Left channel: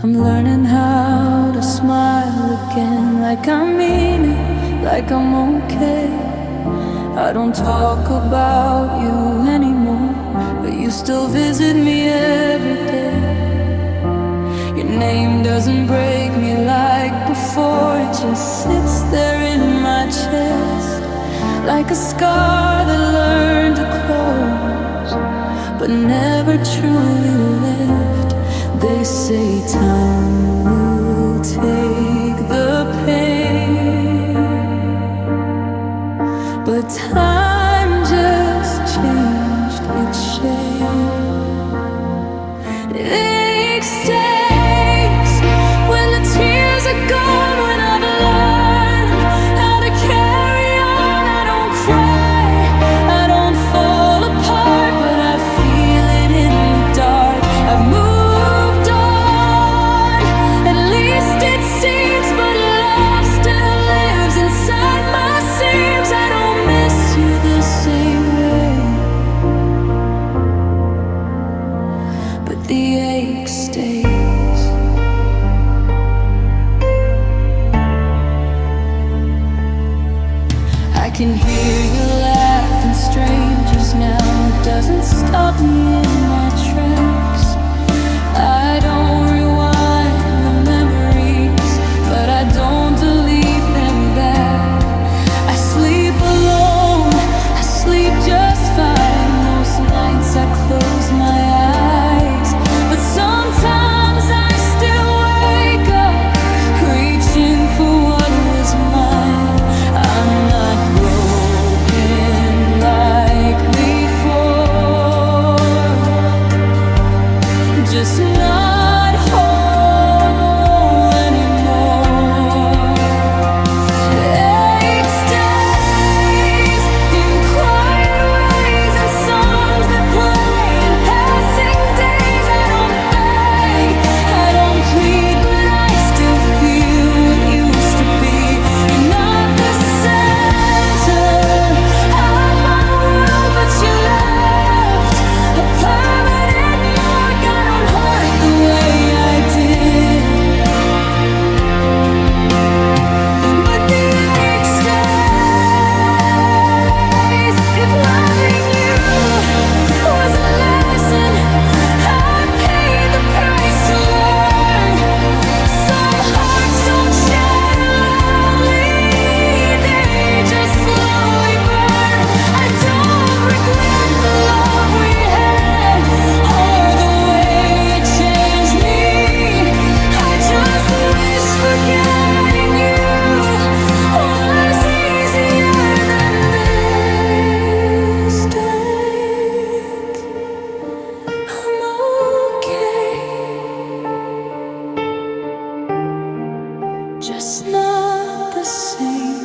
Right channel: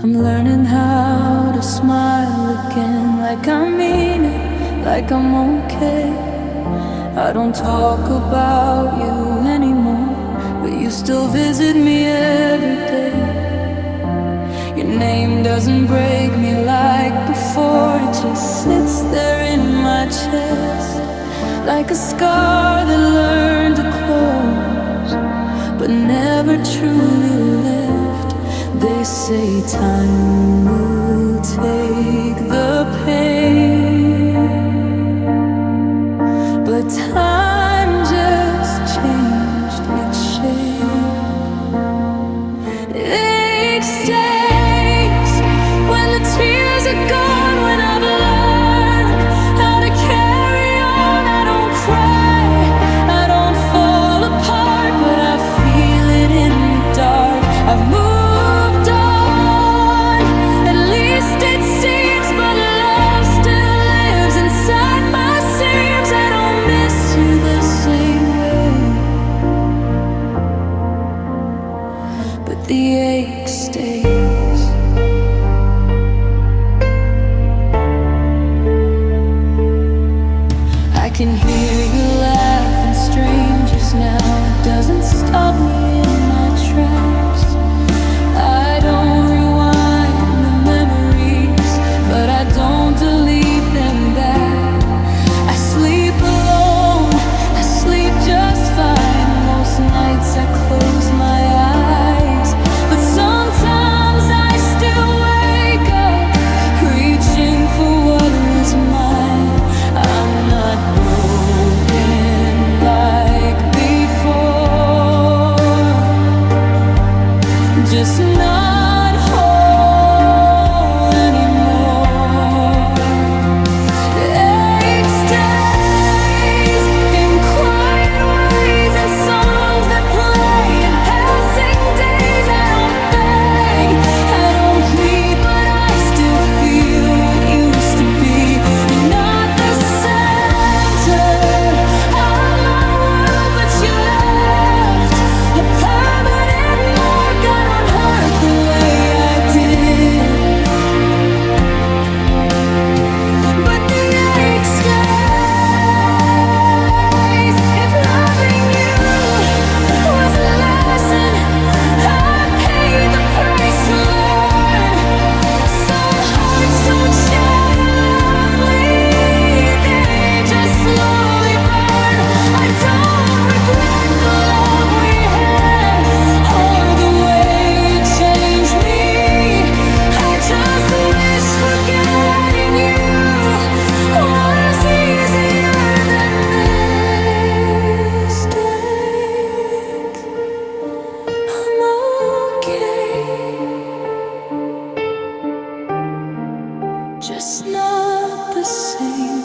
I'm learning how to smile again, like I mean it, like I'm okay. I don't talk about you anymore, but you still visit me every day. Your name doesn't break me like before, it just sits there in my chest, like a scar that learned to close, but never truly left. They say time will take the pain, but time just changed its shape. It stays when the tears are gone, when I've learned how to carry on. I don't cry, I don't fall apart, but I feel it in the dark. I've moved on, at least it seems, but love still lives inside my seams. I don't miss you the same way, but the ache stays. I can hear you laughing, strangers now. It doesn't stop me in my tracks. I don't rewind the memories, but I don't delete them back. I sleep alone, I sleep just fine. Most nights I close my eyes, but sometimes I still wake up, reaching for what was mine. I'm not broken like before, just not whole anymore. It stays in quiet ways, in songs that play, in passing days. I don't beg, I don't plead, but I still feel what used to be. You're not the center of my world, but you left a permanent mark. I don't hurt the way I did, but the ache stays. If loving you was a lesson, I paid the price to learn. Some hearts don't shatter loudly, they just slowly burn. I don't regret the love we had, or the way it changed me. I just wish forgetting you was easier than this days. I'm okay, just not the same.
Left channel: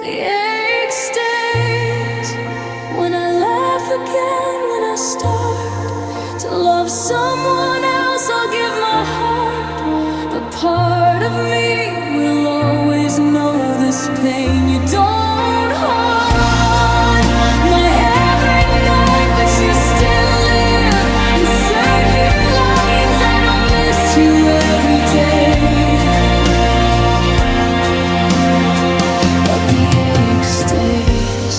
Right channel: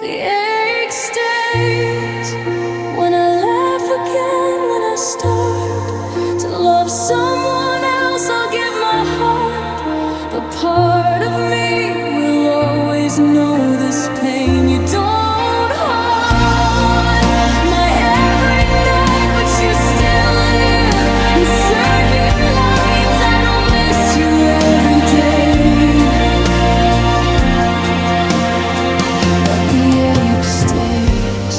The ache stays when I laugh again, when I start to love someone else. I'll give my heart, but part of me will always know this pain. You don't haunt my every night, but you still live in certain lines. I don't miss you every day, but the ache stays.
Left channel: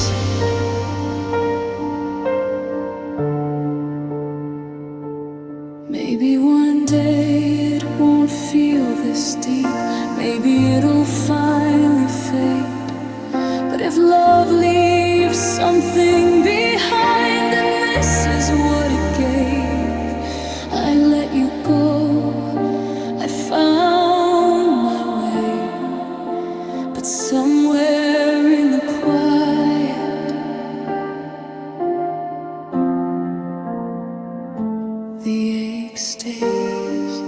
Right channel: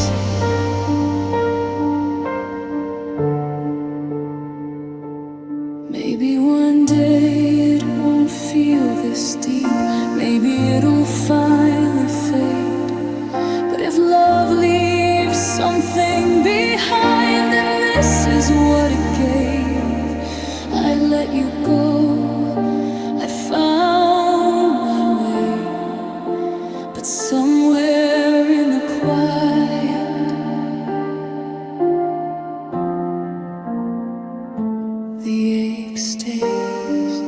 Maybe one day it won't feel this deep, maybe it'll finally fade. But if love leaves something behind, then this is what it gave. I let you go, I found my way, but somewhere in the quiet, the ache stays.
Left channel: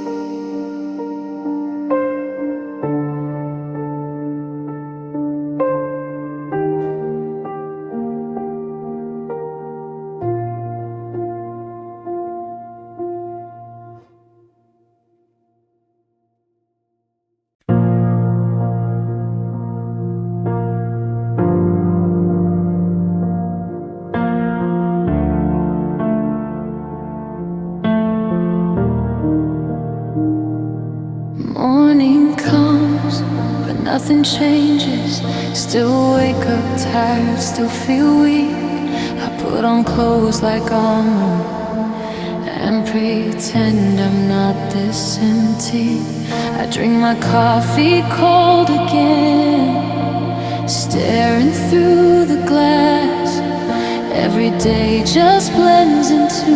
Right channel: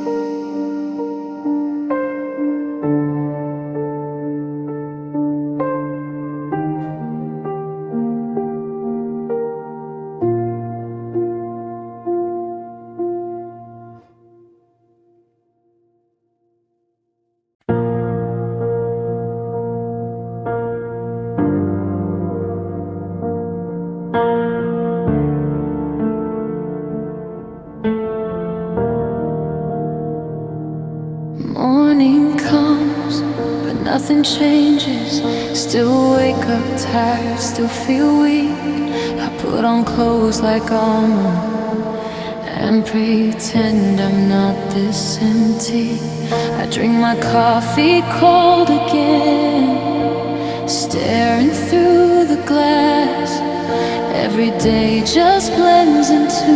Nothing changes, still wake up tired, still feel weak. I put on clothes like armor and pretend I'm not this empty. I drink my coffee cold again, staring through the glass. Every day just blends into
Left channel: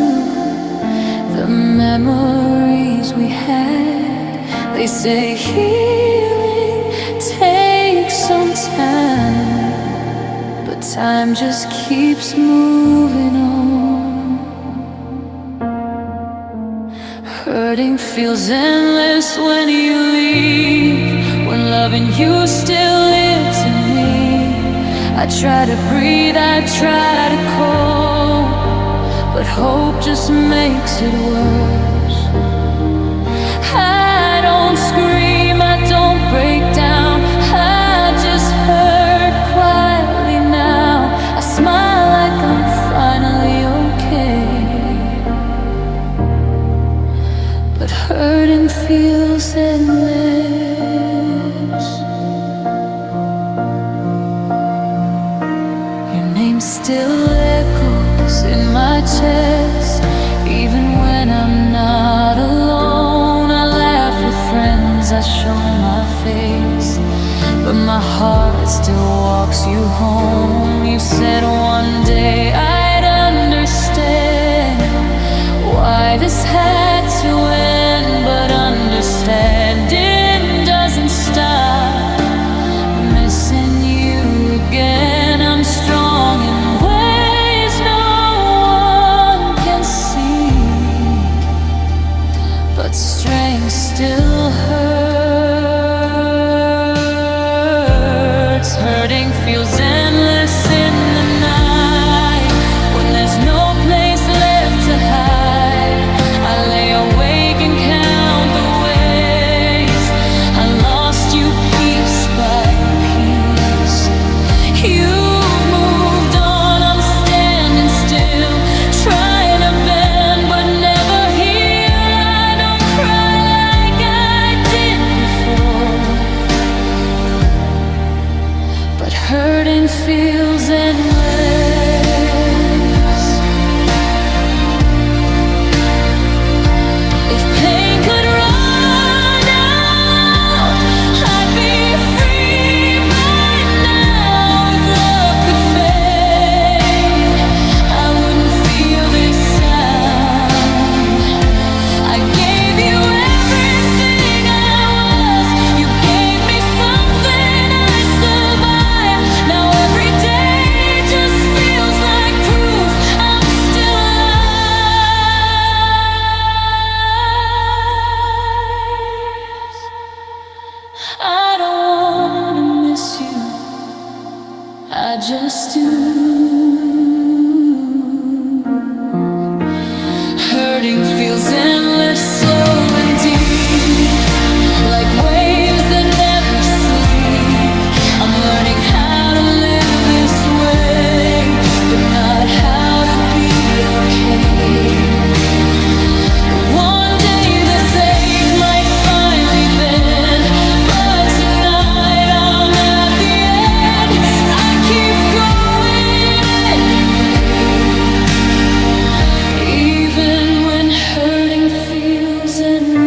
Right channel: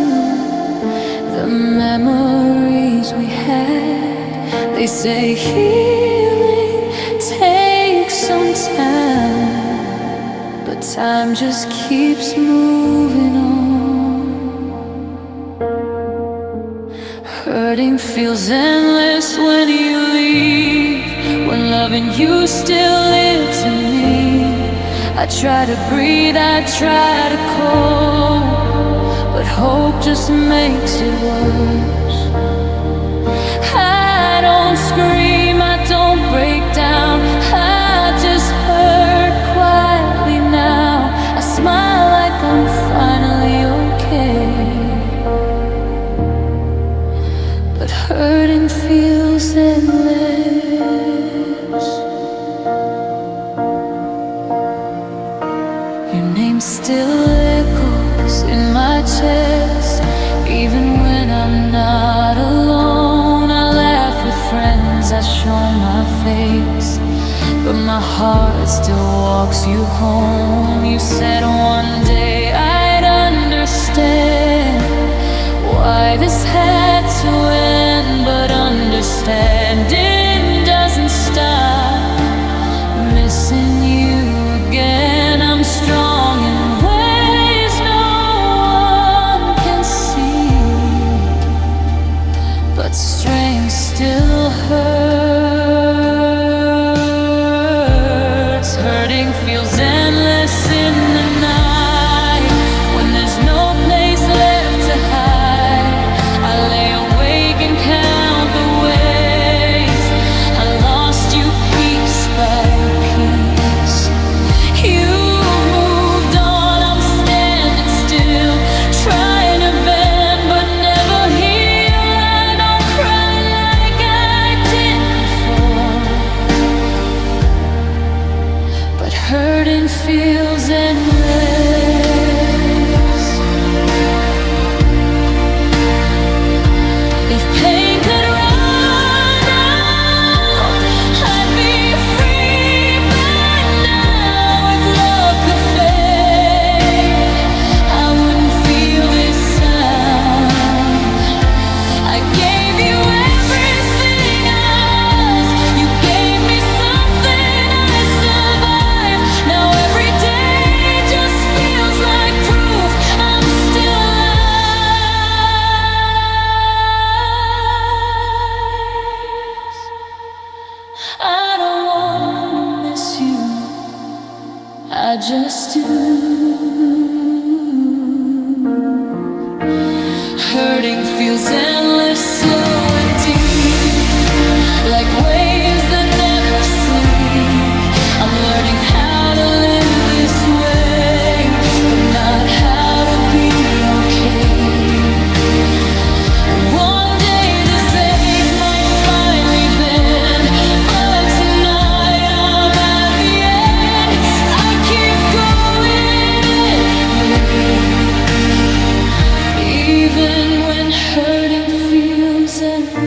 the memories we had. They say healing takes some time, but time just keeps moving on. Hurting feels endless when you leave, when loving you still lives in me. I try to breathe, I try to cope, but hope just makes it worse. I don't scream, I don't break down, I just hurt quietly now. I smile like I'm finally okay, but hurting feels endless. Your name still echoes in my chest, even when I'm not alone. I laugh with friends, I show my face, but my heart still walks you home. You said one day I'd understand why this had to end, but understanding doesn't stop. Missing you again, I'm strong in ways no one can see, but strength still hurts. Hurting feels endless in the night, when there's no place left to hide. I lay awake and count the ways I lost you piece by piece. You've moved on, I'm standing still, trying to bend but never heal. I don't cry like I did before, but hurting feels endless. If pain could run out, I'd be free by now. If love could fade, I wouldn't feel this sound. I gave you everything I was, you gave me something I survived. Now every day just feels like proof I'm still alive. I don't wanna miss you, I just do. Hurting feels endless, slow and deep, like waves that never sleep. I'm learning how to live this way, but not how to be okay. One day this ache might finally bend, but tonight I'm at the end. I keep going anyway, even when hurting feels endless.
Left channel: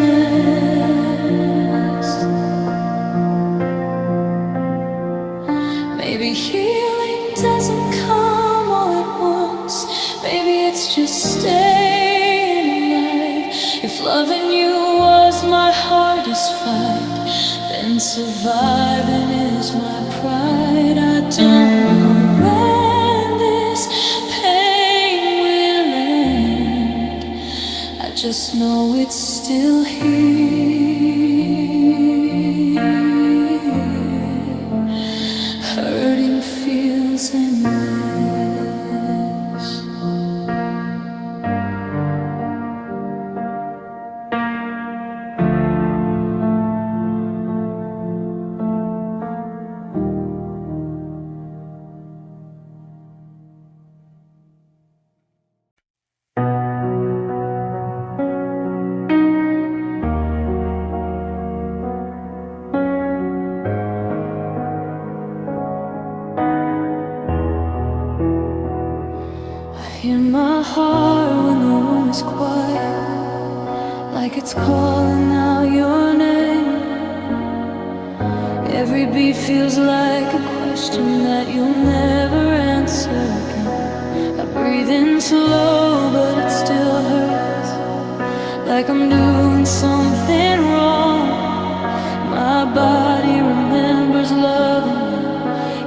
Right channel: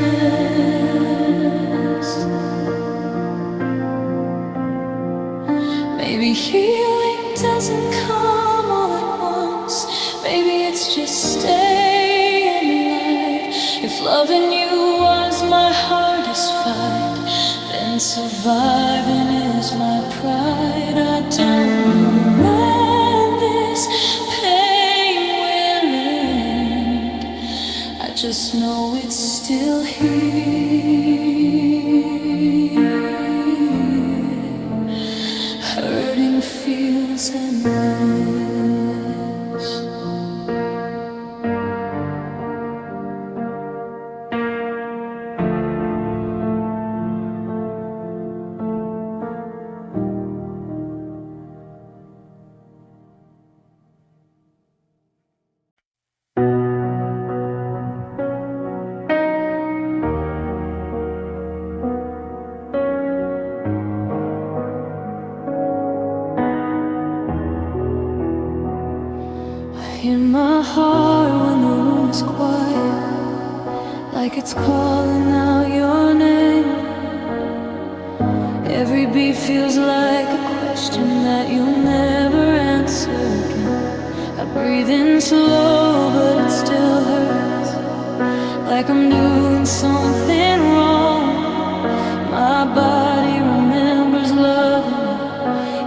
Maybe healing doesn't come all at once, maybe it's just staying alive. If loving you was my hardest fight, then surviving is my pride. I don't know when this pain will end, I just know it's still here. Hurting feels endless. my heart when the room is quiet, like it's calling out your name. Every beat feels like a question that you'll never answer again. I breathe in slow, but it still hurts, like I'm doing something wrong. My body remembers loving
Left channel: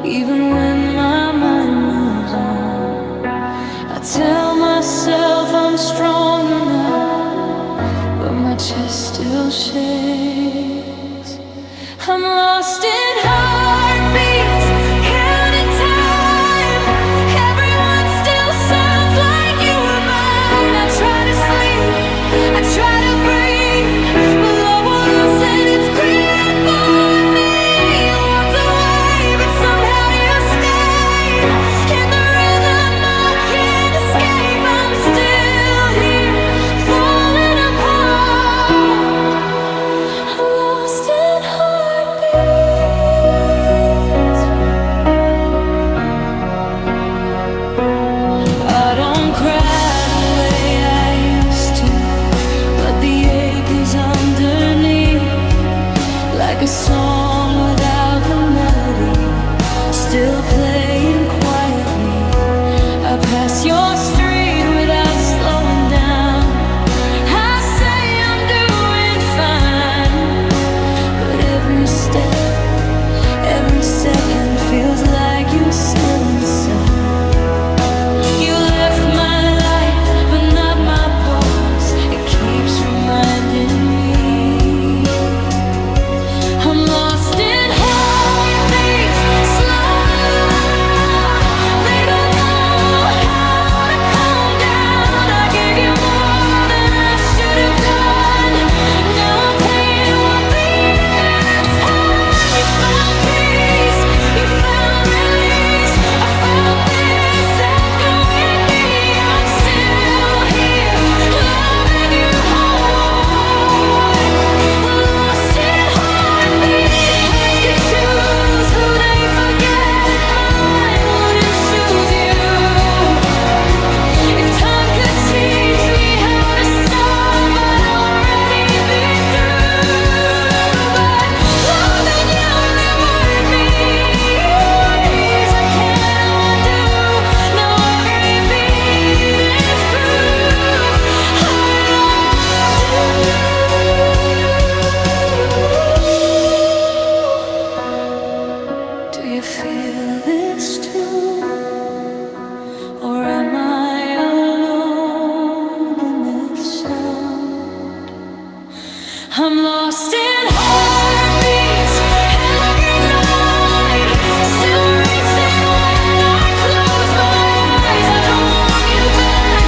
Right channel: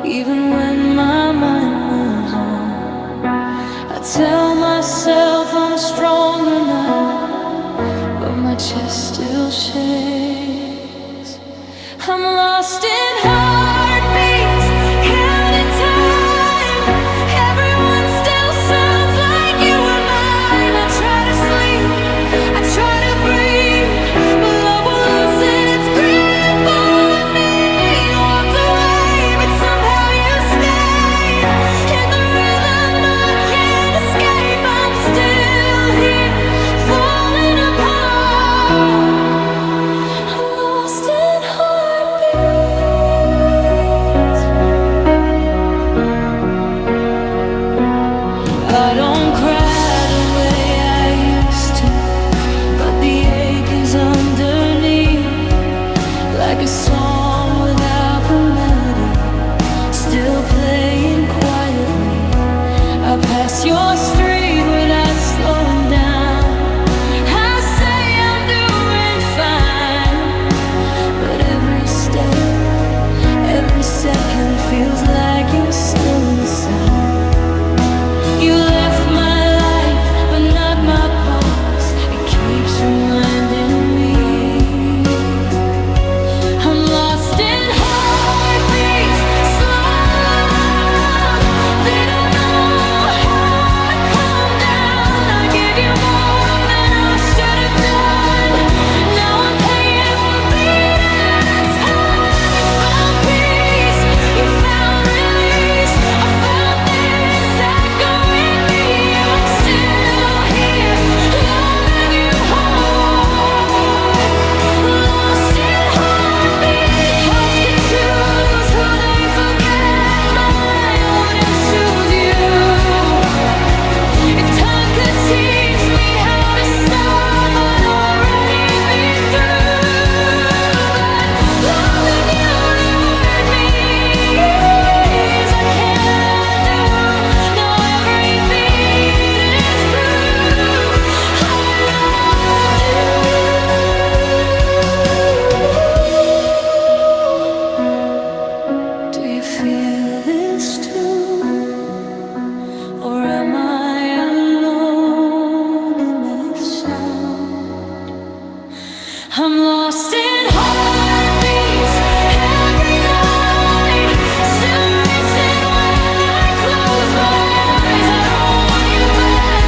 you, even when my mind moves on. I tell myself I'm stronger now, but my chest still shakes. I'm lost in heartbeats, counting time. Everyone still sounds like you were mine. I try to sleep, I try to breathe, but love will loosen its grip on me. You walked away, but somehow you stayed. In the rhythm I can't escape. I'm still here, falling apart. I'm lost in heartbeats. I don't cry the way I used to, but the ache is underneath, like a song without the melody, still playing quietly. I pass your street without slowing down. I say I'm doing fine, but every step, every second feels like you're still inside. You left my life, but not my pulse. It keeps reminding me I'm lost in heartbeats, slow and loud. They don't know how to calm down. I gave you more than I should have done. Now I'm paying one beat at a time. You found peace, you found release. I found this echo in me. I'm still here, loving you hard. Lost in heartbeats. Hearts could choose who they forget. Mine wouldn't choose you. If time could teach me how to stop, I'd already be through. But loving you reward me, I can't undo. Now every beat is proof I loved you. Do you feel this too? Or am I alone in this sound? I'm lost in heartbeats every night, still racing when I close my eyes. I don't want you back,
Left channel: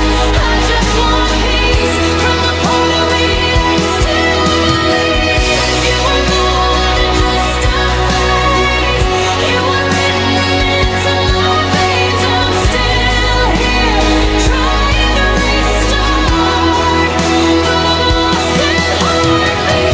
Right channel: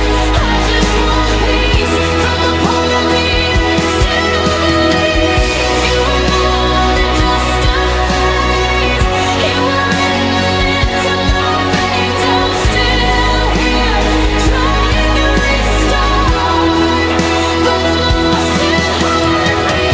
I just want peace from the part of me that still believes you were more than just a phase. You were written into my veins. I'm still here, trying to restart, but I'm lost in heartbeats.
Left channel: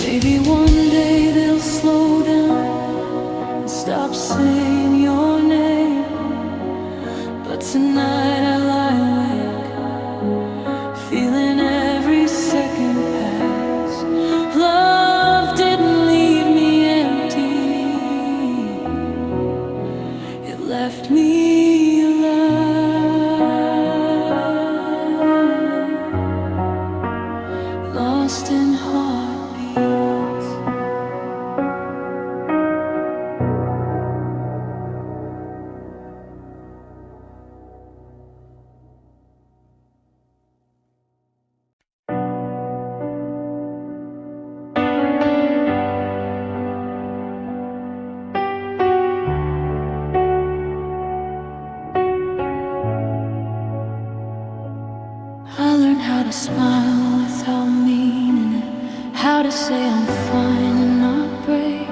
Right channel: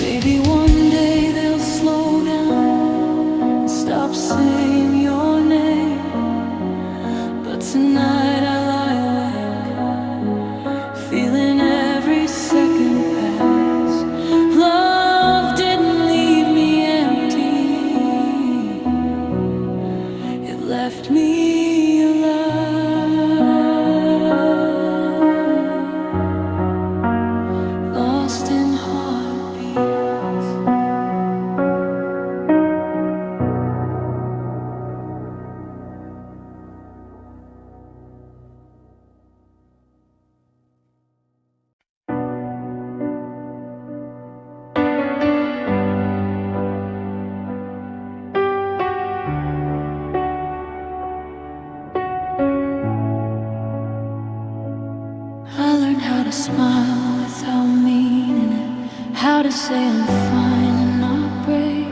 Maybe one day they'll slow down and stop saying your name, but tonight I lie awake, feeling every second pass. Love didn't leave me empty, it left me alive, lost in heartbeats. I learned how to smile without meaning it, how to say I'm fine and not break.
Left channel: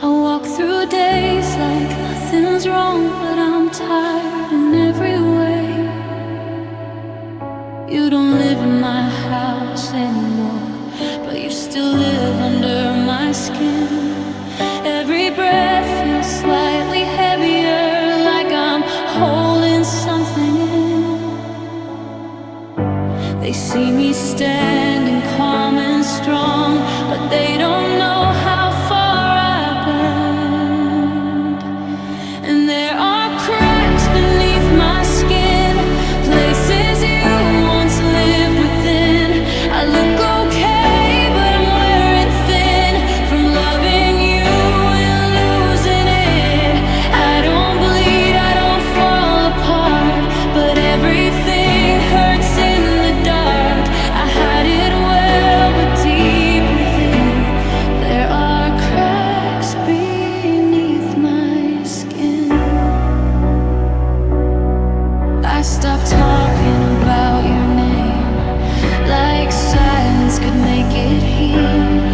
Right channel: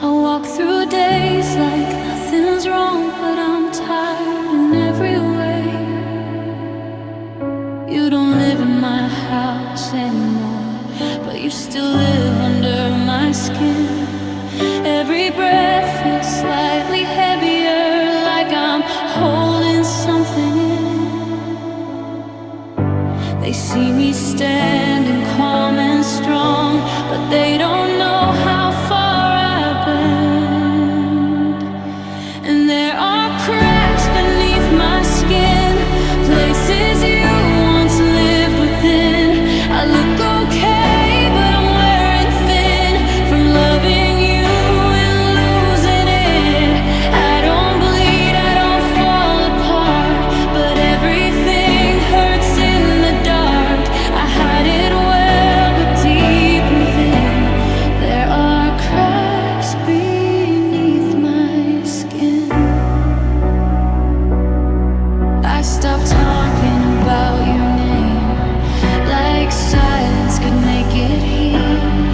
I walk through days like nothing's wrong, but I'm tired in every way. You don't live in my house anymore, but you still live under my skin. Every breath feels slightly heavier, like I'm holding something in. They see me standing calm and strong, but they don't know how far I've been. And there are cracks beneath my skin, places you once lived within. I look okay, but I'm wearing thin from loving you and losing it. I don't bleed, I don't fall apart, but everything hurts in the dark. I hide it well, but deep within there are cracks beneath my skin. I stopped talking about your name, like silence could make it heal.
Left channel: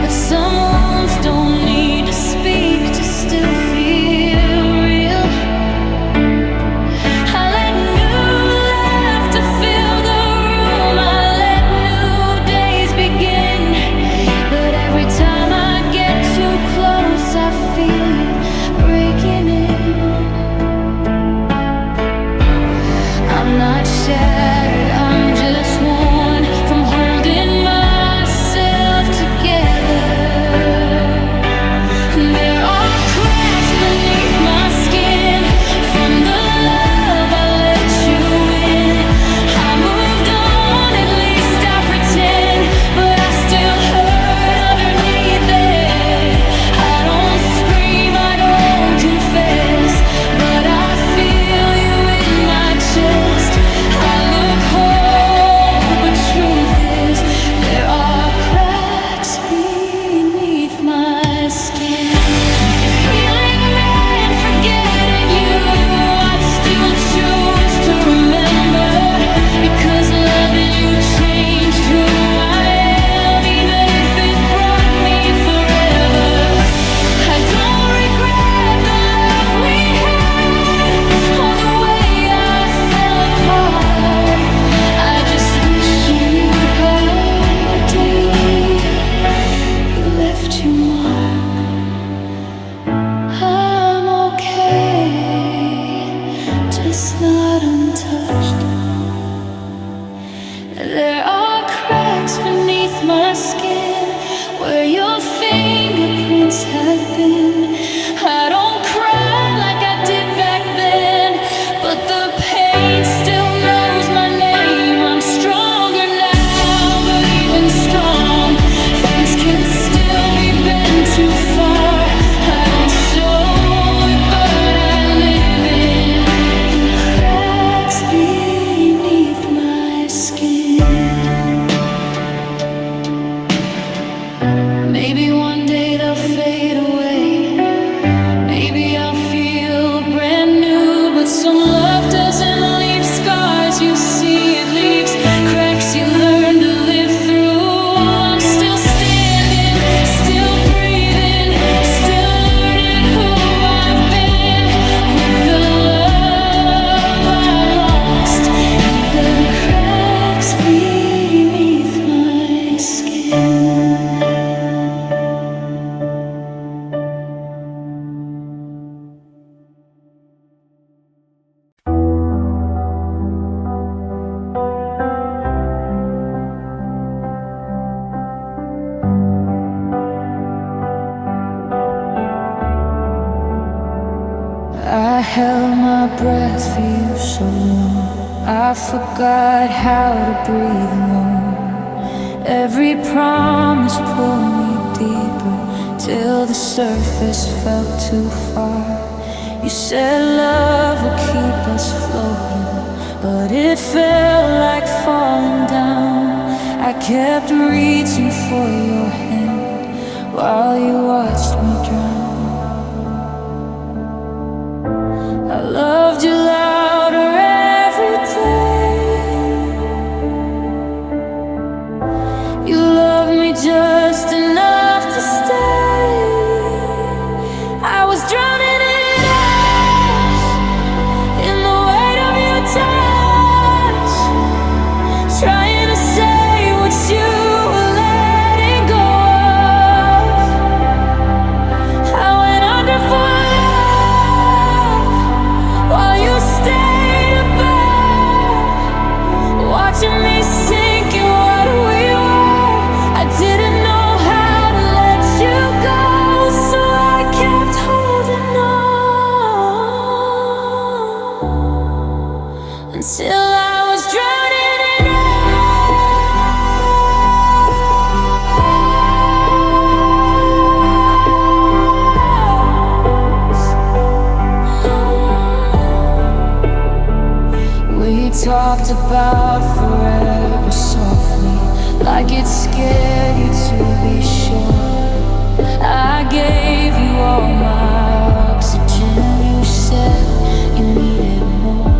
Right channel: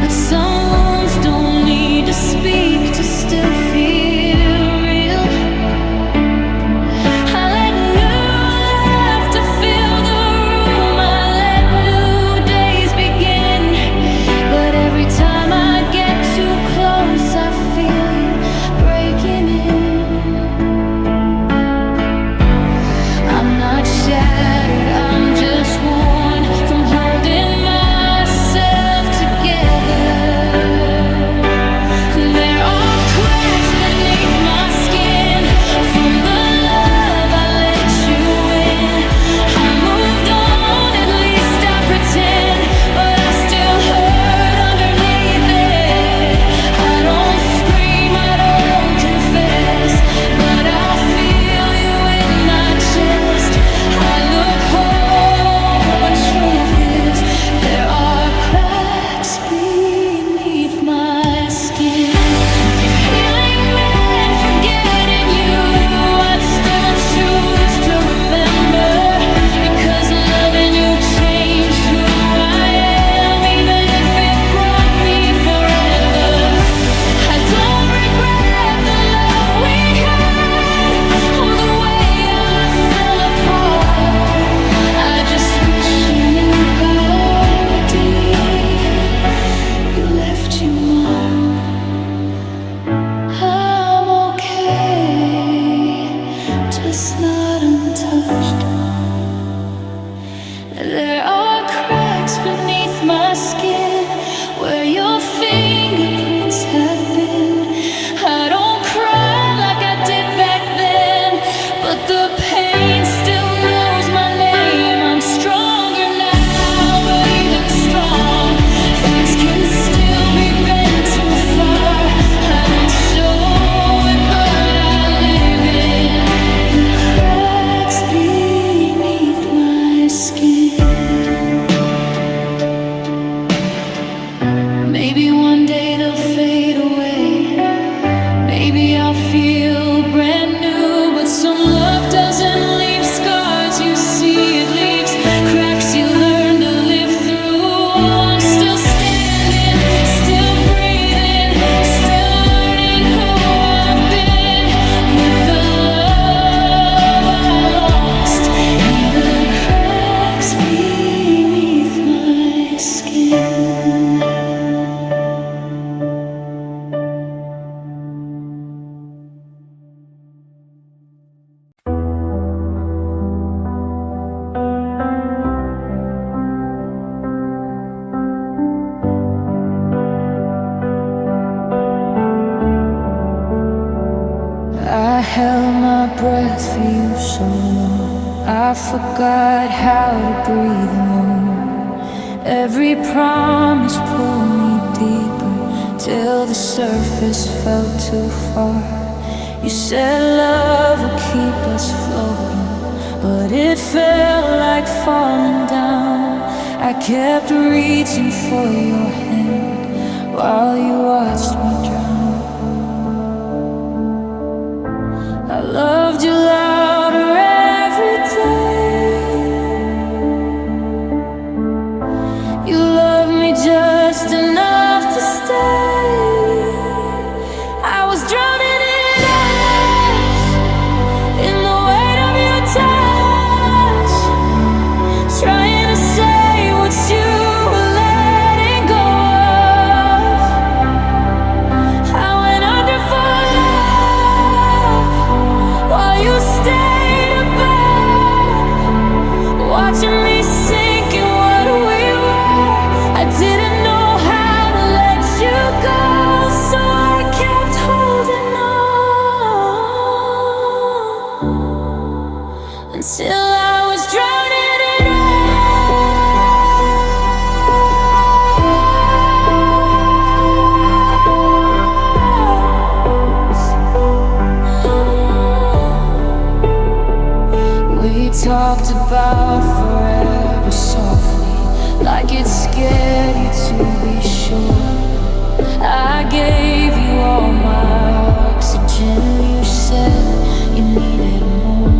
But some wounds don't need to speak to still feel real. I let new laughter fill the room, I let new days begin. But every time I get too close, I feel you breaking in. I'm not shattered, I'm just worn from holding myself together. And there are cracks beneath my skin from the love I let you in. I moved on, at least I pretend, but I still hurt underneath it. I don't scream, I don't confess, but I feel you in my chest. I look whole, but truth is there are cracks beneath my skin. If healing meant forgetting you, I'd still choose to remember, because loving you changed who I am, even if it broke me forever. I don't regret the love we had or the way I fell apart. I just wish you knew how deep you left your mark. I'm okay, just not untouched. There are cracks beneath my skin where your fingerprints have been. I don't cry like I did back then, but the pain still knows my name. I'm stronger now, but even strong, things can still be bent too far. I don't show it, but I live in the cracks beneath my skin. Maybe one day they'll fade away, maybe I'll feel brand new. But some love doesn't leave scars you see, it leaves cracks you learn to live through. I'm still standing, still breathing, still learning who I've been, with the love I lost and the cracks beneath my skin. I held my breath for you so long, I forgot how to breathe alone. Every promise pulled me deeper, till the surface felt too far. You said love would keep us floating, but it felt like falling down. I kept reaching for your hand while you watched me drown. I loved you louder every day. You loved me just enough to stay. I was drowning in us, in the weight of your touch, talked about forever softly, like it scared you to be sure. I gave you all my oxygen, you said you needed more.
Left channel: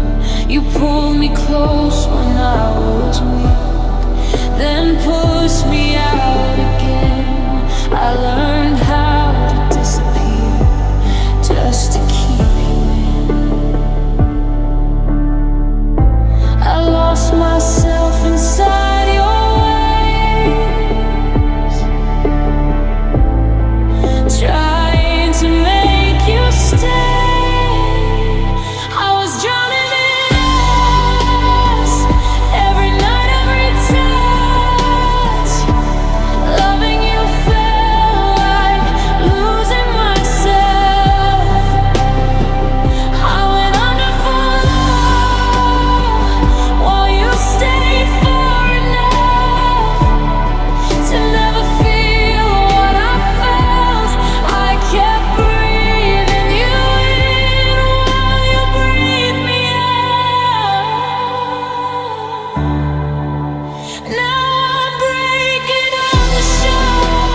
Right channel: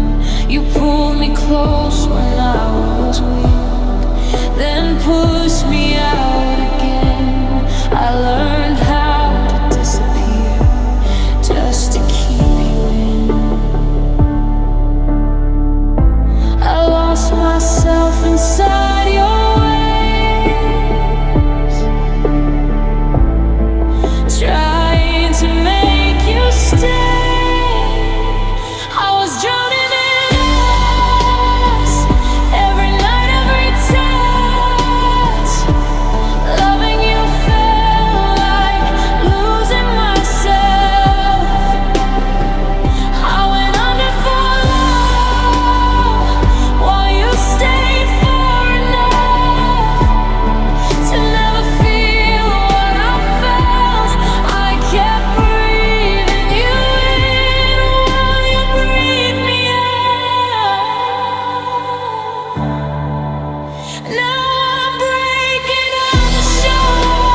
You pulled me close when I was weak, then pushed me out again. I learned how to disappear just to keep you in. I lost myself inside your ways, trying to make you stay. I was drowning in us, every night, every touch. Loving you felt like losing myself. I went under for love, while you stayed for enough to never feel what I felt. I kept breathing you in while you breathed me out. Now I'm breaking on the shore,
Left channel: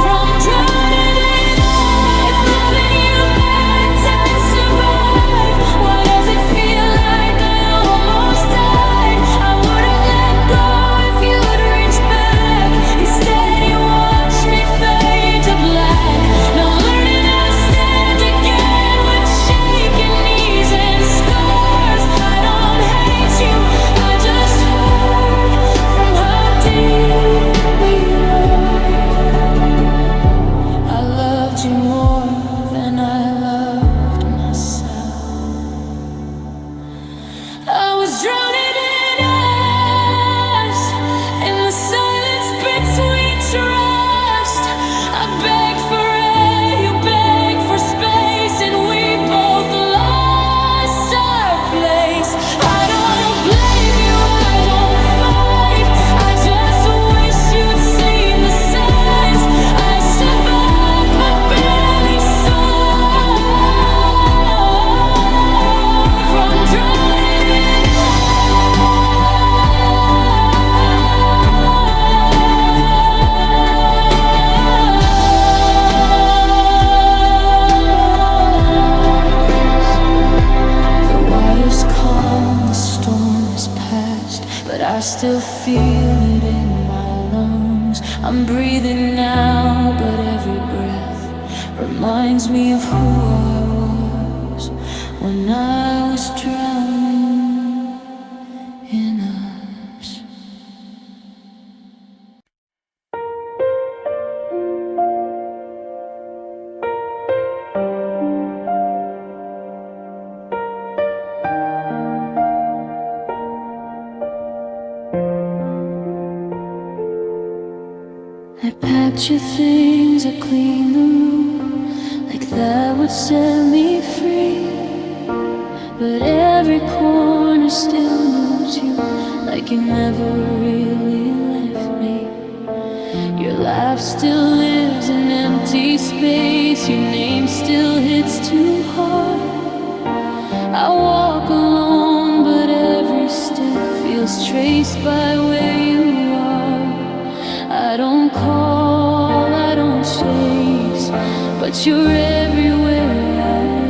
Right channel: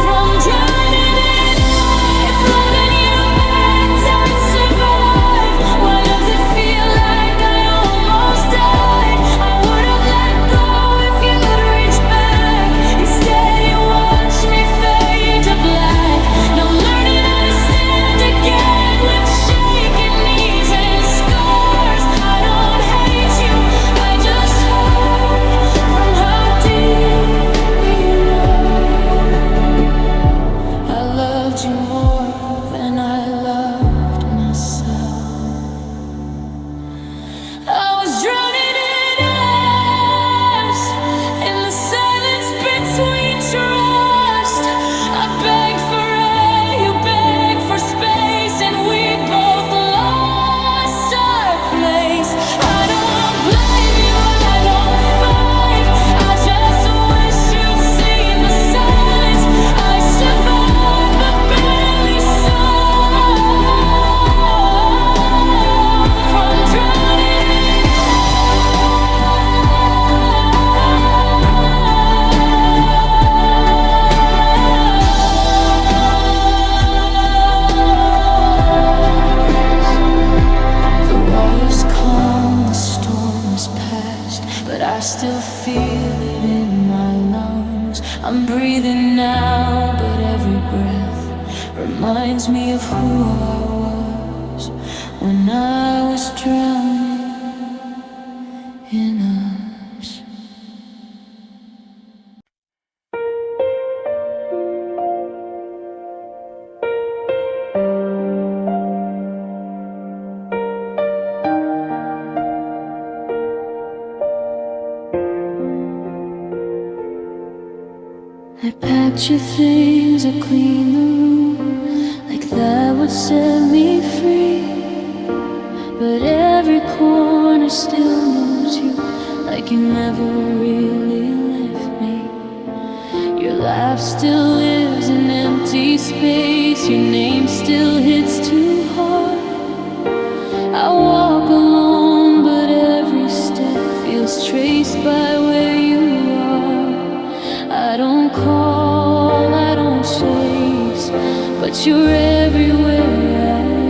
from drowning in life, loving you meant I'd survive. Why does it feel like I almost died? I would have let go if you'd reached back. Instead you watched me fade to black. Now I'm learning how to stand again with shaking knees and scars. I don't hate you, I just hurt from how deep we were. I loved you more than I loved myself. I was drowning in us, in the silence between trust. I begged for air, you begged for space, and we both lost our place. I don't blame you, I don't fight, I just wish you'd seen the signs. I survived but barely saw, from drowning in us. The water's calm, the storm is past, but I still feel it in my lungs. I'm breathing now, but every breath reminds me of who I was when I was drowning in us. I packed your things, I cleaned the room, like that would set me free. But every corner still knows you, like you never really left me. Your laugh still lives in empty space, your name still hits too hard. I walk alone, but every step feels traced by where you are. I don't call, I don't chase, but you're everywhere I am.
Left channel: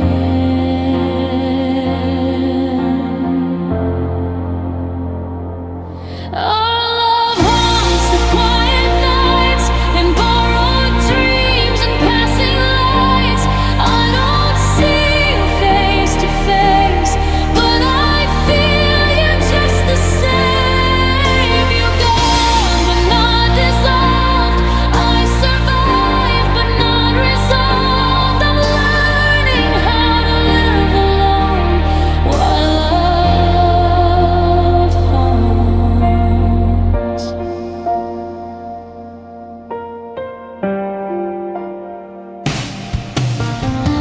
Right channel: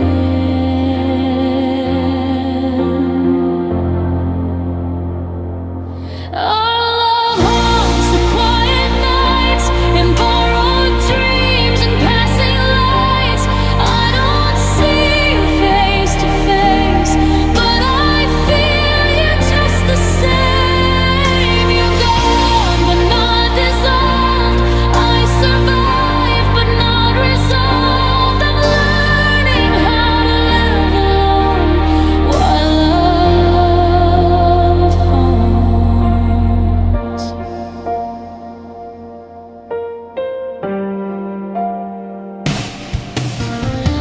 Our love haunts the quiet nights, in borrowed dreams and passing lights. I don't see you face to face, but I feel you just the same. You're gone, but not dissolved. I survive, but not resolved. I'm learning how to live alone while love haunts.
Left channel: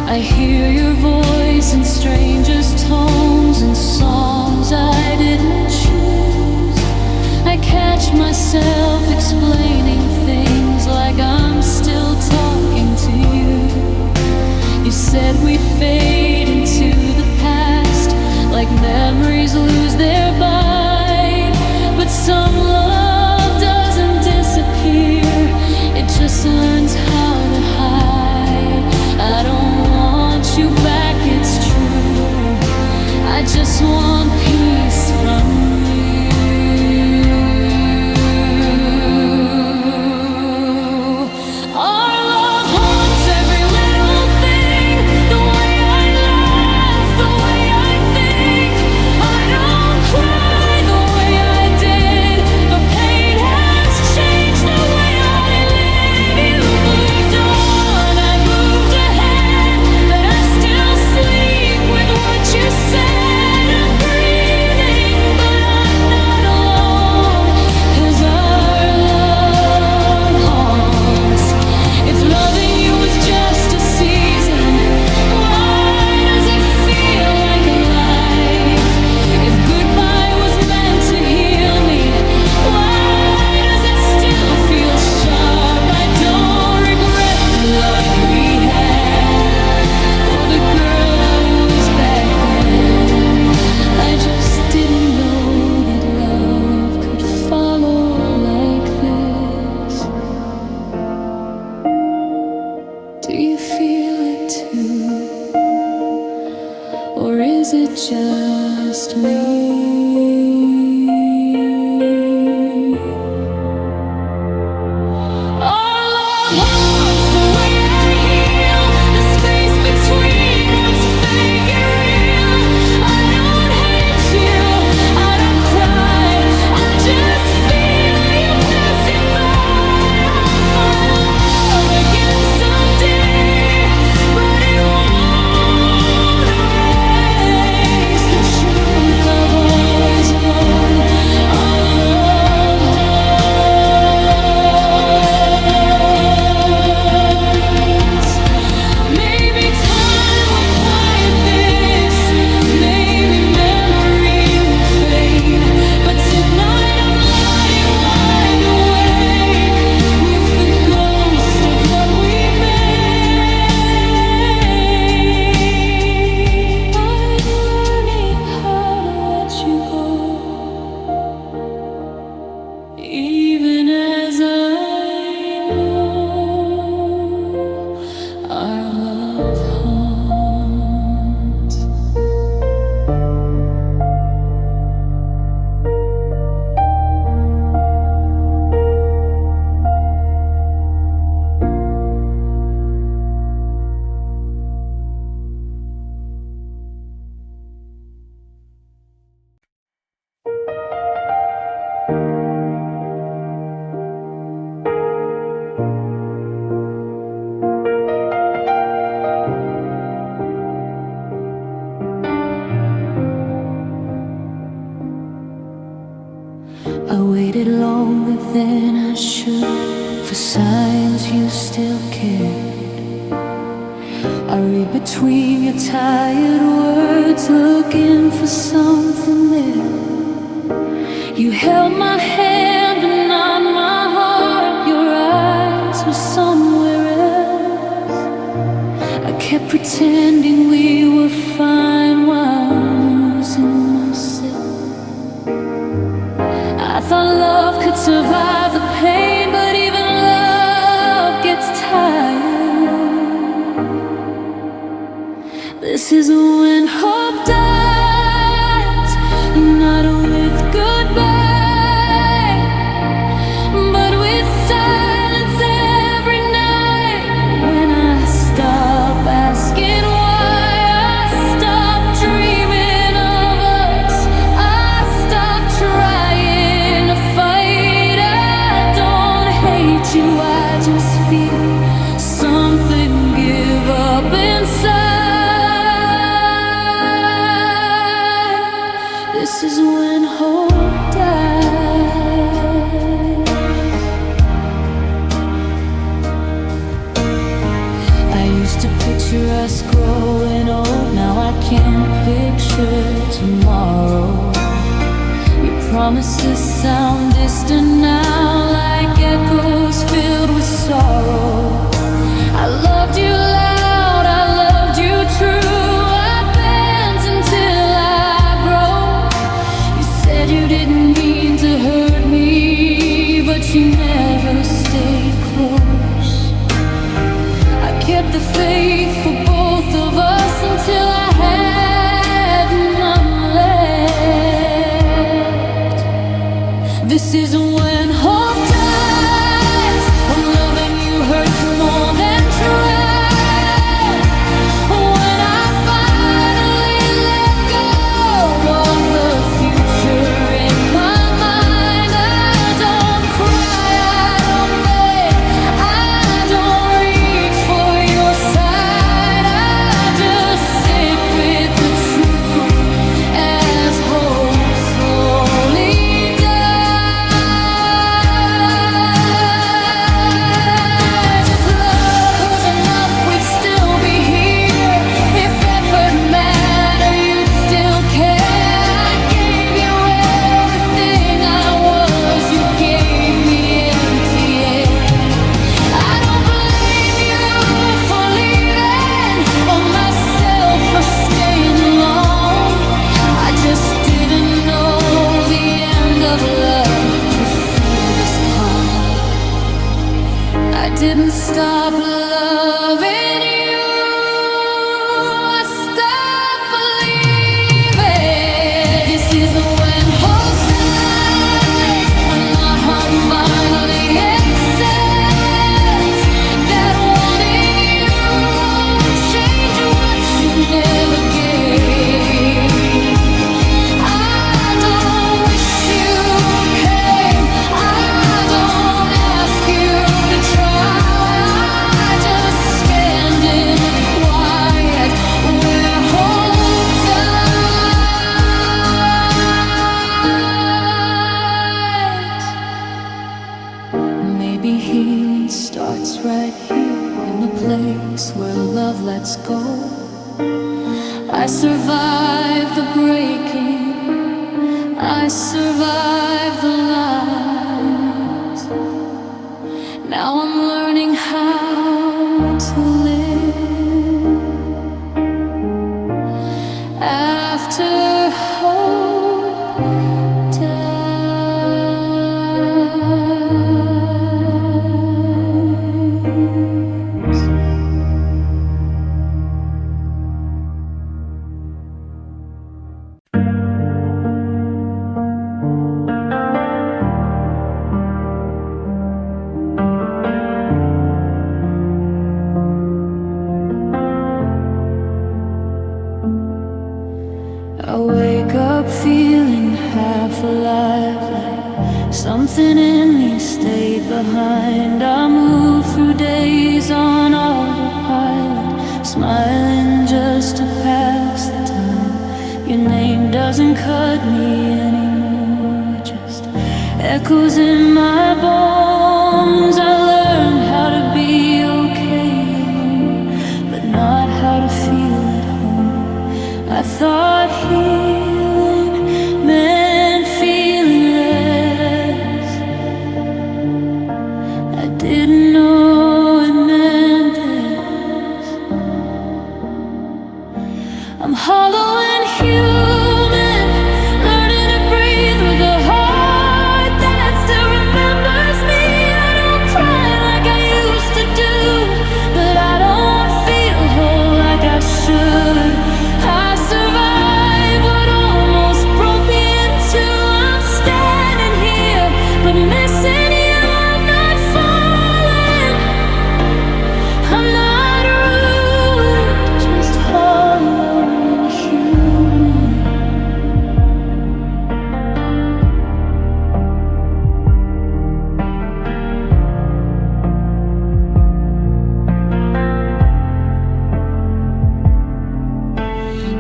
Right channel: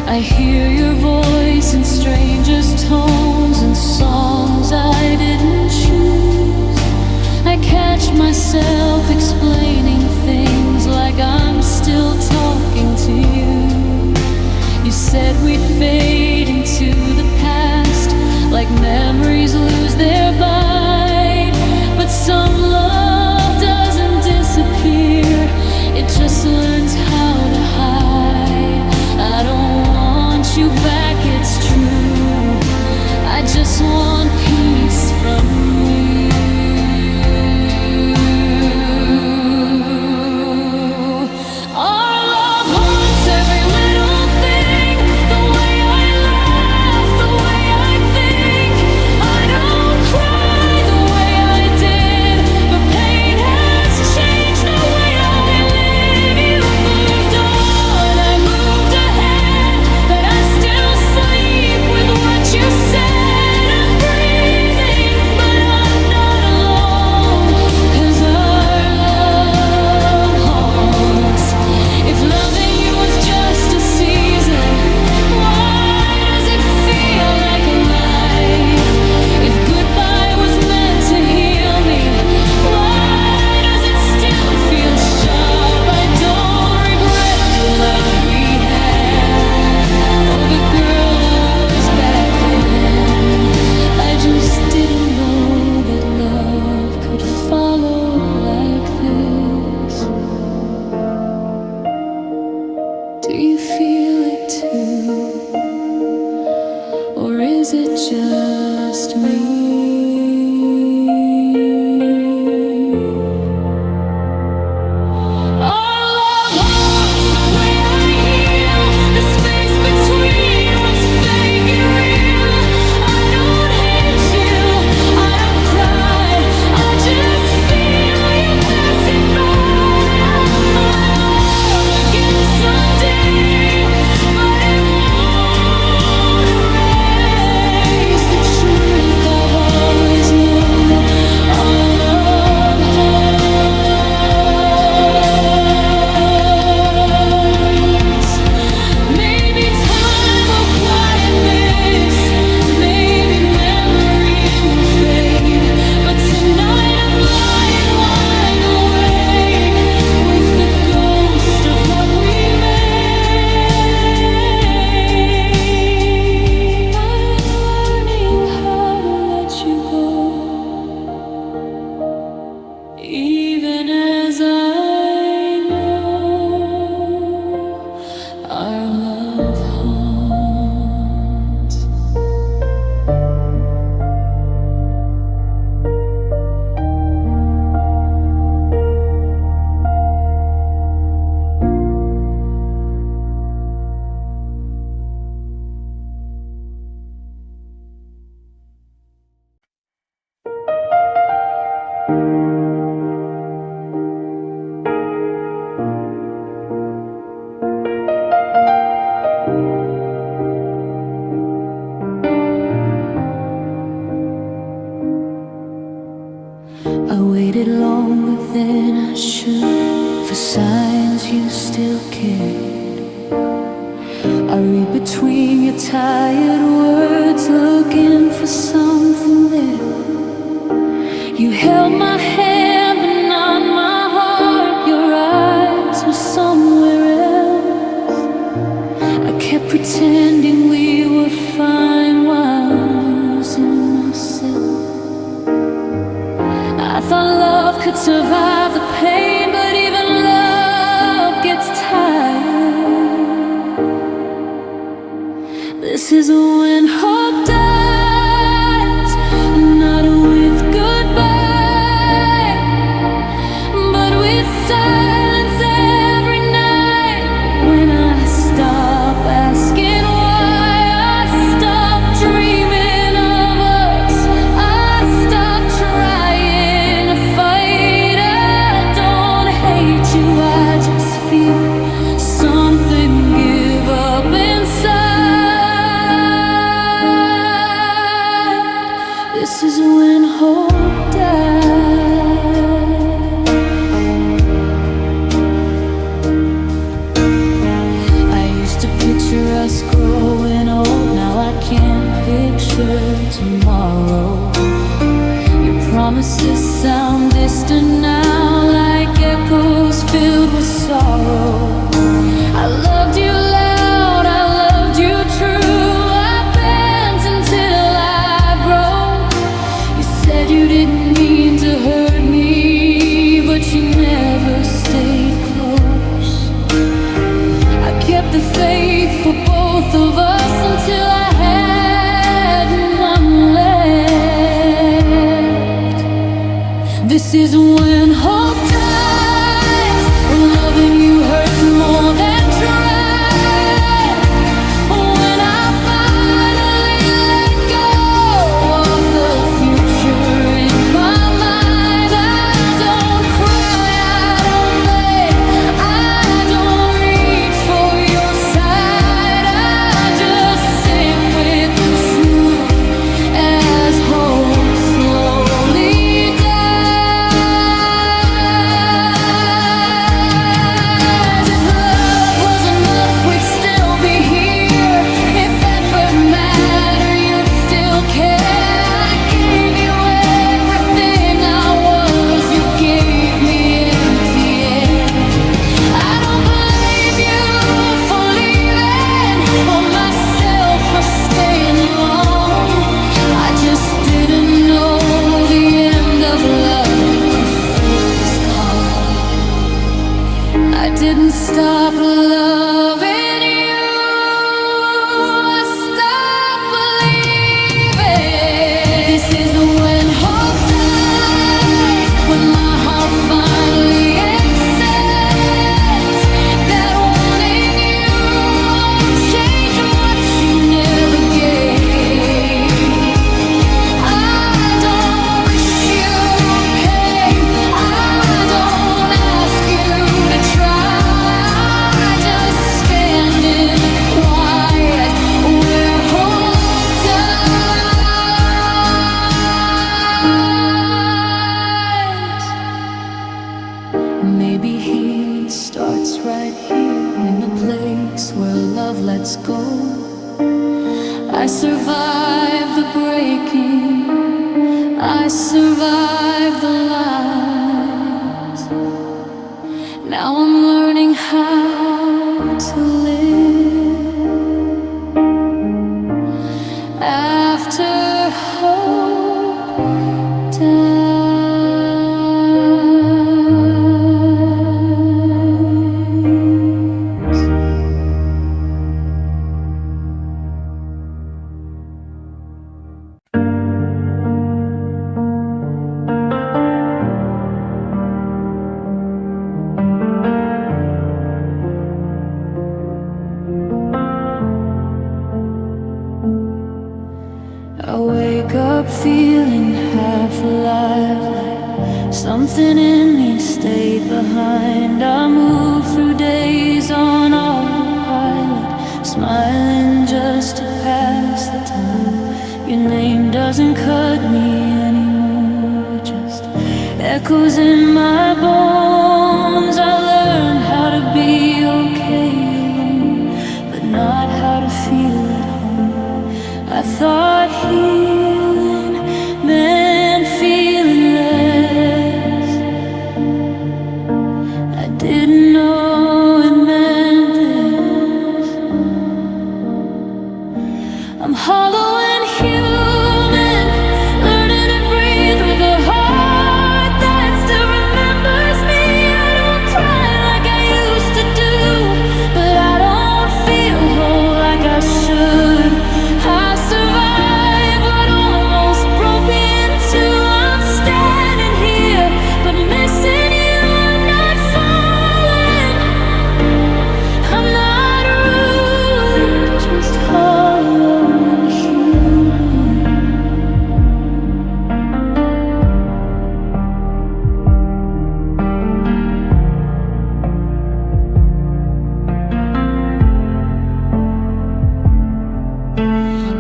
I hear your voice in strangers' tones and songs I didn't choose. I catch myself explaining things like I'm still talking to you. You said we'd fade into the past, like memories lose their bite. But some love doesn't disappear, it just learns how to hide. I don't want you back, it's true, I just want peace from you. Our love haunts every little thing, the way I laugh, the way I think. I don't cry the way I did, but pain has changed the way I live. You moved on, I moved ahead, but I still sleep with what you said. I'm breathing, but I'm not alone, 'cause our love haunts. If loving you was just a season, why does it feel like a life? If goodbye was meant to heal me, why does it still feel sharp? I don't regret the love we had, or the girl I was back then. I just didn't know that love could follow like this. Do you feel it too? Or is it just me? Our love haunts the way I heal, the space between what's fake and real. I don't hate you, I don't cry, I just feel you passing by. I'll find love again someday, but it won't erase the truth I've always known. Our love haunts. Maybe time will quiet this, maybe memory will fade, but tonight I'm lying wide awake with the ghost of what we made. I'm learning how to let you go, even as I know our love haunts. I waited longer than I should for signs you still cared. I read between your tired words, looking for something there. You held my hand but not my heart, your eyes were somewhere else. I kept pretending we were fine while losing myself. I thought love could survive the pain, but even love gets tired. This is when hope dies, not with goodbye, but with silence every night. When I stop asking why, I stop dreaming of us, I stop trying to fight. I don't hate you, I just feel something give up inside. This is when hope dies. I used to picture us growing old, now I can't picture tomorrow. Your promises sound distant now, like echoes filled with sorrow. I loved you loud, I loved she never stayed close. I kept the faith for both of us until I had none left. This is when hope dies, when loving you hurts more than trying. When I finally let go of the future in my mind, I don't cry, I don't beg, I don't reach for your side. I just sit with the truth as hope slowly dies. If love was enough, we'd still be here. If effort mattered, you'd still care. I gave you everything I was, you gave me empty air. I don't blame you for leaving or myself for staying long. I just didn't know the end of love could fill this calm. I didn't stop loving you, I stopped believing. This is when hope dies, when my heart finally accepts that wanting you won't change what you never gave. I don't wish you pain, I don't ask you to try. I just stand in quiet where hope dies. Maybe healing starts right here, in a place where love lets go. I survived the breaking, I survived the lies. Now I'm learning how to live after hope dies. I wake up feeling half alive, like something in me stayed behind. I move through days on autopilot, smiling just to pass the time. Your name doesn't cut me anymore, it just echoes in my bones. I learned how to be okay alone, but not how to feel at home. I thought healing meant feeling less. I didn't know it meant this. I'm hollow and human, learning to breathe with a heart that still remembers me. I don't cry like I used to do, but I don't feel whole like I should. I survived what almost broke me in two. I'm standing here, but missing you. I'm not falling, I'm not ruined, just hollow and human.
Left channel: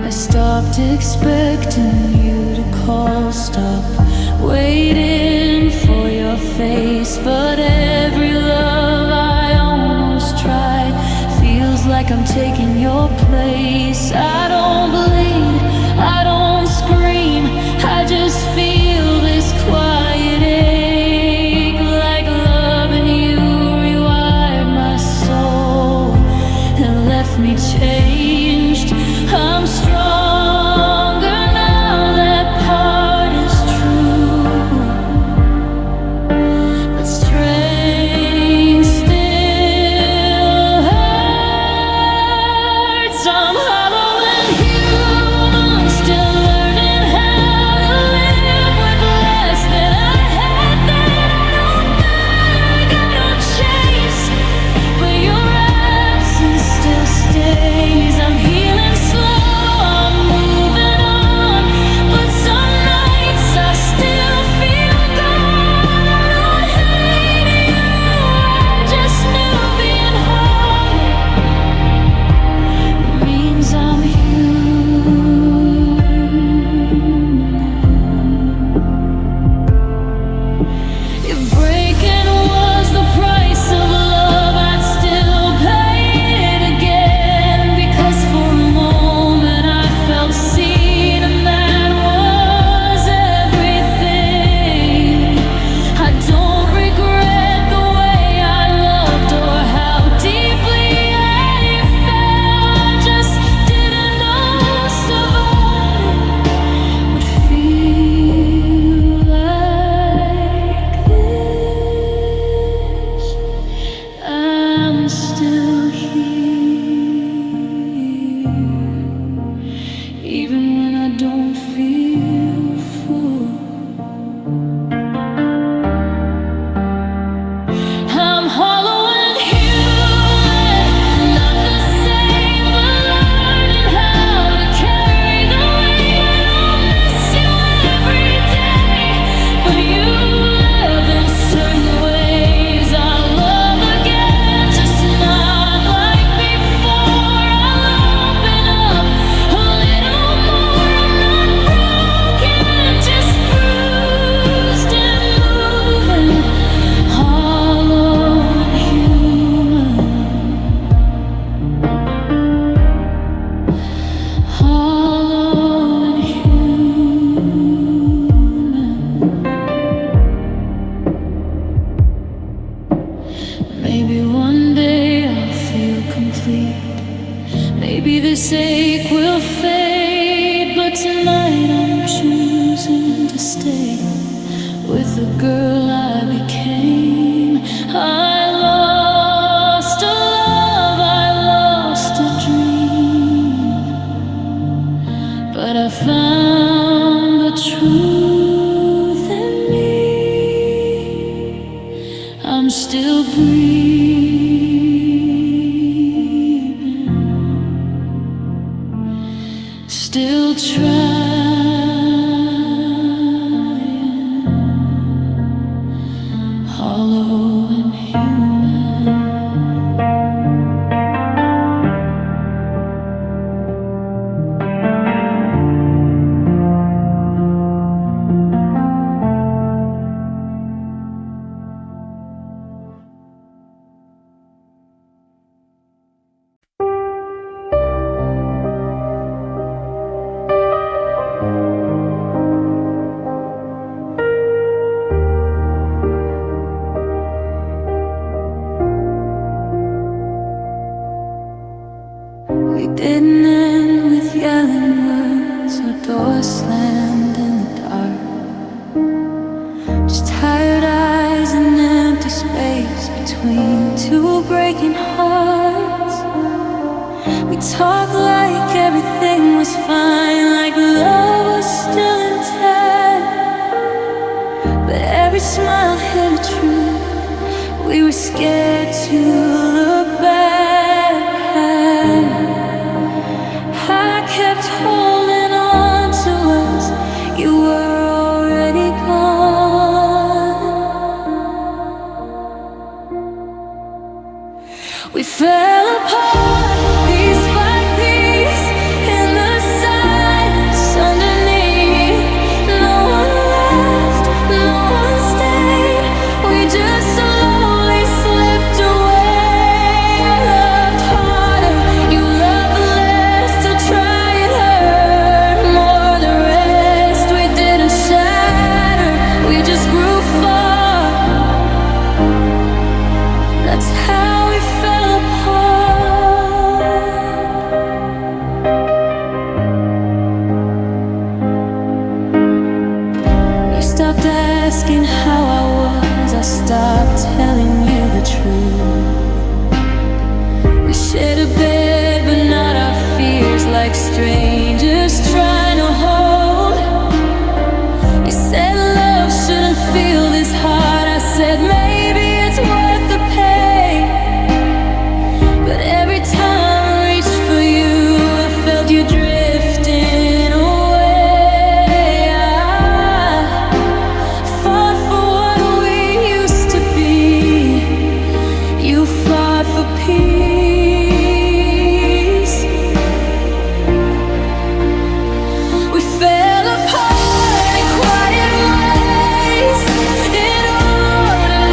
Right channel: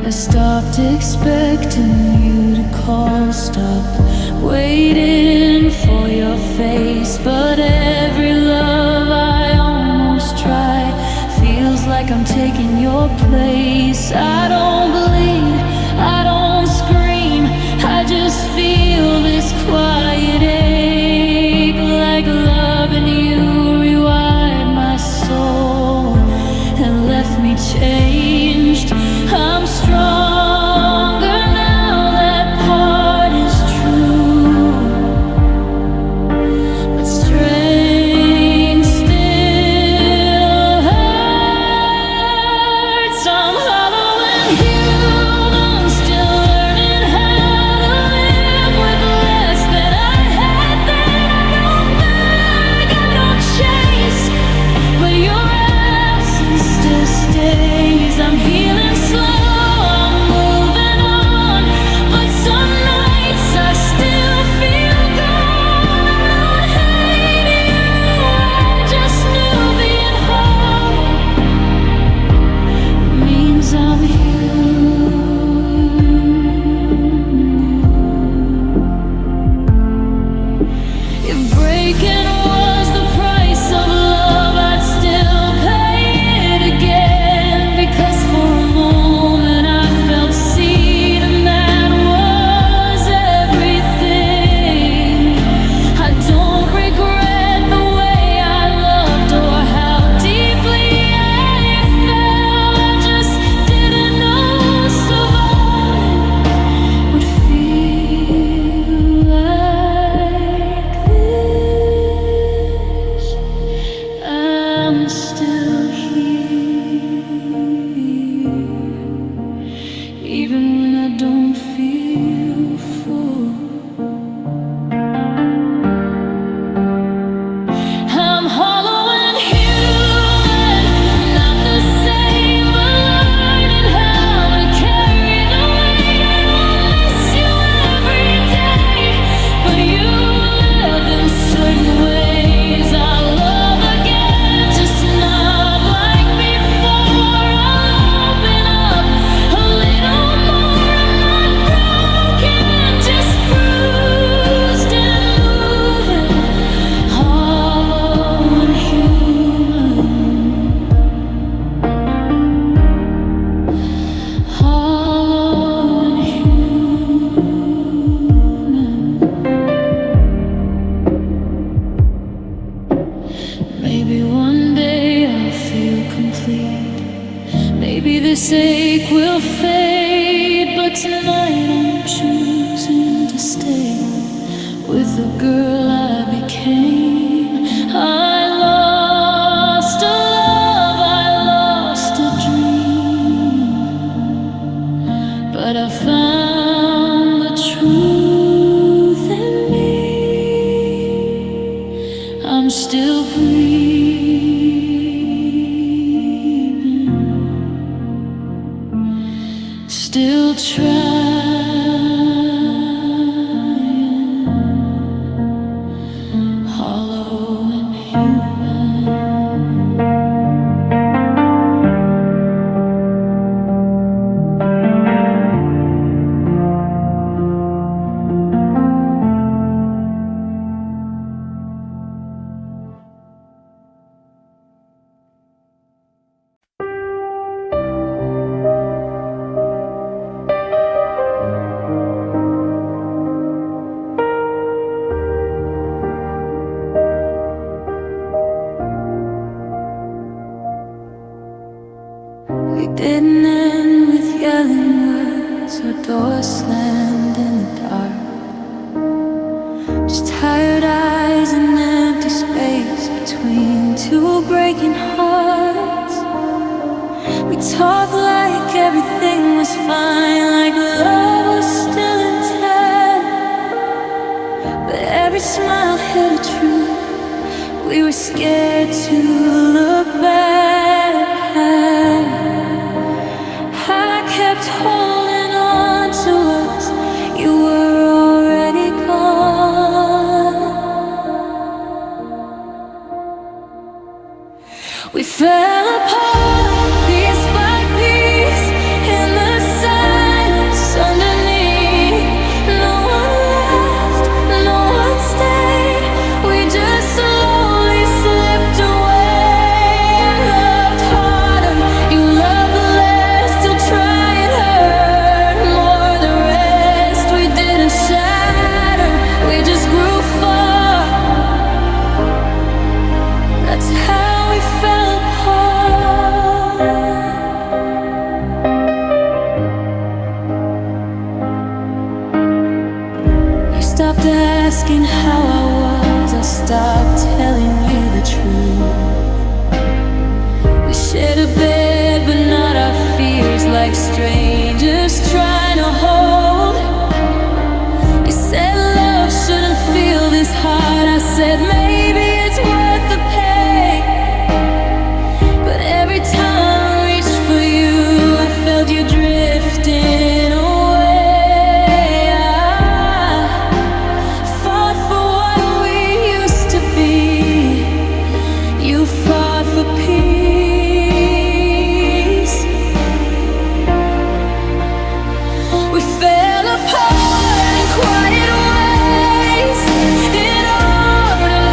I stopped expecting you to call, stopped waiting for your face. But every love I almost try feels like I'm taking your place. I don't bleed, I don't scream, I just feel this quiet ache. Like loving you rewired my soul and left me changed. I'm stronger now, that part is true, but breaking was the price of love, I'd still pay it again. Because for a moment I felt seen, and that was everything. I don't regret the way I loved or how deeply I felt. I just didn't know surviving would feel like this. I'm still here, even when I don't feel full. I'm hollow and human, not the same, but learning how to carry the weight. I don't miss you every day, but you live in certain ways. I'll love again, just not like before. I'll open up a little more. I'm not broken, just bruised and moving, hollow and human, hollow and human. Maybe one day I'll feel complete. Maybe this ache will fade, but tonight I'm choosing to stay with the girl I became. I lost a love, I lost a dream, but I found the truth in me. I'm still breathing, still trying, hollow and human. We didn't end with yelling words or doors slammed in the dark. Just tired eyes and empty space between two breaking hearts. We talked like everything was fine, like love was still intact. But every smile hid a truth we were scared to look back. I kept holding on to us, you were already gone. We fell apart, piece by piece, in the silence underneath. No one left, no one stayed, we just slowly slipped away. I loved harder, you loved less, still trying hurt more. The rest we didn't shatter, we just grew far. That's how we fell apart. You stopped asking how I was, I stopped telling you the truth. We shared a bed, but not our fears, like strangers trying to hold. You said love shouldn't feel this hard, I said maybe it's worth the pain. But every time I reached for you, I felt you drifting away. I fought for what we used to be, you fought for peace. We fell apart in quiet ways, in ordinary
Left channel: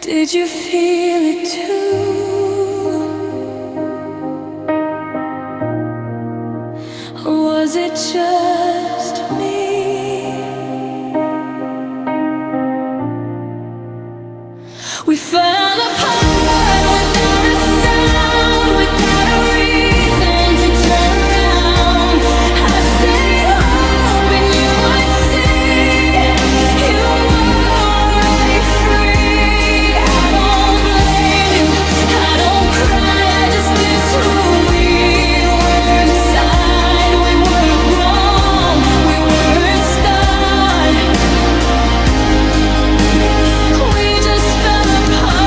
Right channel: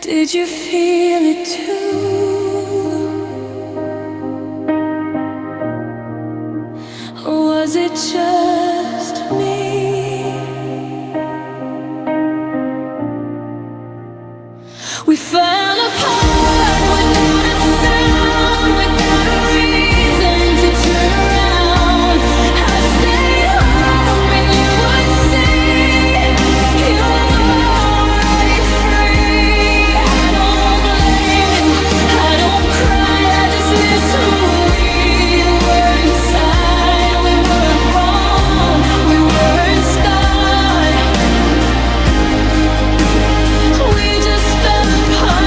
Did you feel it too? Or was it just me? We fell apart without a sound, without a reason to turn around. I stayed hoping you would see you were already free. I don't blame you, I don't cry, I just miss who we were inside. We weren't wrong, we weren't scarred. We just fell apart.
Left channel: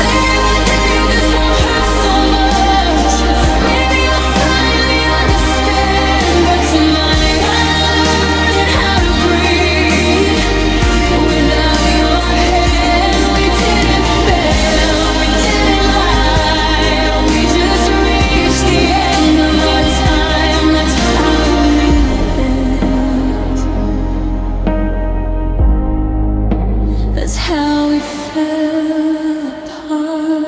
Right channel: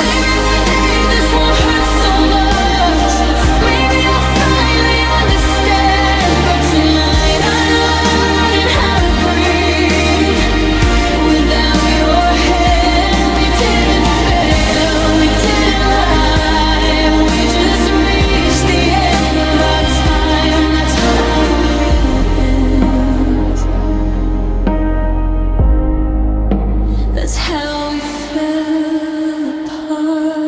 Maybe one day this won't hurt so much. Maybe I'll finally understand. But tonight I'm learning how to breathe without your hand. We didn't fail, we didn't lie. We just reached the end of our time. That's how it ends. That's how we fell apart.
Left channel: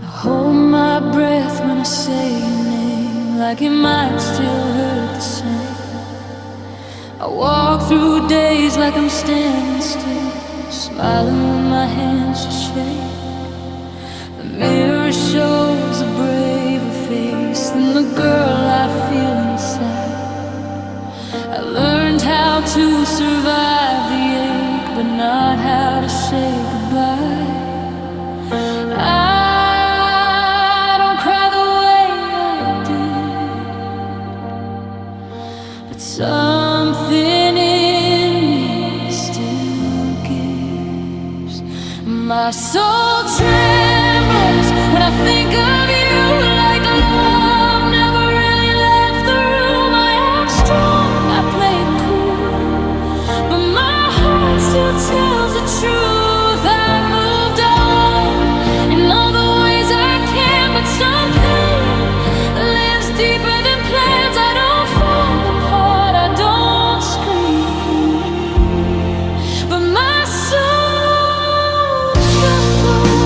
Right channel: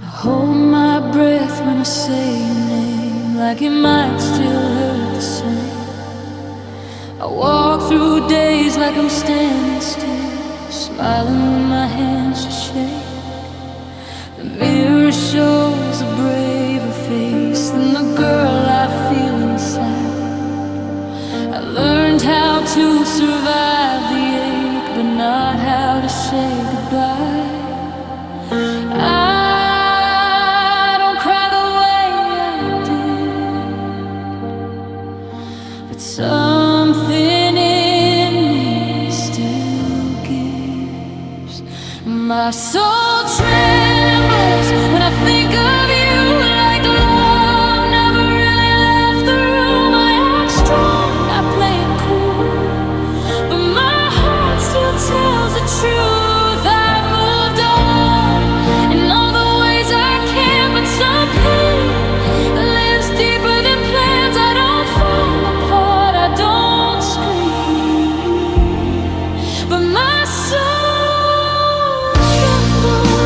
I hold my breath when I say your name, like it might still hurt the same. I walk through days like I'm standing still, smiling when my hands just shake. The mirror shows a braver face than the girl I feel inside. I learned how to survive the ache, but not how to say goodbye. I don't cry the way I did, but something in me still gives. My soul trembles when I think of you, like love never really left the room. I act strong, I play it cool, but my heart still tells the truth. I've moved on in all the ways I can, but some pain lives deeper than plans. I don't fall apart, I don't scream, but my soul trembles.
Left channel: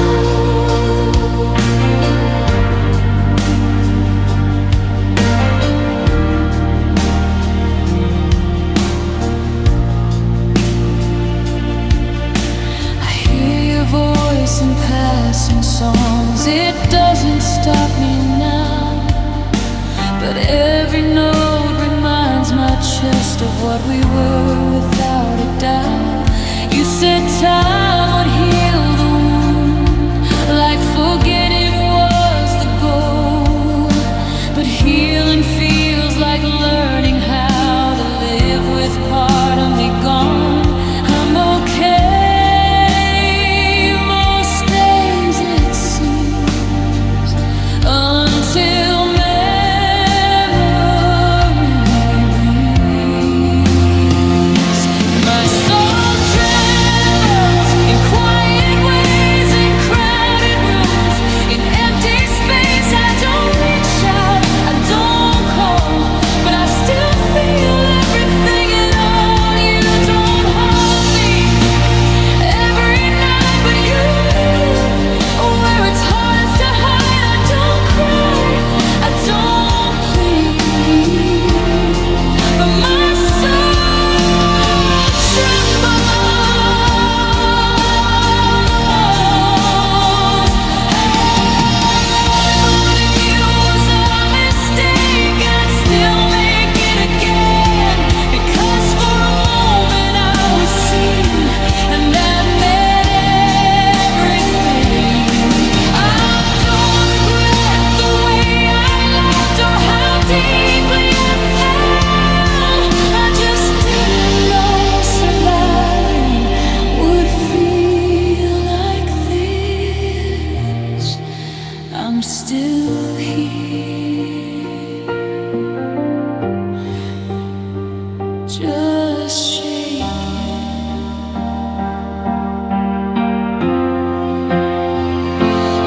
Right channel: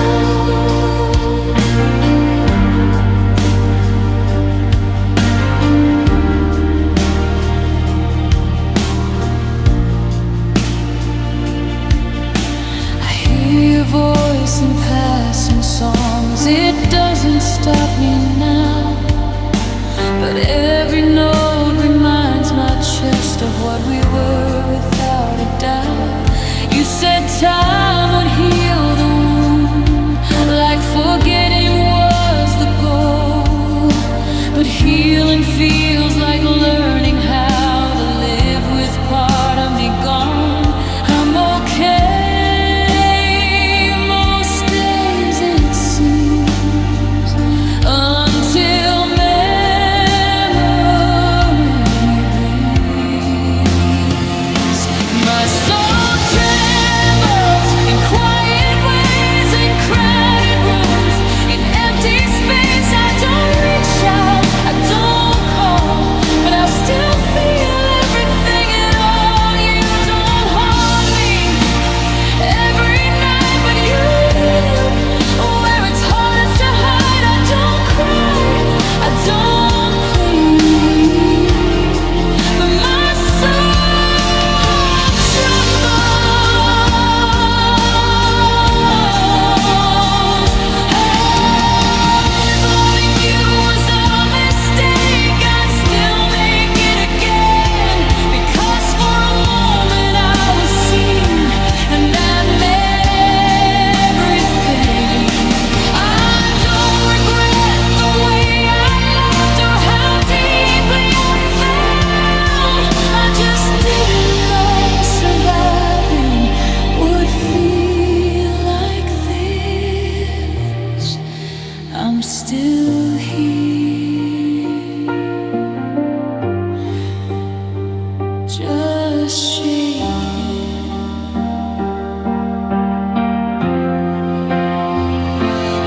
I hear your voice in passing songs. It doesn't stop me now, but every note reminds my chest of what we were without a doubt. You said time would heal the wound, like forgetting was the goal. But healing feels like learning how to live with part of me gone. I'm okay most days, it seems, until memory breathes. My soul trembles in quiet ways, in crowded rooms, in empty space. I don't reach out, I don't call, but I still feel everything at all. You don't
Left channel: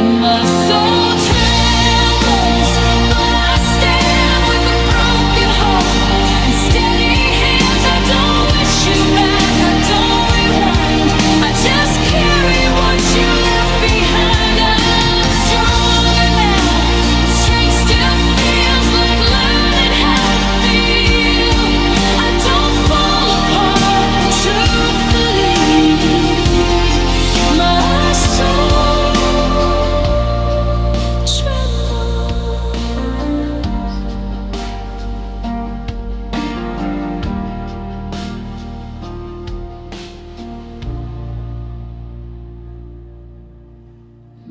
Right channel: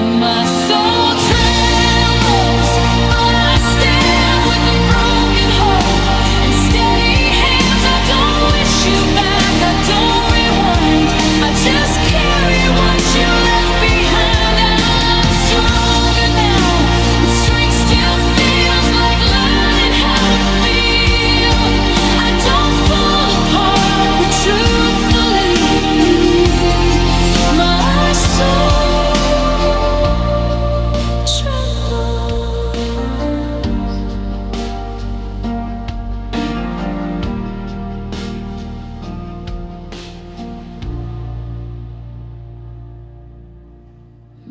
My soul trembles, but I stand with a broken heart and steady hands. I don't wish you back, I don't rewind. I just carry what you left behind. I'm stronger now, but strength still feels like learning how to feel. I don't fall apart, but truthfully, my soul trembles.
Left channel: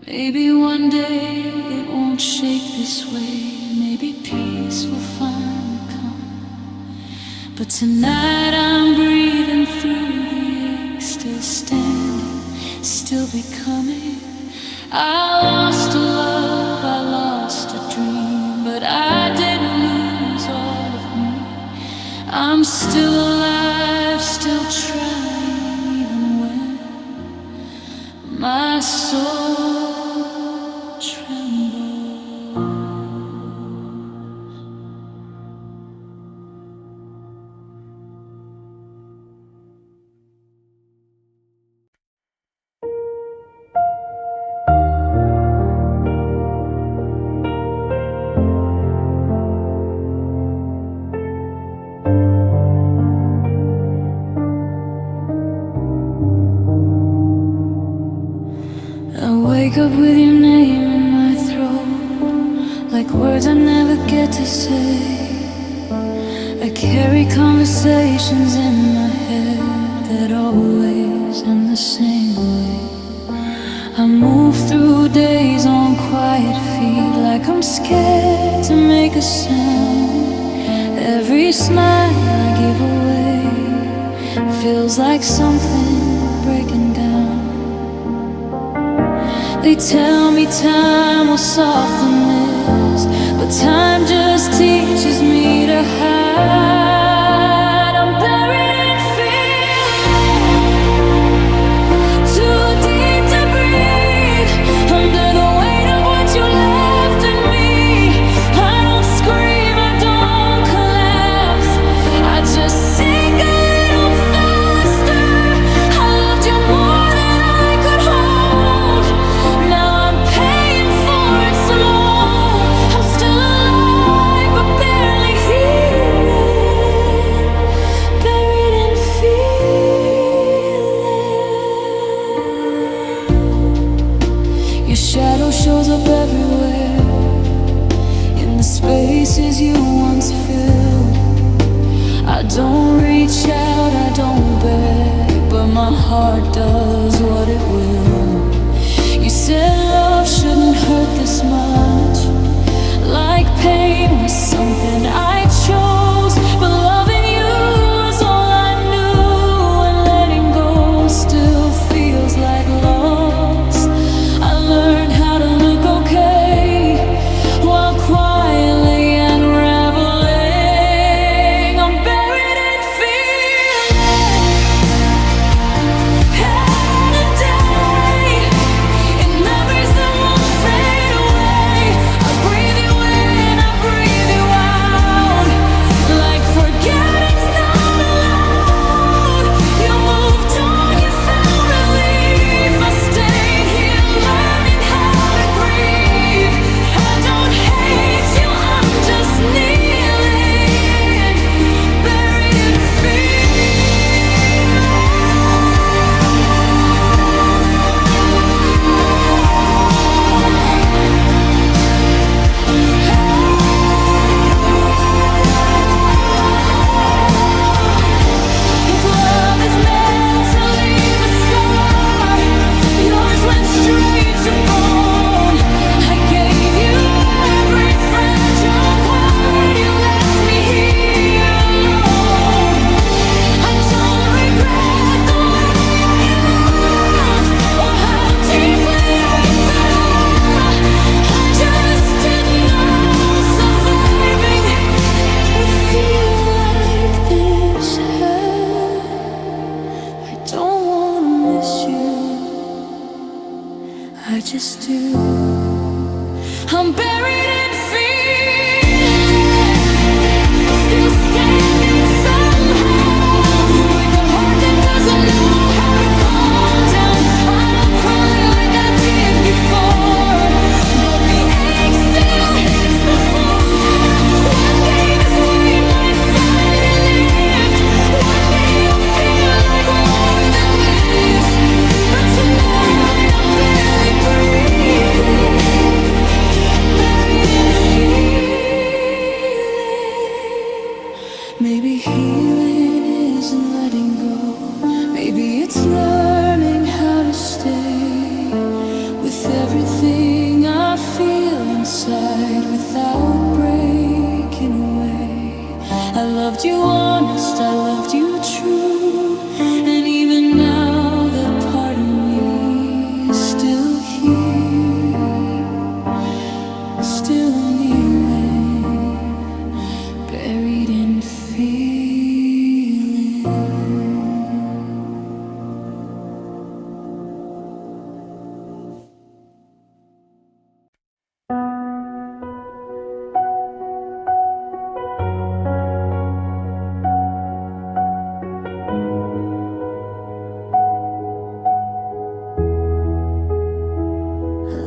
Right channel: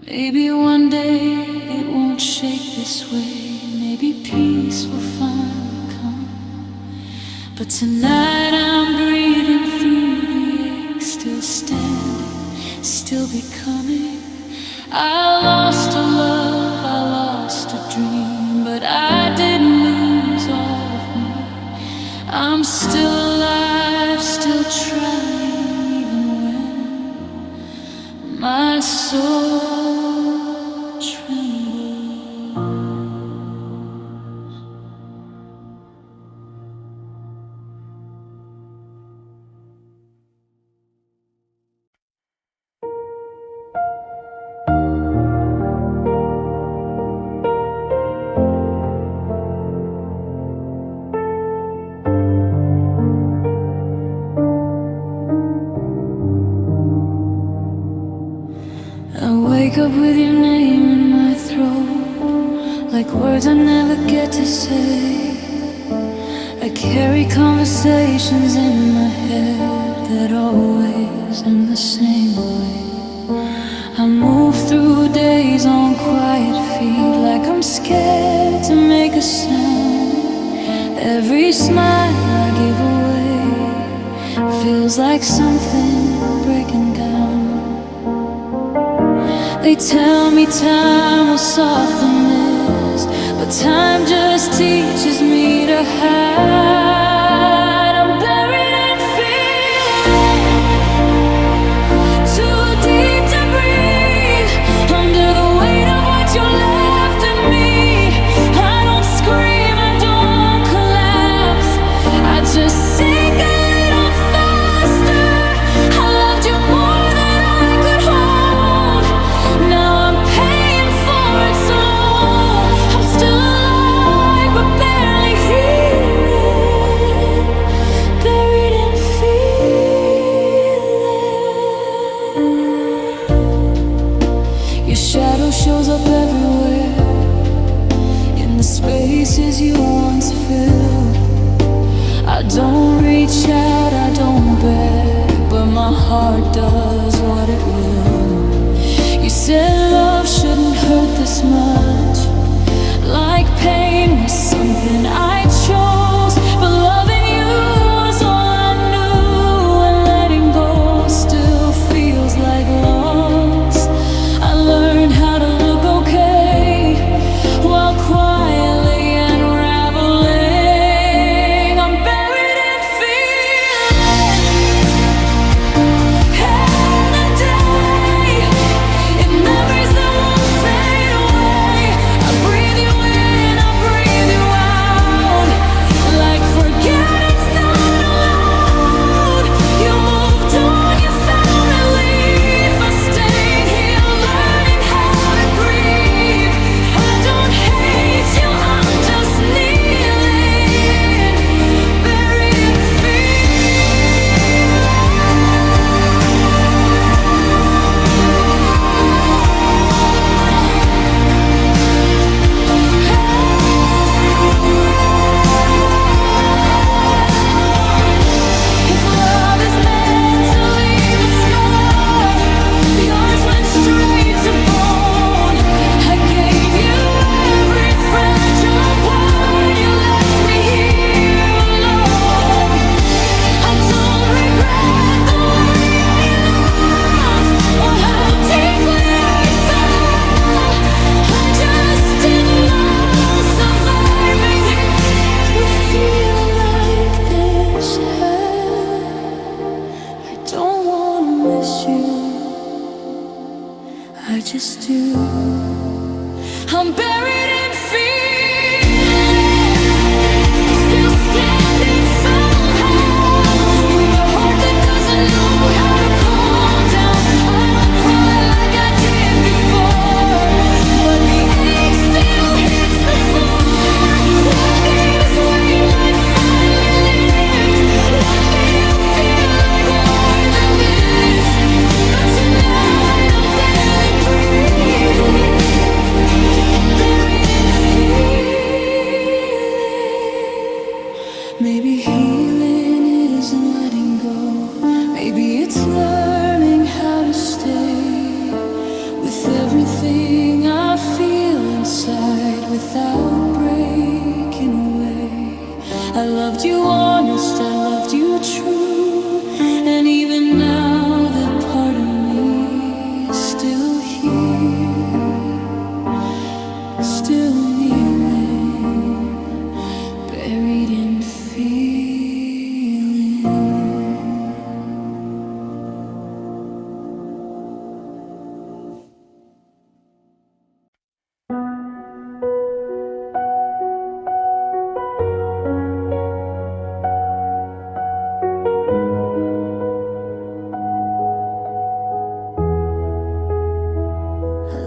Maybe one day it won't shake this way. Maybe peace will finally come. But tonight I'm breathing through the ache, still standing, still becoming. I lost a love, I lost a dream, but I didn't lose all of me. I'm still alive, still trying, even when my soul trembles. I wake up with your name in my throat, like words I never get to say. I carry conversations in my head that always end the same way. I move through days on quiet feet, like I'm scared to make a sound. Every smile I give away feels like something breaking down. They tell me time will soften this, but time just teaches me to hide. I'm buried in feeling, too deep to breathe, under the weight of what you left in me. I don't scream, I don't collapse, I just sink a little faster. I loved you more than I could hold. Now I'm paying for it slow. I'm still alive, but barely healing, buried in feeling. Your shadow shows up everywhere, in the spaces you once filled. I don't reach out, I don't beg, but my heart does what it will. You said love shouldn't hurt this much, like pain was something I chose. But loving you was all I knew, and letting go still feels like loss. I learned how to look okay while quietly unraveling. I'm buried in feeling, head and day, in memories that won't fade away. I breathe you in, I breathe you out, like forget. I just do. I'm buried in feeling, still standing somehow, with a heart that doesn't know how to calm down. I don't cry like I did before, but the ache still hits the floor. One day this weight might finally lift. One day I'll feel like more than this. But tonight I'm barely breathing, buried in feeling. Maybe healing isn't letting go. Maybe it's learning how to stay with everything I feel inside without breaking away. I loved you honest, I loved you true, and even now that part of me is still here, still kneeling, buried in feeling.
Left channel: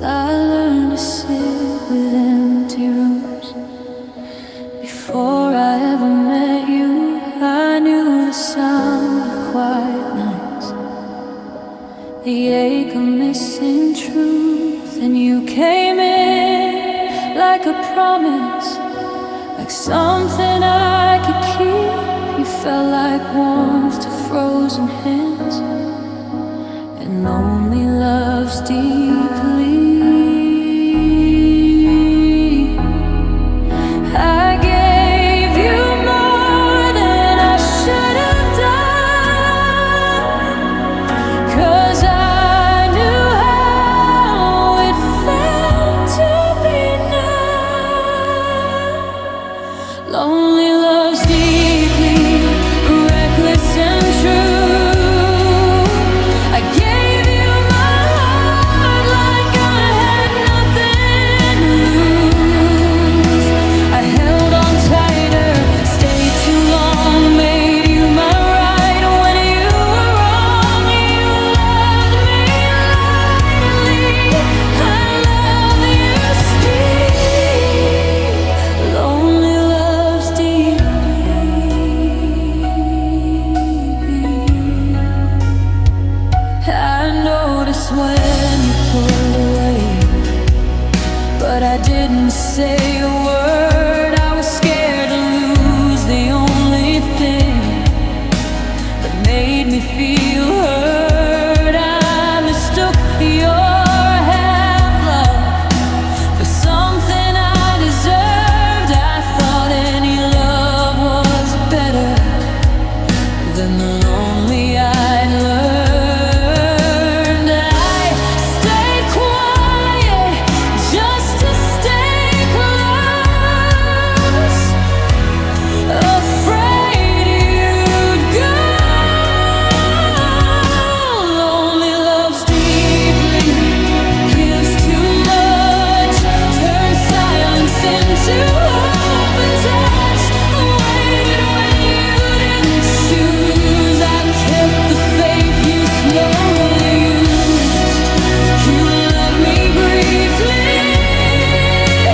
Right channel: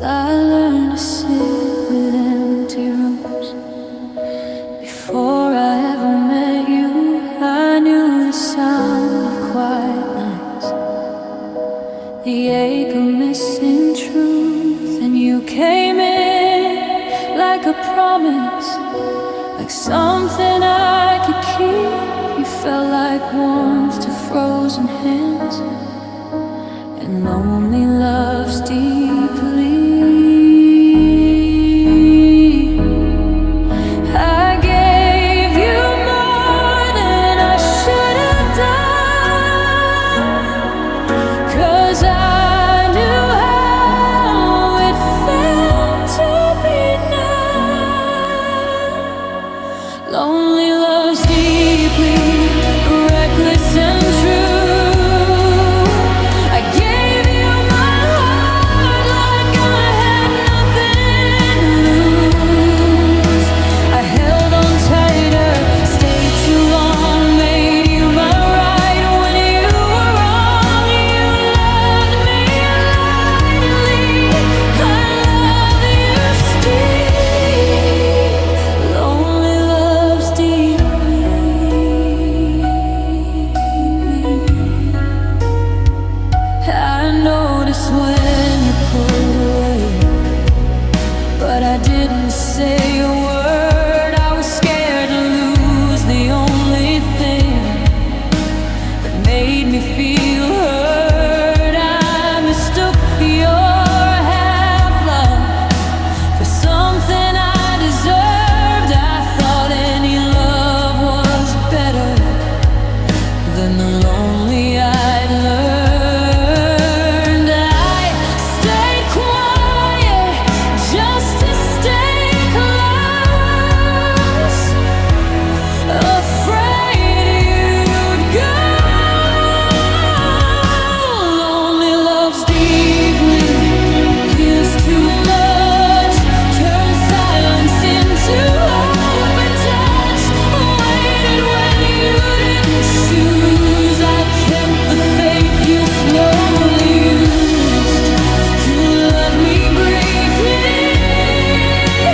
I learned to sit with empty rooms. Before I ever met you, I knew the sound of quiet nights, the ache of missing truth. And you came in like a promise, like something I could keep. You felt like warmth to frozen hands, and lonely loves deeply. I gave you more than I should have done, 'cause I knew how it felt to be numb. Lonely loves deeply, reckless and true. I gave you my heart like I had nothing to lose. I held on tighter, stayed too long, made you my right when you were wrong. You loved me lightly, I love you steep. Lonely loves deeply. I noticed when you pulled away, but I didn't say a word. I was scared to lose the only thing that made me feel heard. I mistook your half-love for something I deserved. I thought any love was better than the lonely I'd learned. I stayed quiet just to stay close, afraid you'd go. Lonely loves deeply, gives too much, turns silence into open touch. Waited when you didn't choose. I kept the faith you slowly used. You loved me briefly, I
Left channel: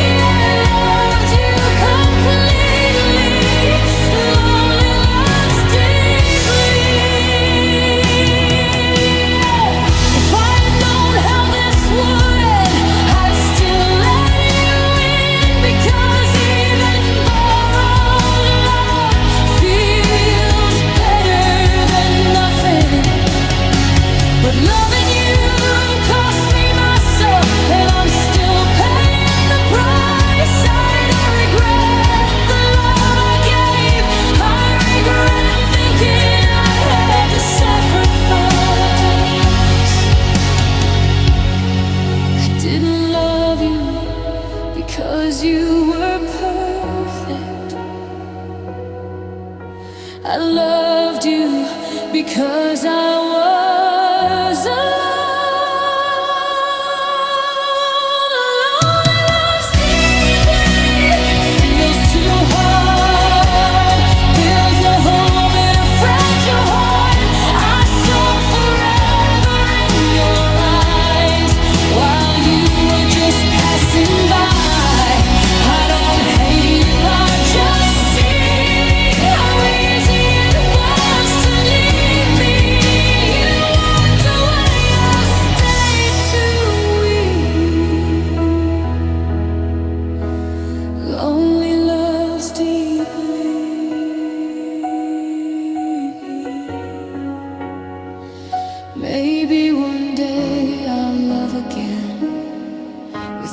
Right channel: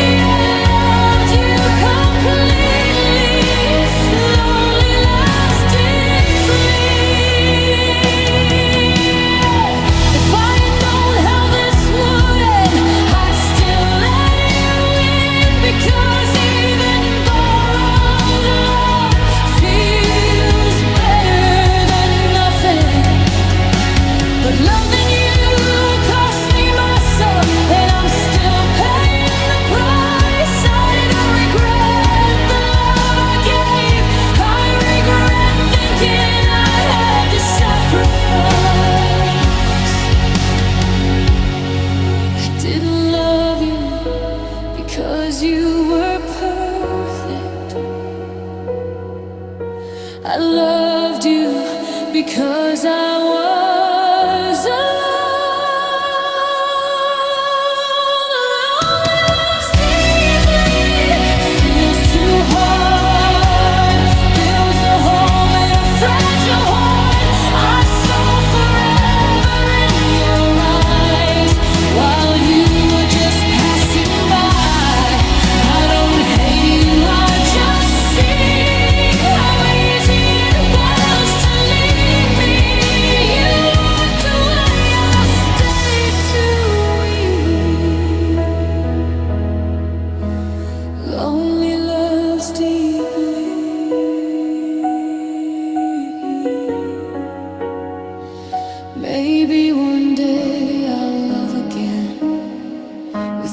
loved you completely. Lonely loves deeply. If I had known how this would end, I'd still let you in, because even borrowed love feels better than nothing. But loving you cost me myself, and I'm still paying the price. I don't regret the love I gave. I regret thinking I had to sacrifice. I didn't love you because you were perfect. I loved you because I was alive.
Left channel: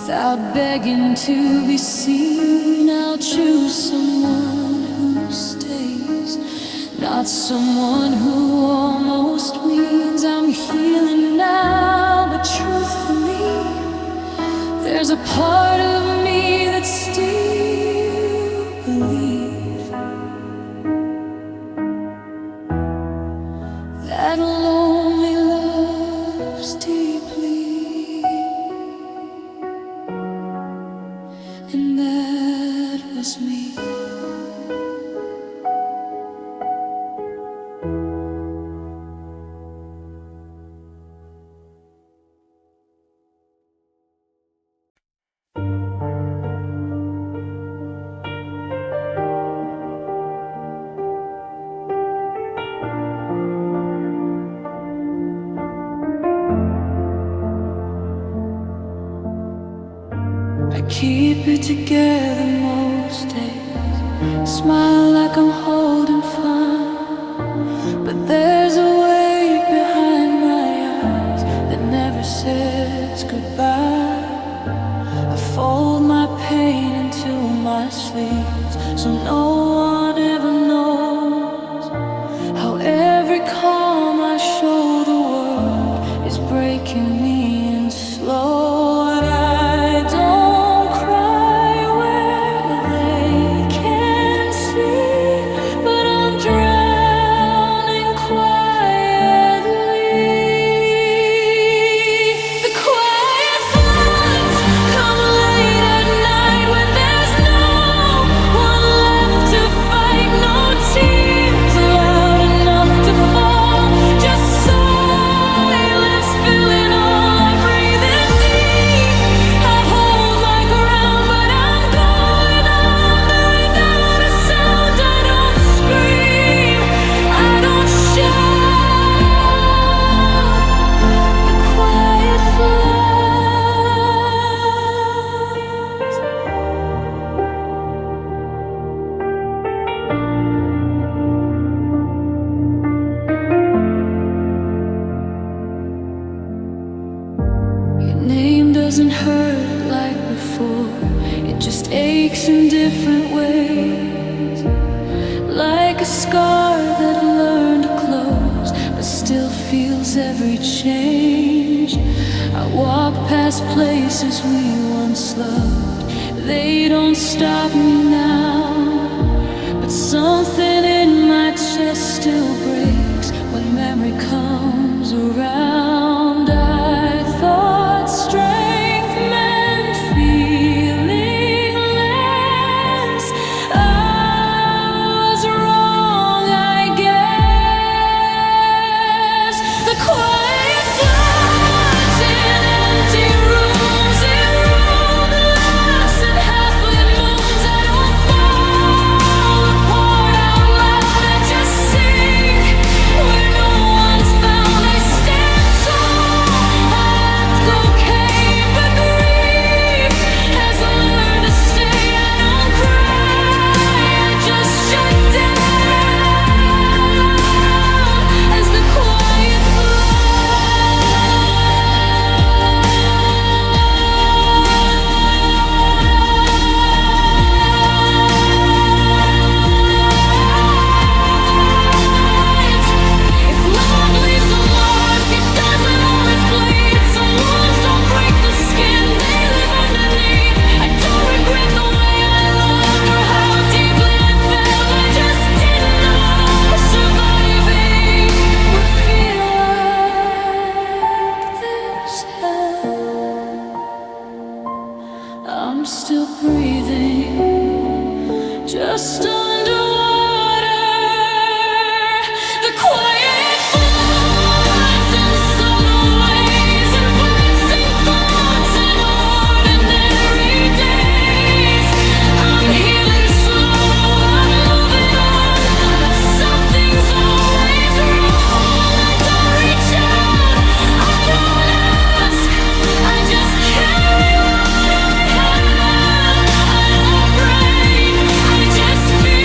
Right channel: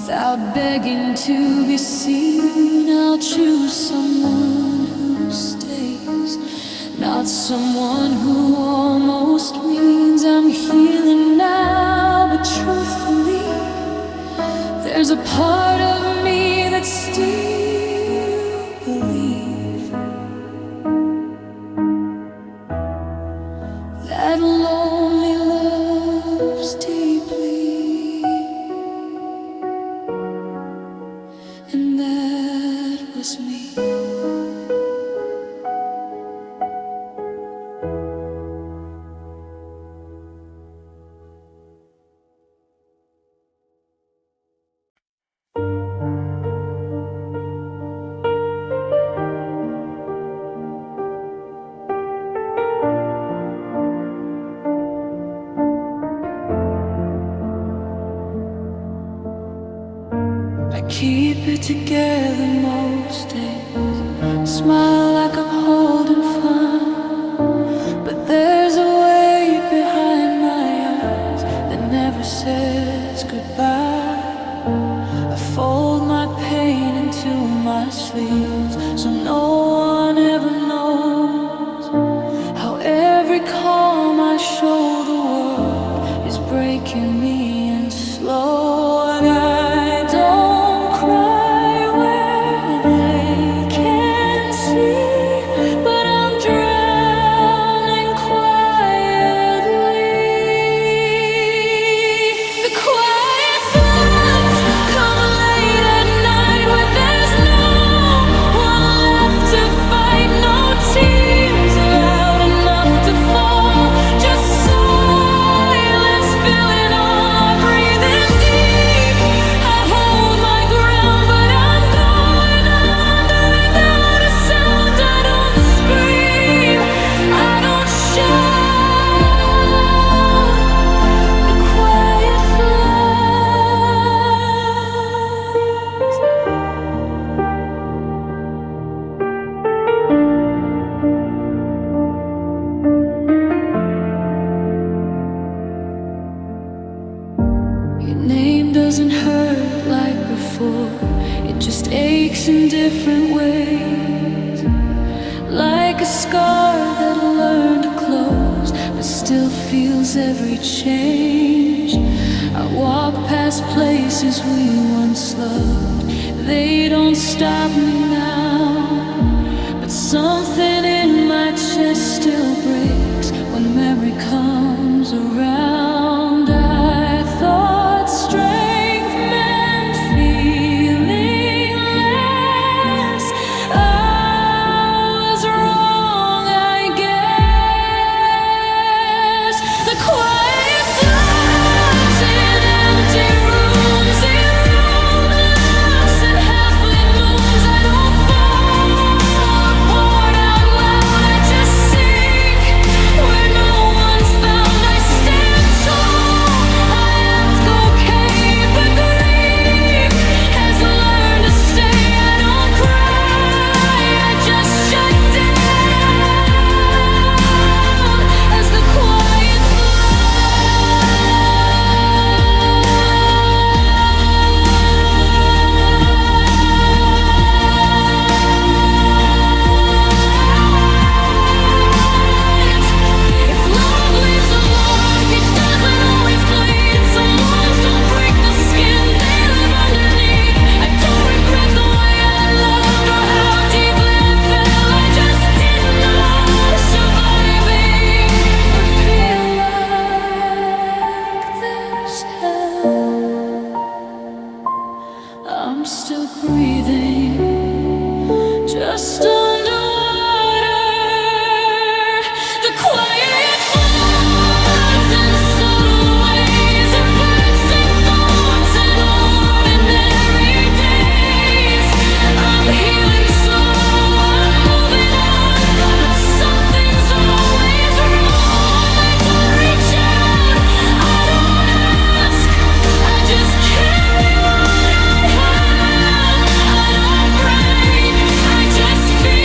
Without begging to be seen, I'll choose someone who stays, not someone who almost means I'm healing now. But truthfully, there's a part of me that still believes that lonely loves deeply, and that was me. I keep it together most days, smile like I'm holding fun, but there's a weight behind my eyes that never says goodbye. I fold my pain into my sleeves so no one ever knows how every calm I show the world is breaking me in slow. And I don't cry where they can see, but I'm drowning quietly. The quiet floods come late at night when there's no one left to fight. No tears loud enough to fall, just silence filling all I breathe in deep. I hold my ground, but I'm going under without a sound. I don't scream, I don't shout. The quiet floods. Your name doesn't hurt like before, it just aches in different ways. Like a scar that learned to close, but still feels every change. I walk past places we once loved, they don't stop me now. But something in my chest still breaks when memory comes around. I thought strength meant feeling less. I was wrong, I guess. The quiet floods in empty rooms, erode laughs and half-lit moons. I don't fall apart out loud, I just sink where no one's found. I stand tall, I act okay, but grief has learned to stay. I don't cry, I just shut down as the quiet floods. If love leaves a mark, it doesn't always bleed. Some wounds don't break the skin, they live underneath. I don't regret the way I loved or how deeply I fell. I just didn't know surviving would feel like this hell. I'm still breathing, just underwater. The quiet floods in subtle ways, in pipes and thoughts in ordinary days. I'm healing slow, I'm moving on, but something's always wrong. I don't reach out, I don't ask, I just carry what I have. I don't break, I just feel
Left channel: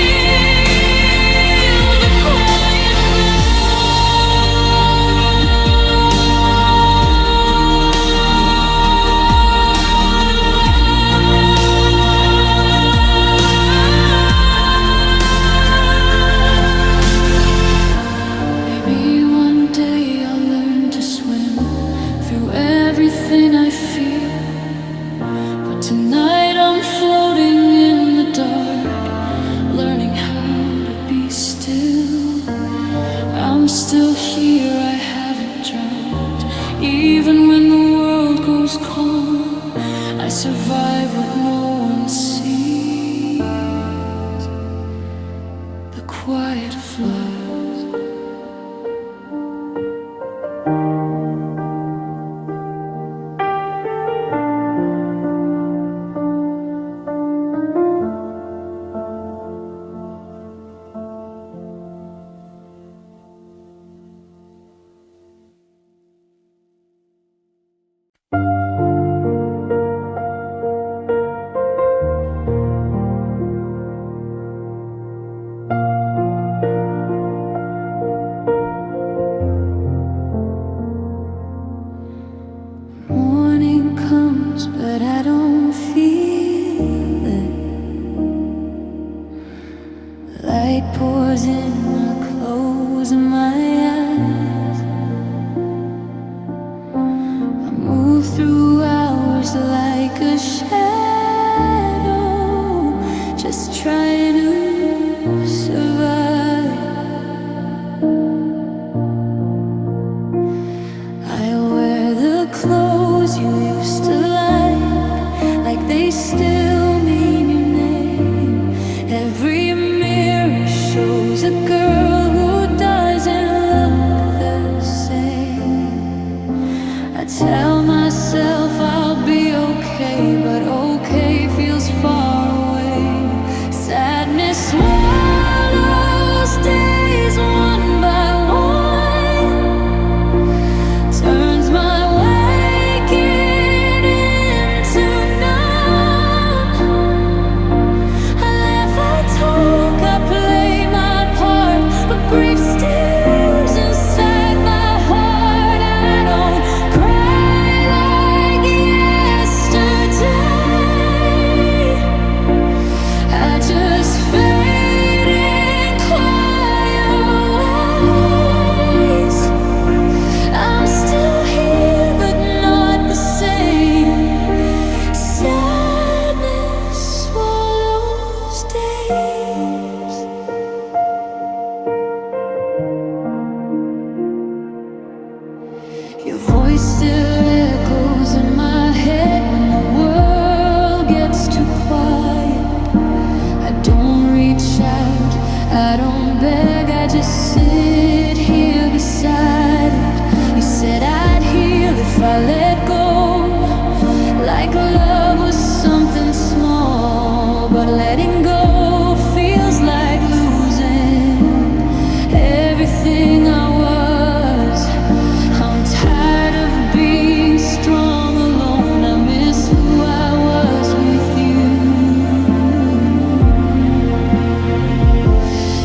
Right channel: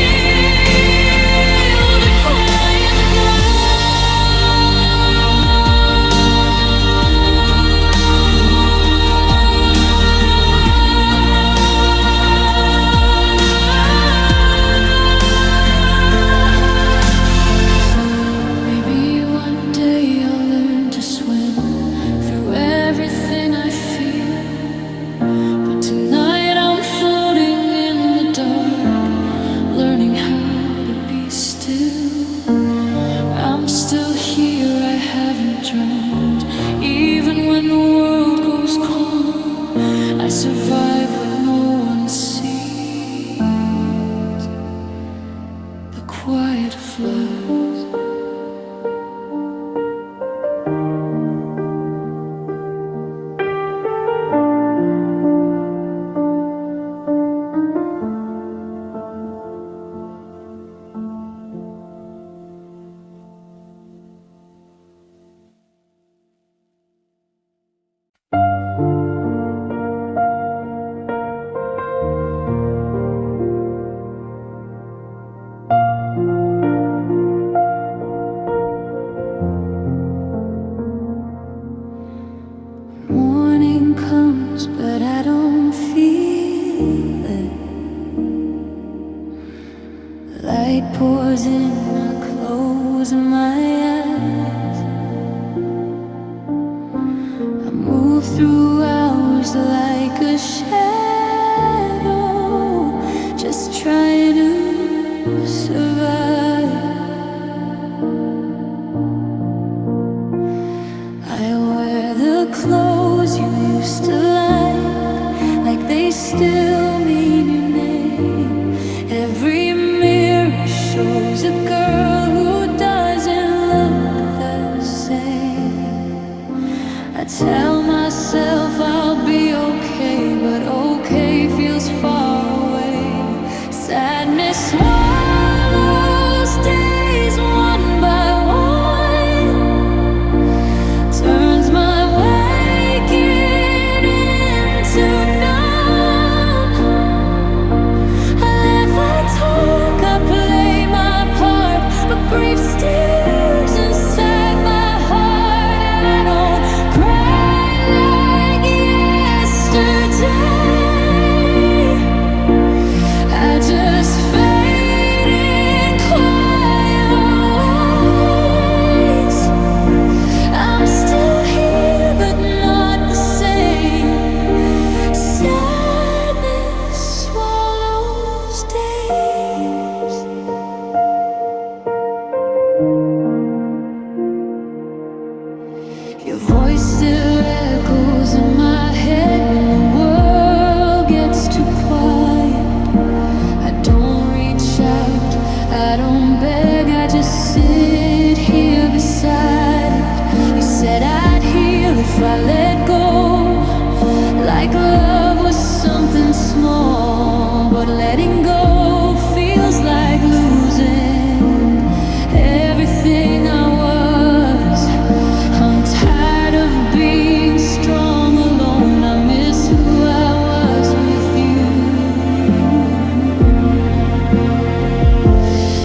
everything I feel. But tonight I'm floating in the dark, learning how to be still. I'm still here, I haven't drowned. Even when the world goes calm, I survive what no one sees. The quiet floods. Morning comes, but I don't feel it. Light pours in, I close my eyes. I move through hours like a shadow, just trying to survive. I wear the clothes you used to like they still mean your name. Every mirror shows a girl who doesn't look the same. I tell myself I'll be okay, but okay feels far away. Sadness swallows days one by one, turns my grief stirs inside my heart. I don't cry like yesterday. I just fade in quiet ways. I'm still here, but not the same. Sadness swallows days. Your voice still echoes in my head when the world gets too quiet. I don't reach out, I don't beg, I just sit here beside it. You said I'd heal if I let go, like love was something small. But letting go feels like losing everything I was. I'm tired of being strong alone. I miss who I was with you.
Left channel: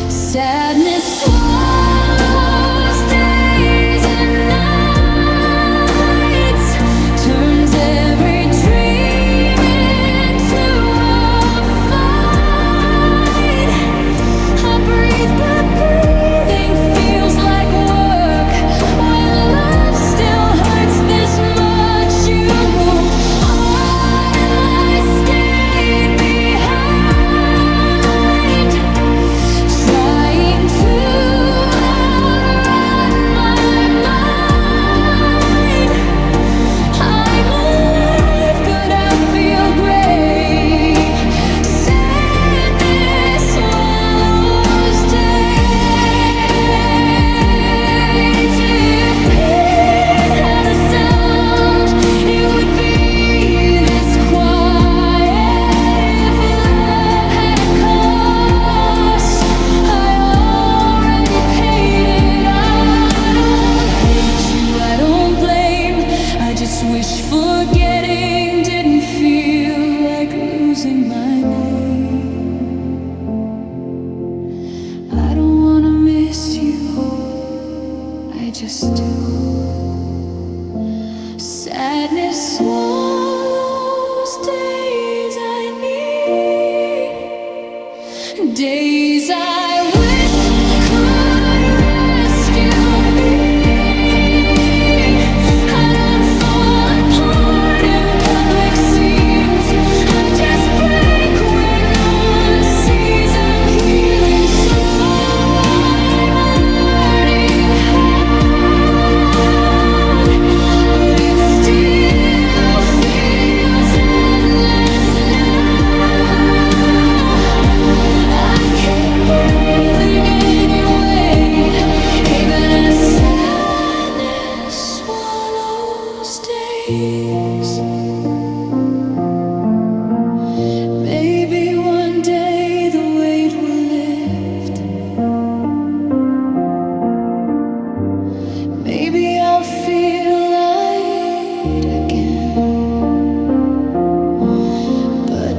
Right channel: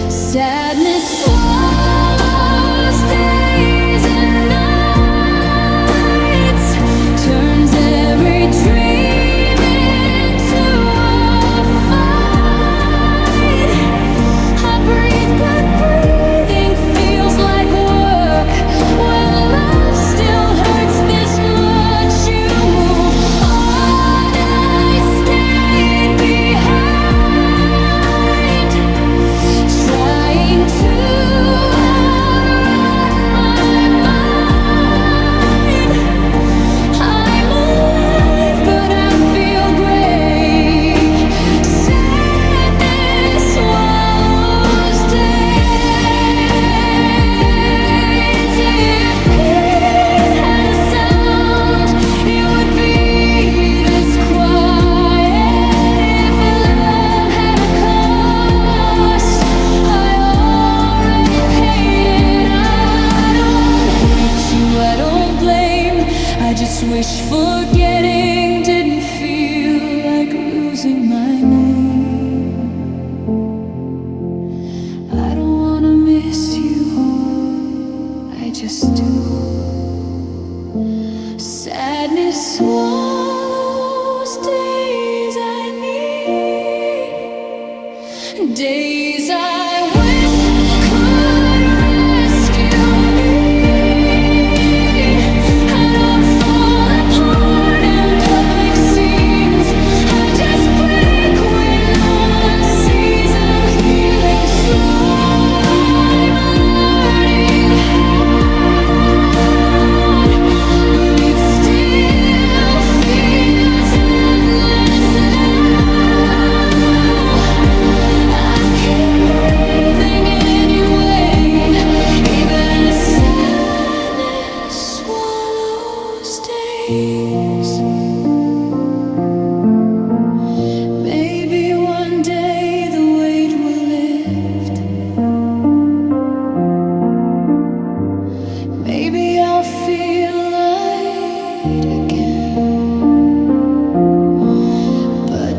Sadness swallows days and nights, turns every dream into a fight. I breathe, but breathing feels like work. When love still hurts this much, you move on, I stayed behind, trying to outrun my mind. I'm alive, but I feel great. Sadness swallows days. If pain had a sound, it would be this quiet. If love had a cost, I already paid it. I don't hate you, I don't blame. I just wish forgetting didn't feel like losing my name. I don't wanna miss you, I just do. Sadness swallows days I need, days I wish could rescue me. I don't fall apart.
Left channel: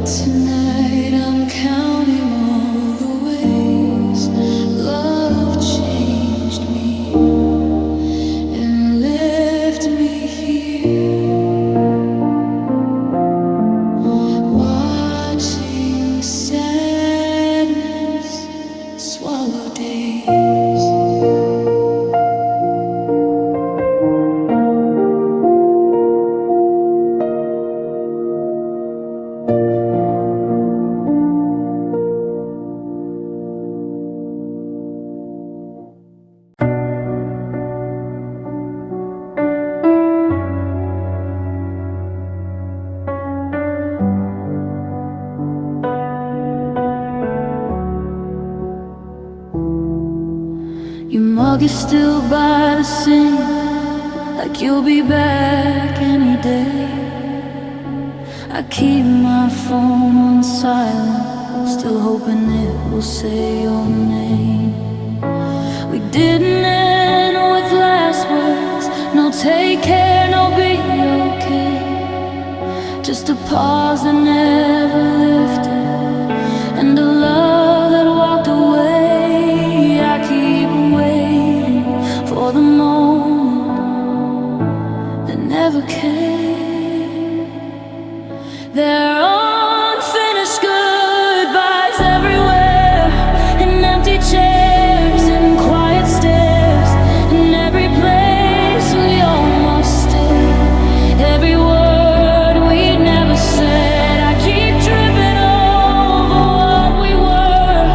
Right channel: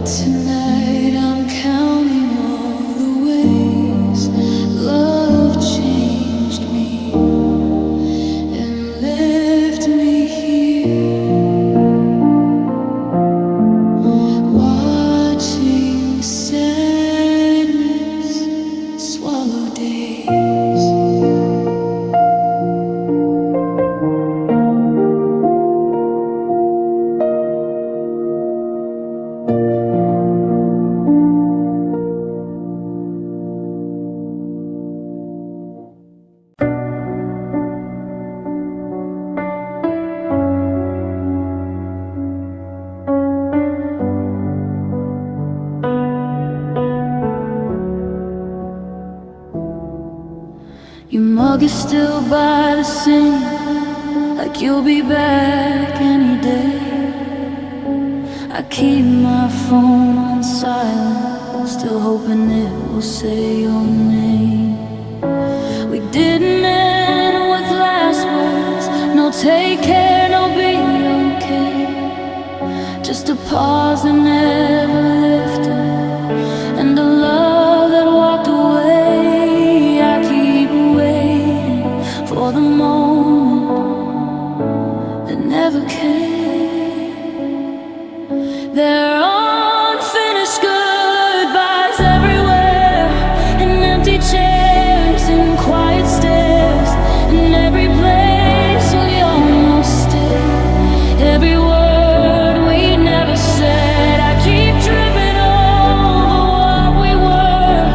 Tonight I'm counting all the ways love changed me and left me here, watching sadness swallow days. Your mug is still by the sink, like you'll be back any day. I keep my phone on silent, still hoping it will say your name. We didn't end with last words, no take care, no be okay. Just a pause that never lifted, and a love that walked away. I keep waiting for the moment that never came. There are unfinished goodbyes everywhere, and empty chairs and quiet stares, in every place we almost stayed. Every word we never said, I keep tripping over what we were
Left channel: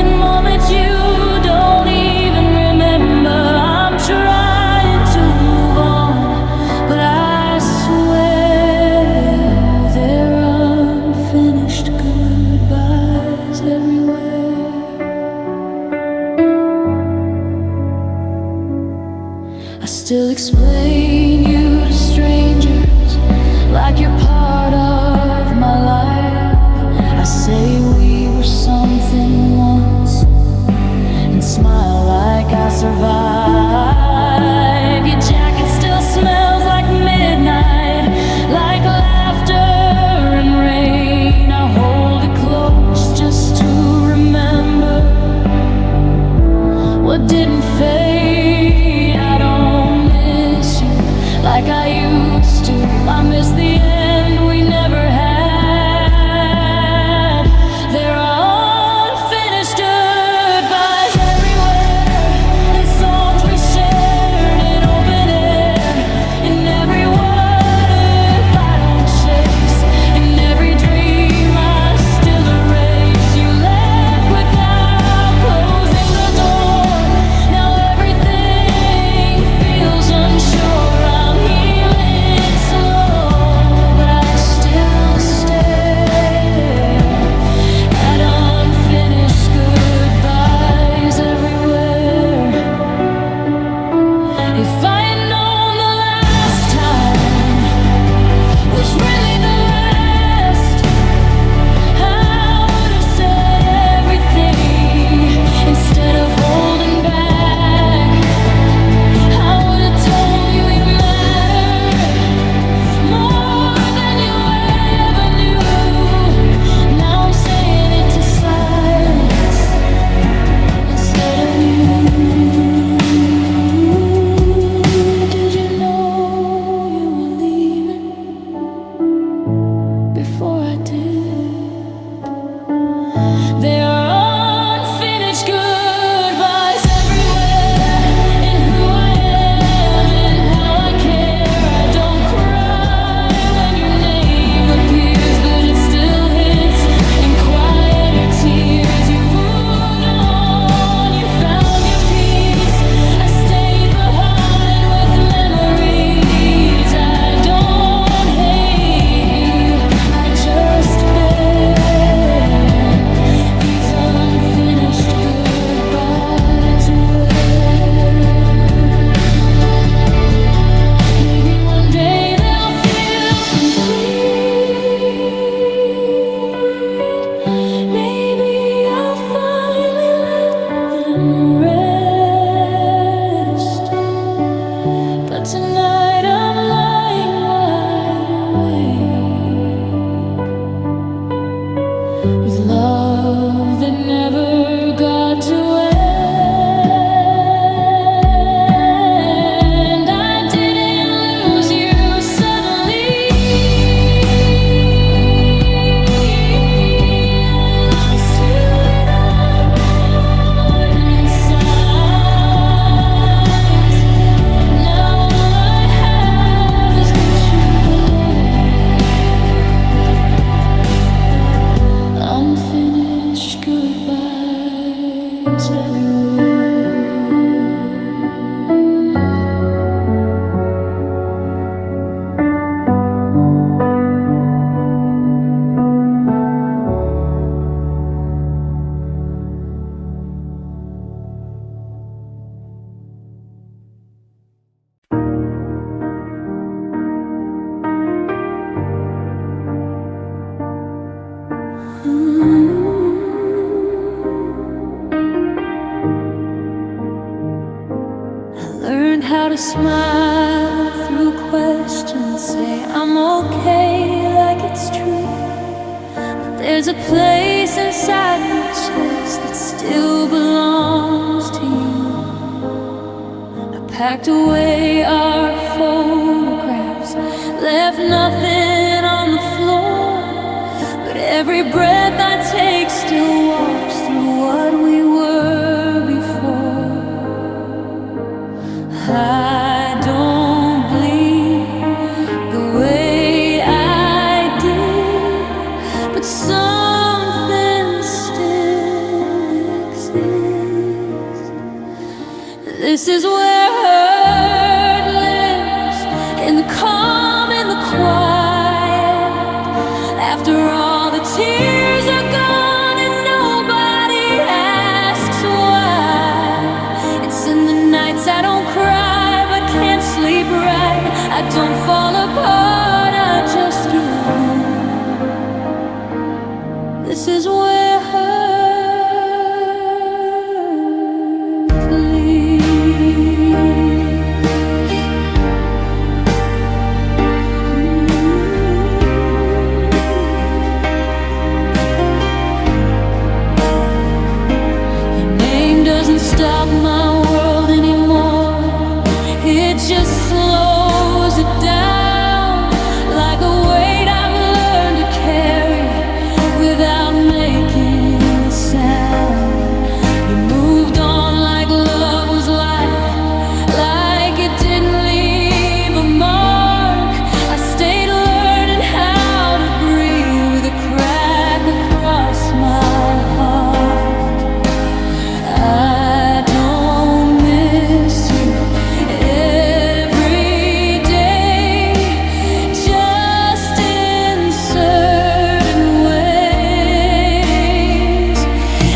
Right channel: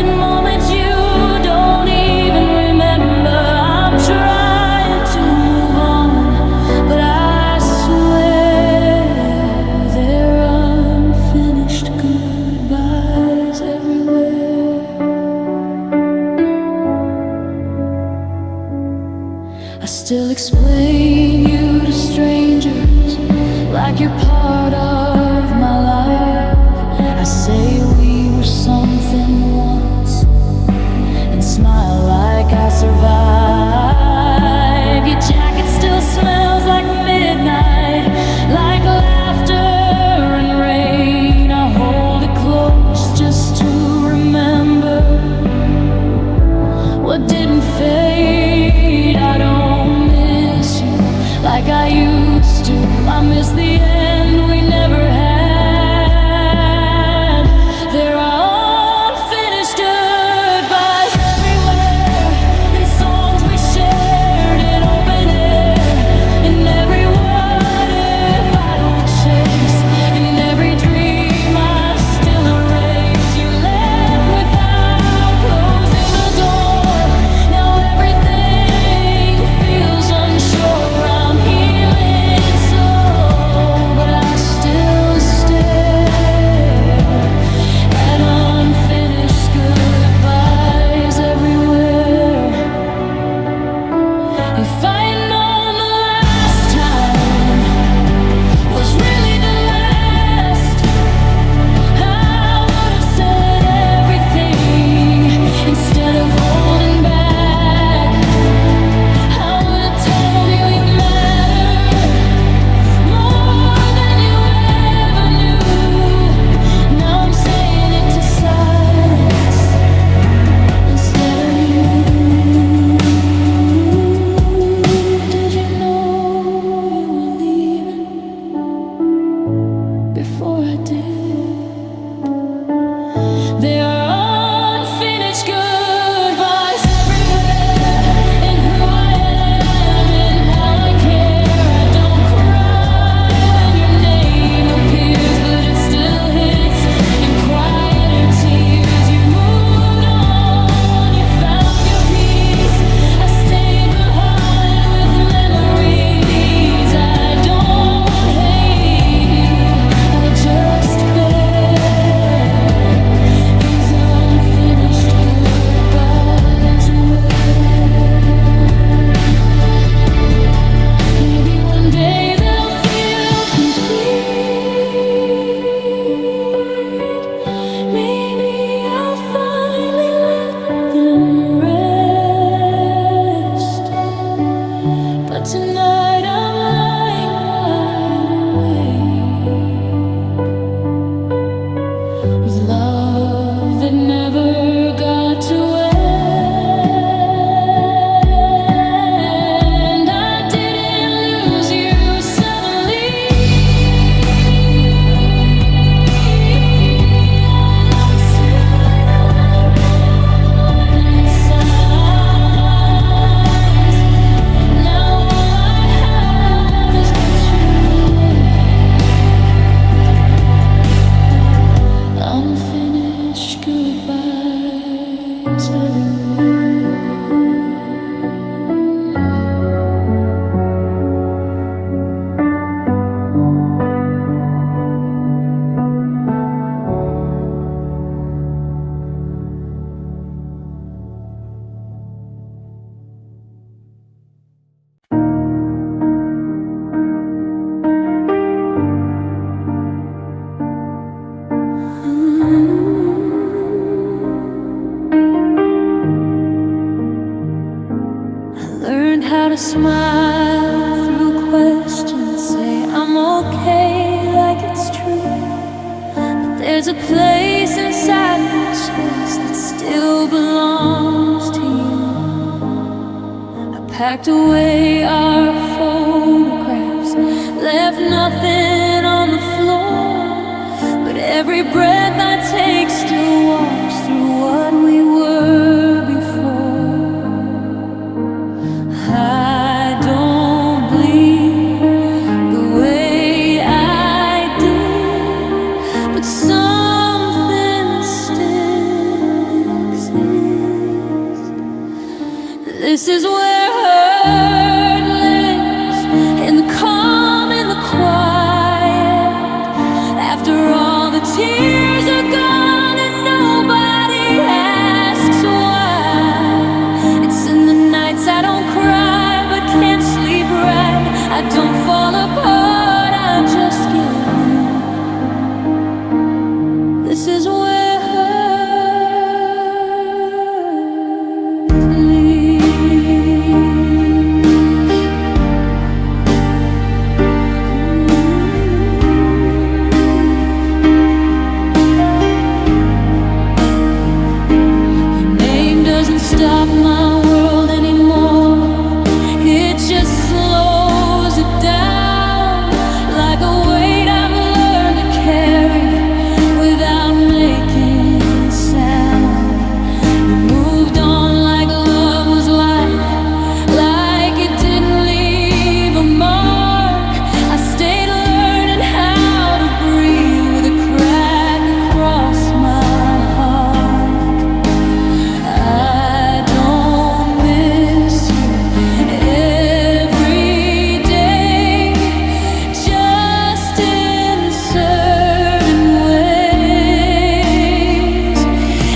in moments you don't even remember. I'm trying to move on, but I swear there are unfinished goodbyes everywhere. I still explain you to strangers like you're part of my life. I say we were something once and smile like I survived. Your jacket still smells like midnight, like laughter and rain. I hold it close just to remember what didn't fade. I don't miss you like I used to. I miss the end we never had. There are unfinished goodbyes everywhere, and songs we shared in open air, in every what if I don't chase, in every dream I still erase. You left without closing the door. Now everything feels unsure. I'm healing slow, but I still stare at unfinished goodbyes everywhere. If I had known the last time was really the last, I would have said everything instead of holding back. I would have told you you mattered more than you ever knew. Now I'm saying it to silence instead of you. Did you know you were leaving before I did? There are unfinished goodbyes everywhere, in who I am and how I care. I don't cry when your name appears, but it still hits in quieter tears. You moved on, you found your peace. I stayed behind with memories. I don't hate you, I just bear these with love that never got to end. I didn't lose you suddenly, I lost you without warning signs. Now all I have is what you left. Unfinished goodbyes everywhere. Learned how to smile through questions, say I'm okay like it's true. But there's a place inside my chest that still belongs to you. I packed away our photographs, left nothing on the floor. But every breath I take still walks through what we were before. I don't bleed the way I did, but something still exists. This is where hurt lives, in the calm, in the quiet. After all the tears are gone and nobody asks why. It's in the nights I don't cry but can't sleep right. I don't fall apart, I just give in. This is where hurt lives. Your name doesn't stop my world anymore. It just slows it down, like a weight I've learned to carry without making a sound. You moved on like love was like it didn't leave a mark. I stayed learning how to breathe with a crack across my heart. I don't miss you every day, just in certain ways.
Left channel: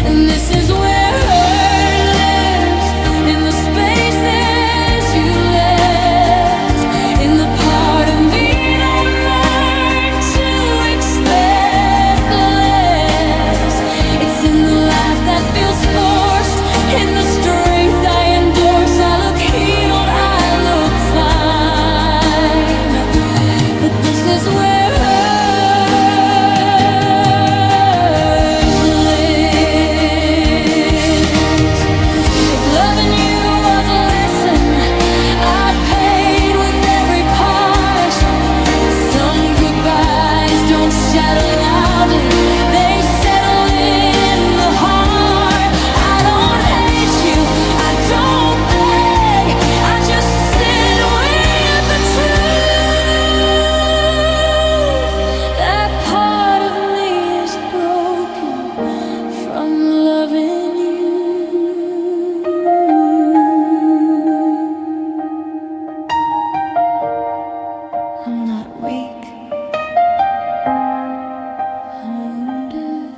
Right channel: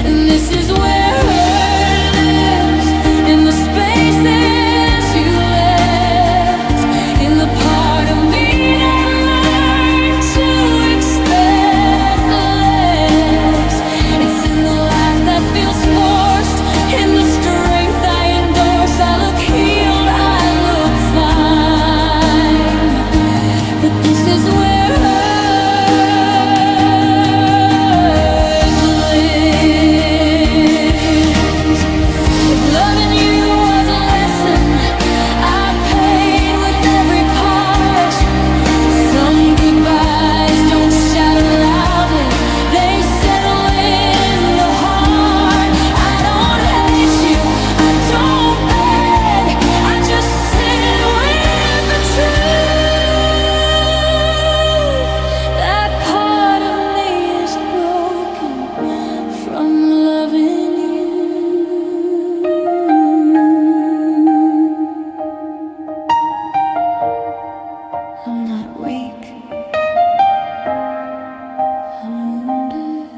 And this is where hurt lives, in the spaces you left, in the part of me that learned to expect less. It's in the laugh that feels forced, in the strength I endorse. I look healed, I look fine, but this is where hurt lives. If loving you was a lesson I paid with every part, some goodbyes don't shatter loudly, they settle in the heart. I don't hate you, I don't beg, I just sit with the truth. That part of me is broken from loving you. I'm not weak, I'm wounded.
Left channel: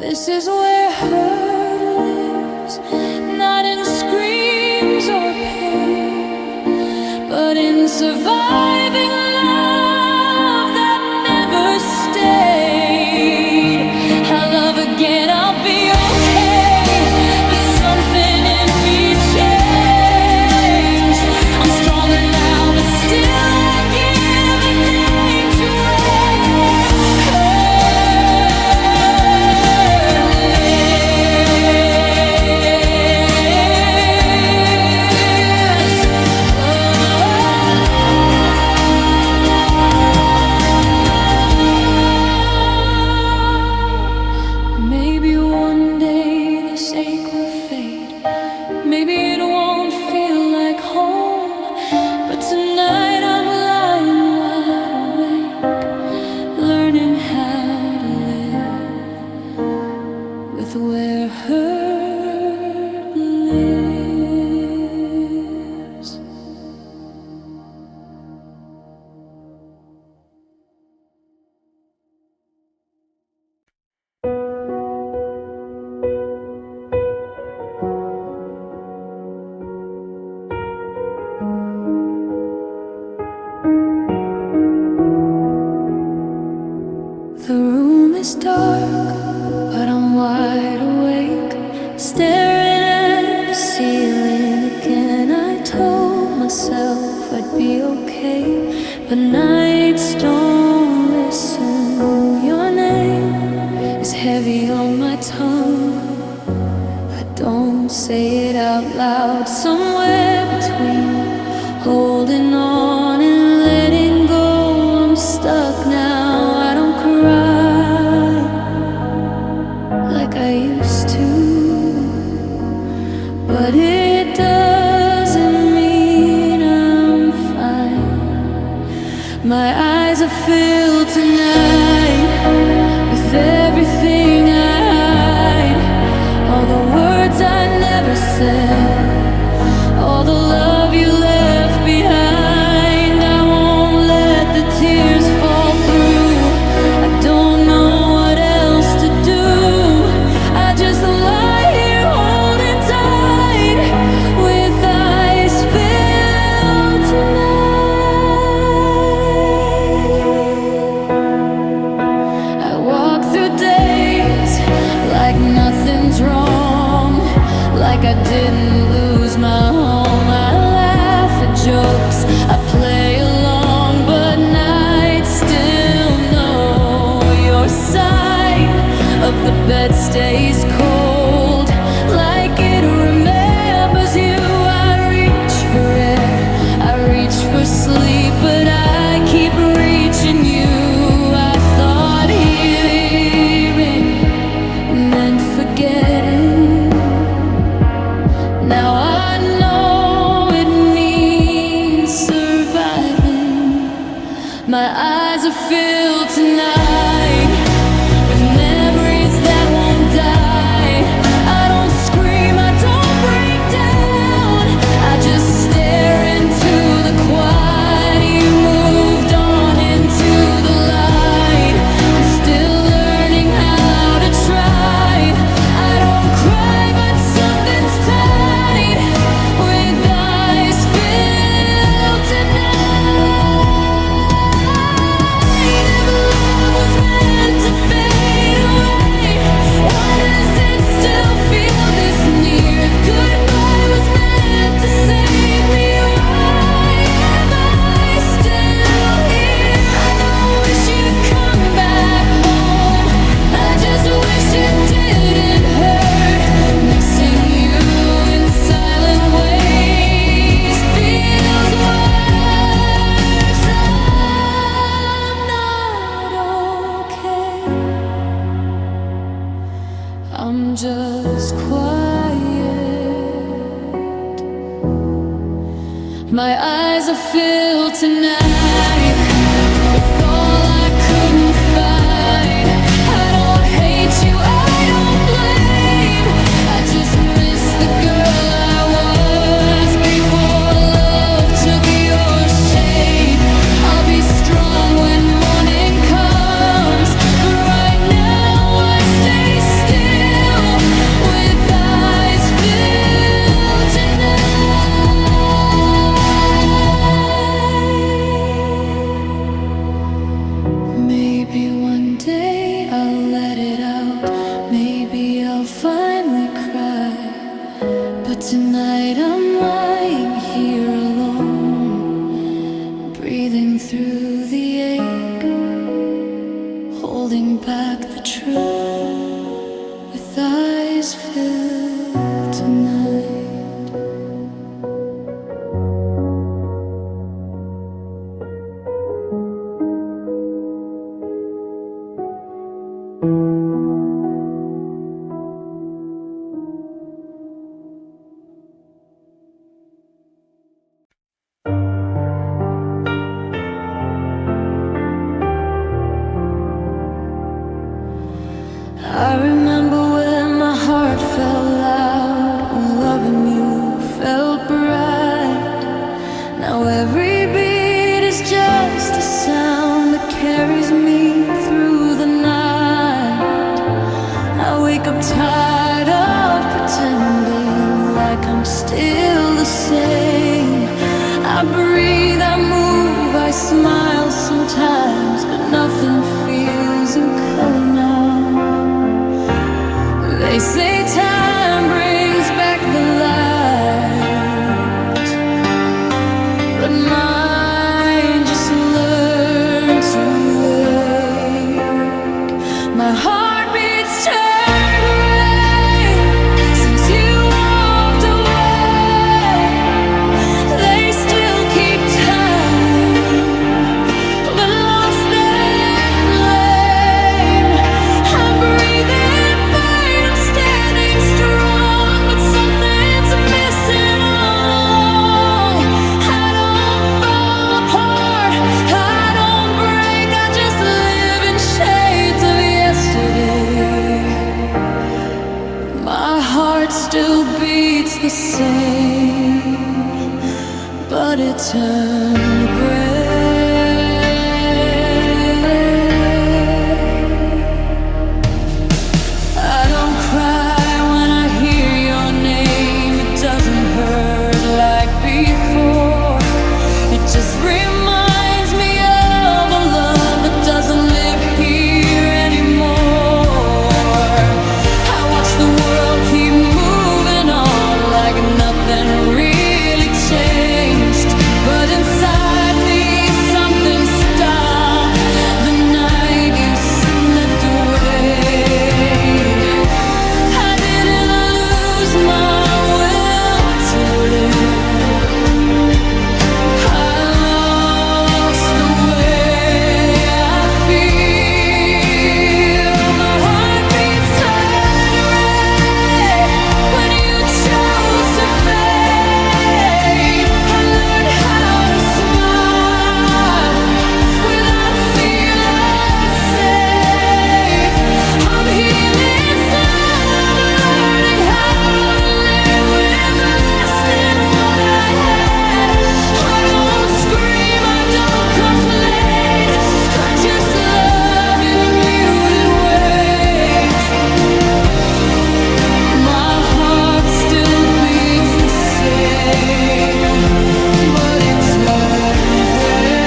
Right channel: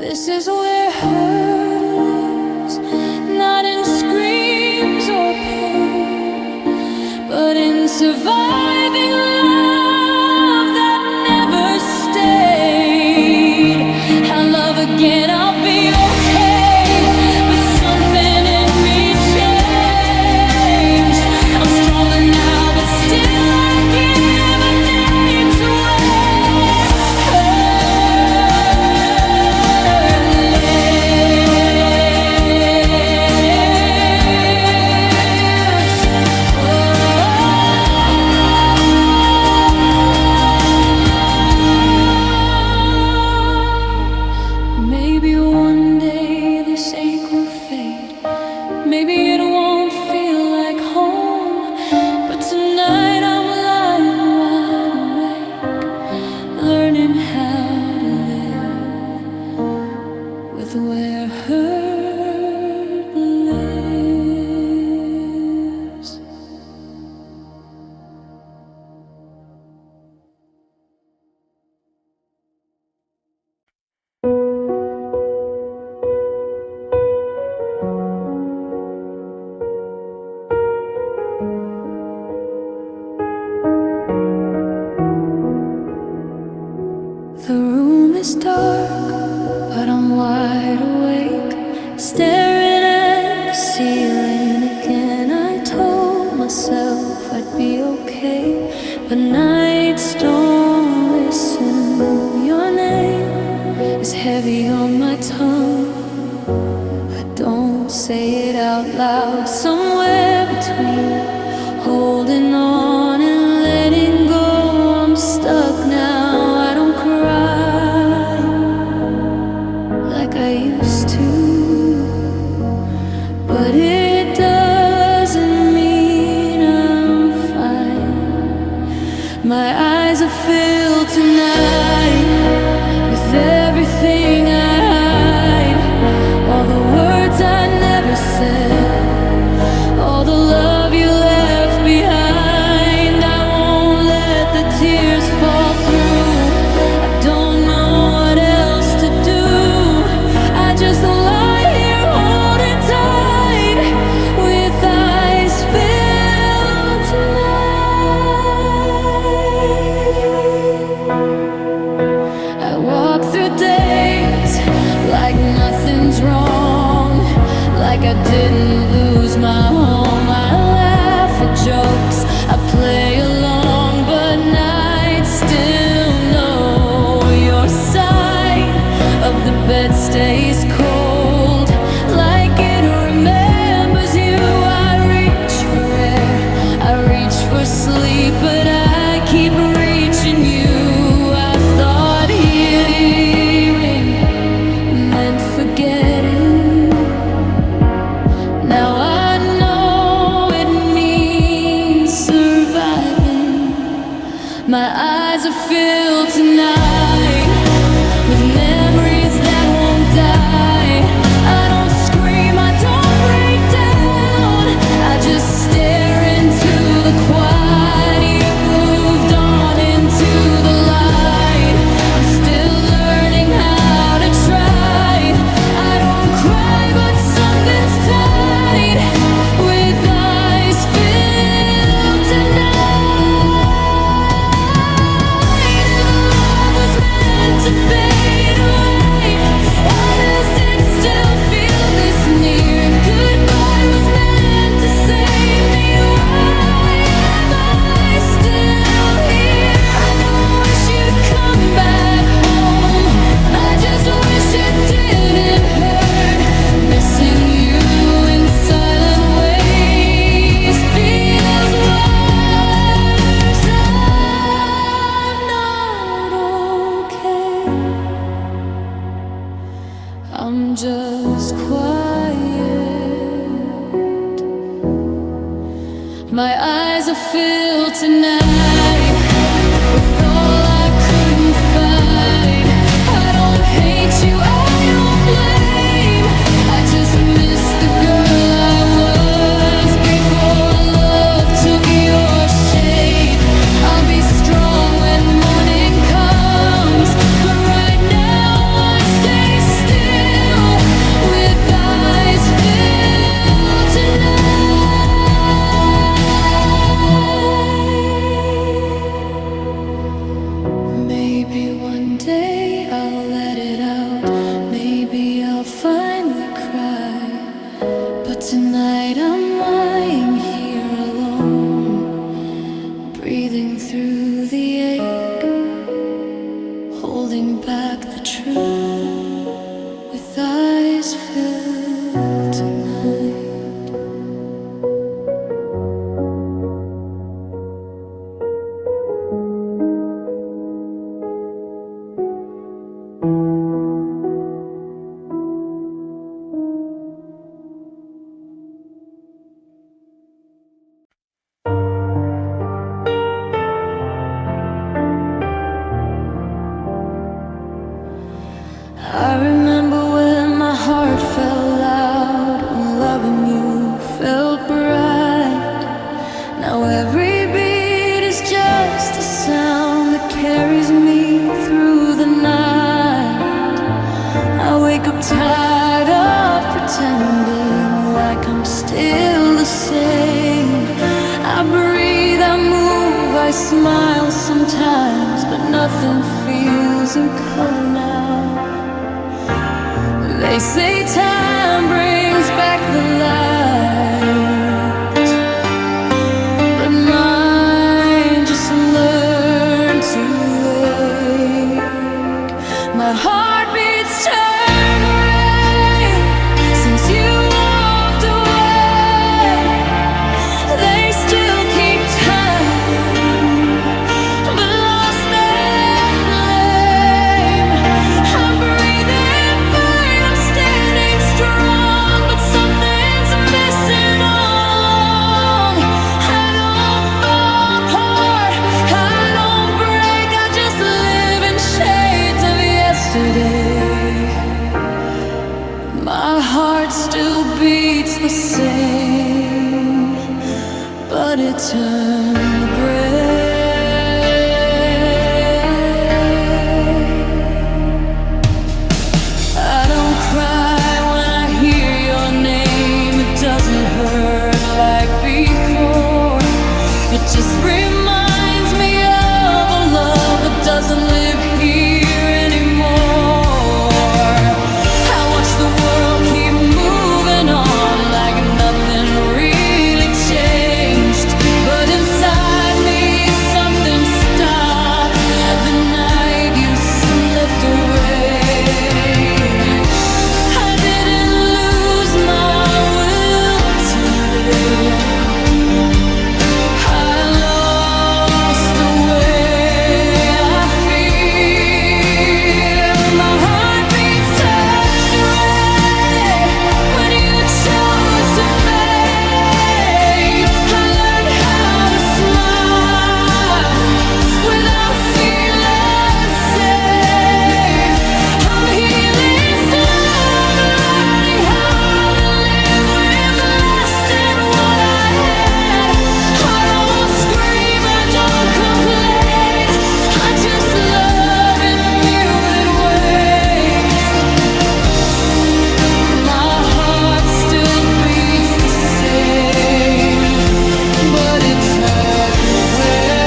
This is where hurt lives, not in screams or pain, but in surviving love that never stayed. I love again, I'll be okay, but something in me changed. I'm stronger now, but still I give a name to wear. is dark, but I'm wide awake, staring at the ceiling again. I told myself I'd be okay, but nights don't listen. Your name is heavy on my tongue. I don't say it out loud. Somewhere between holding on and letting go, I'm stuck now. I don't cry like I used to, but it doesn't mean I'm fine. My eyes are filled tonight with everything I hide, all the words I never said, all the love you left behind. I won't let the tears fall through. I don't know what else to do. I just lie here holding tight with eyes filled tonight. I walk through days like nothing's wrong, like I didn't lose my home. I laugh at jokes, I play along, but nights still know. Your side of the bed stays cold, like it remembers you. I reach for air, I reach for sleep, but I keep reaching you. I thought healing meant forgetting. Now I know it means surviving. My eyes are filled tonight with memories that won't die. I don't scream, I don't break down, I just stare into the quiet. You moved on into the light. I'm still learning how to try. I don't cry, but something's tight with eyes filled tonight. If love was meant to fade away, why does it still feel this near? If goodbye was meant to save me, why am I still here? I don't wish you'd come back home, I just wish it didn't hurt. Missing you in silent ways feels worse. I'm not okay, I'm just quiet. My eyes are filled tonight with all I couldn't find. I don't hate you, I don't blame, I just miss the girl I was before love took your shape. I'll be strong when morning comes, but right now I stay still with eyes filled tonight. Maybe one day I'll let it out, maybe I'll finally cry, but tonight I'm lying here alone, breathing through the ache, holding back the truth with eyes filled tonight. I remember when my heart fell loud, when loving you felt bright. Now every beat is just a sound that carries me through the night. I wake up tired of pretending like I'm still the same. I breathe, I move, I smile sometimes, but nothing feels in color now. They say time brings back the light, but mine just learned to wake. My heart beats turned gray since you walked away. They still keep time, but lost their flame. I'm breathing fine, I'm standing strong, but something's missing all along. I don't fall apart, I don't break, I just live in shades of yesterday. My heart still beats the same, but it turned gray. I don't cry when I hear your name. It doesn't hurt like before. It just reminds me of a love that doesn't live here anymore. I watch the world keep moving on like nothing really changed, but inside me something stopped the night you slipped away. I didn't lose my will to live, I lost the way I feel. My heart beats turned gray when you chose to fade. I learned how to smile without feeling safe. I'm healing slow, I'm learning how to live with less than what I had. I don't scream, I don't complain, I just love in muted ways. My heart still beats the same, but it turned gray.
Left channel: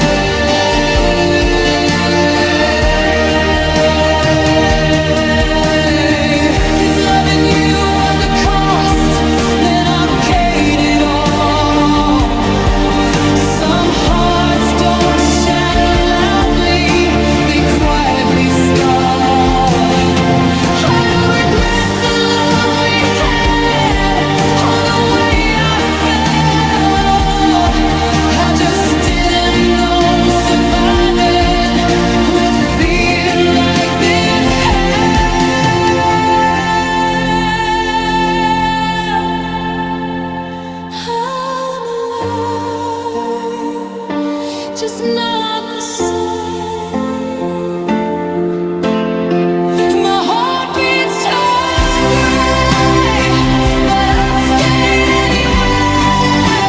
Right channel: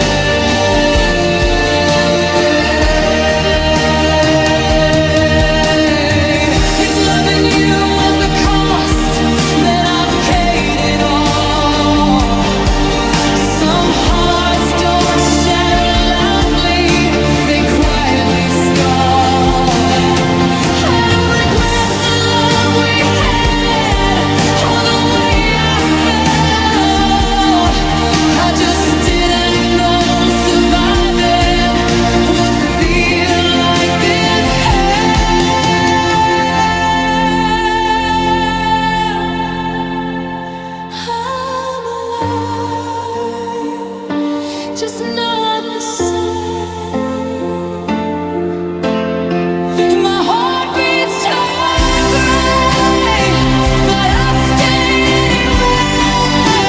If loving you was the cost, then I paid it all. Some hearts don't shatter loudly, they quietly stall. I don't regret the love we had or the way I felt. I just didn't know surviving would feel like this hell. I'm alive, just not the same. My heart beats turn gray, but I stayed anyway.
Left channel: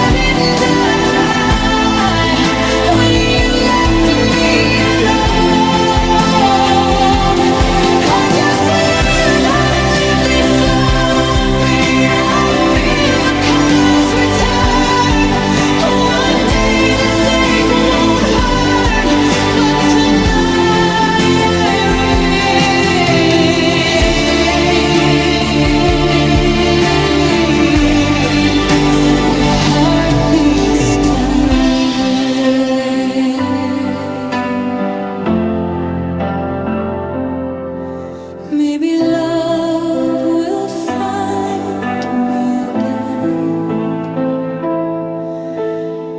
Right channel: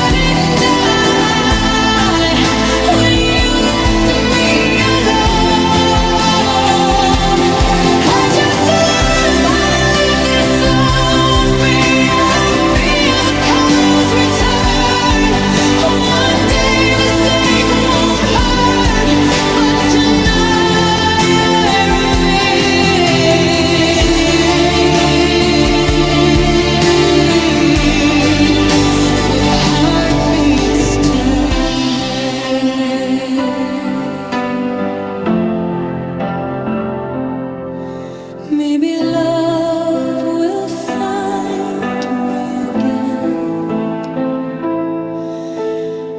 I didn't die when you left me alone. I just learned how to live this slow. I feel the colors return. One day this ache won't hurt, but tonight I remain with heartbeats turned gray. Maybe love will find me again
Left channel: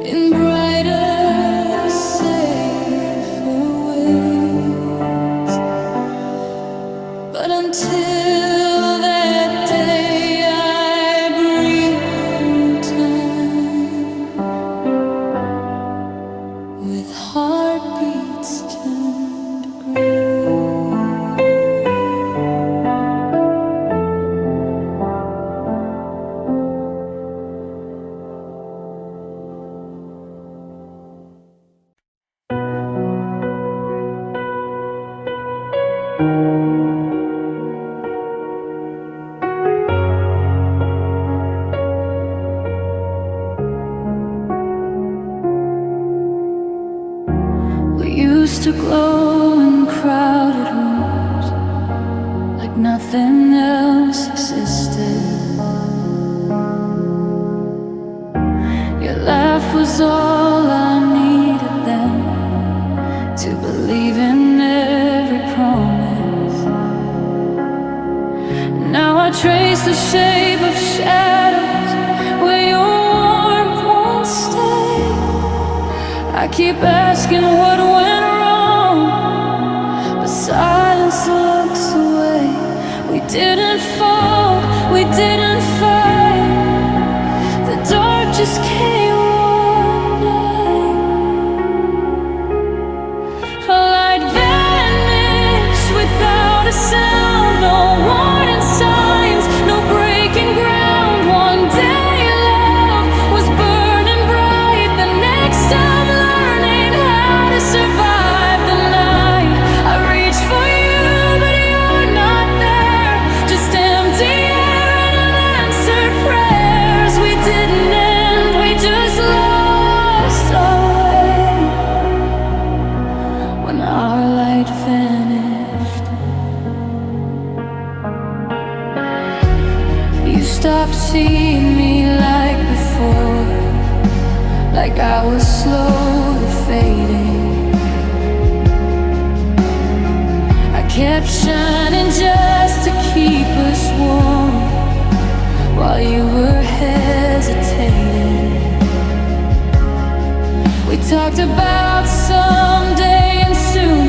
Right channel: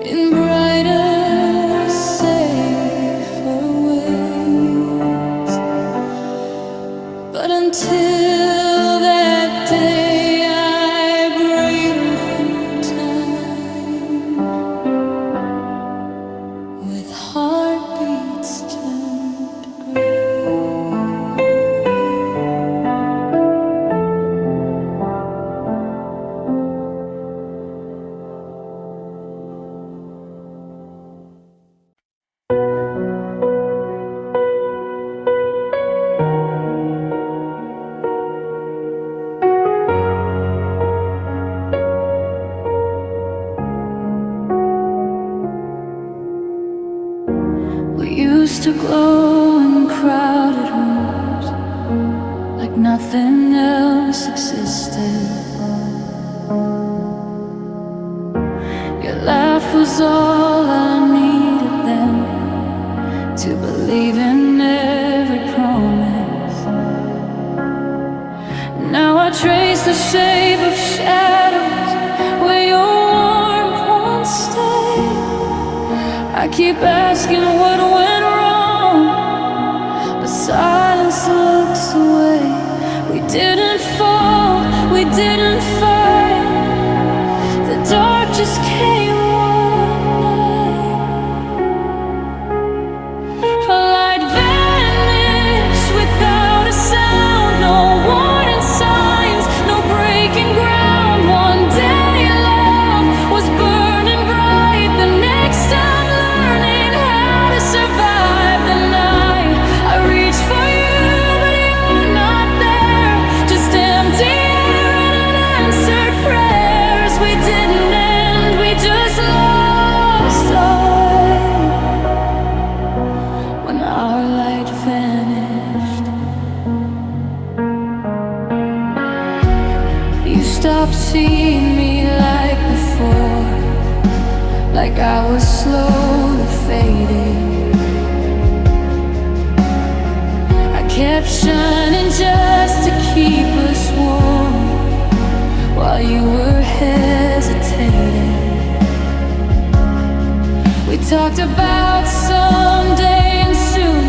in brighter, safer ways. But until that day, I breathe through time with heartbeats turned gray. used to glow in crowded rooms like nothing else existed. Your laugh was all I needed then to believe in every promise. Now I trace the shape of shadows where your warmth once stayed. I keep asking what went wrong, but silence looks away. We didn't fall, we didn't fight. The dark just came one night. A light vanished without a sound, no warning signs, no breaking ground. One day love was burning bright, the next I'm learning how to survive the night. I reach for you, but you're not there, just empty air and unanswered prayers. We didn't end, we just lost our way when our light vanished. You stopped seeing me like before, like I was slowly fading. I kept shining just to keep us warm while you were hesitating. We talked about someday and soon,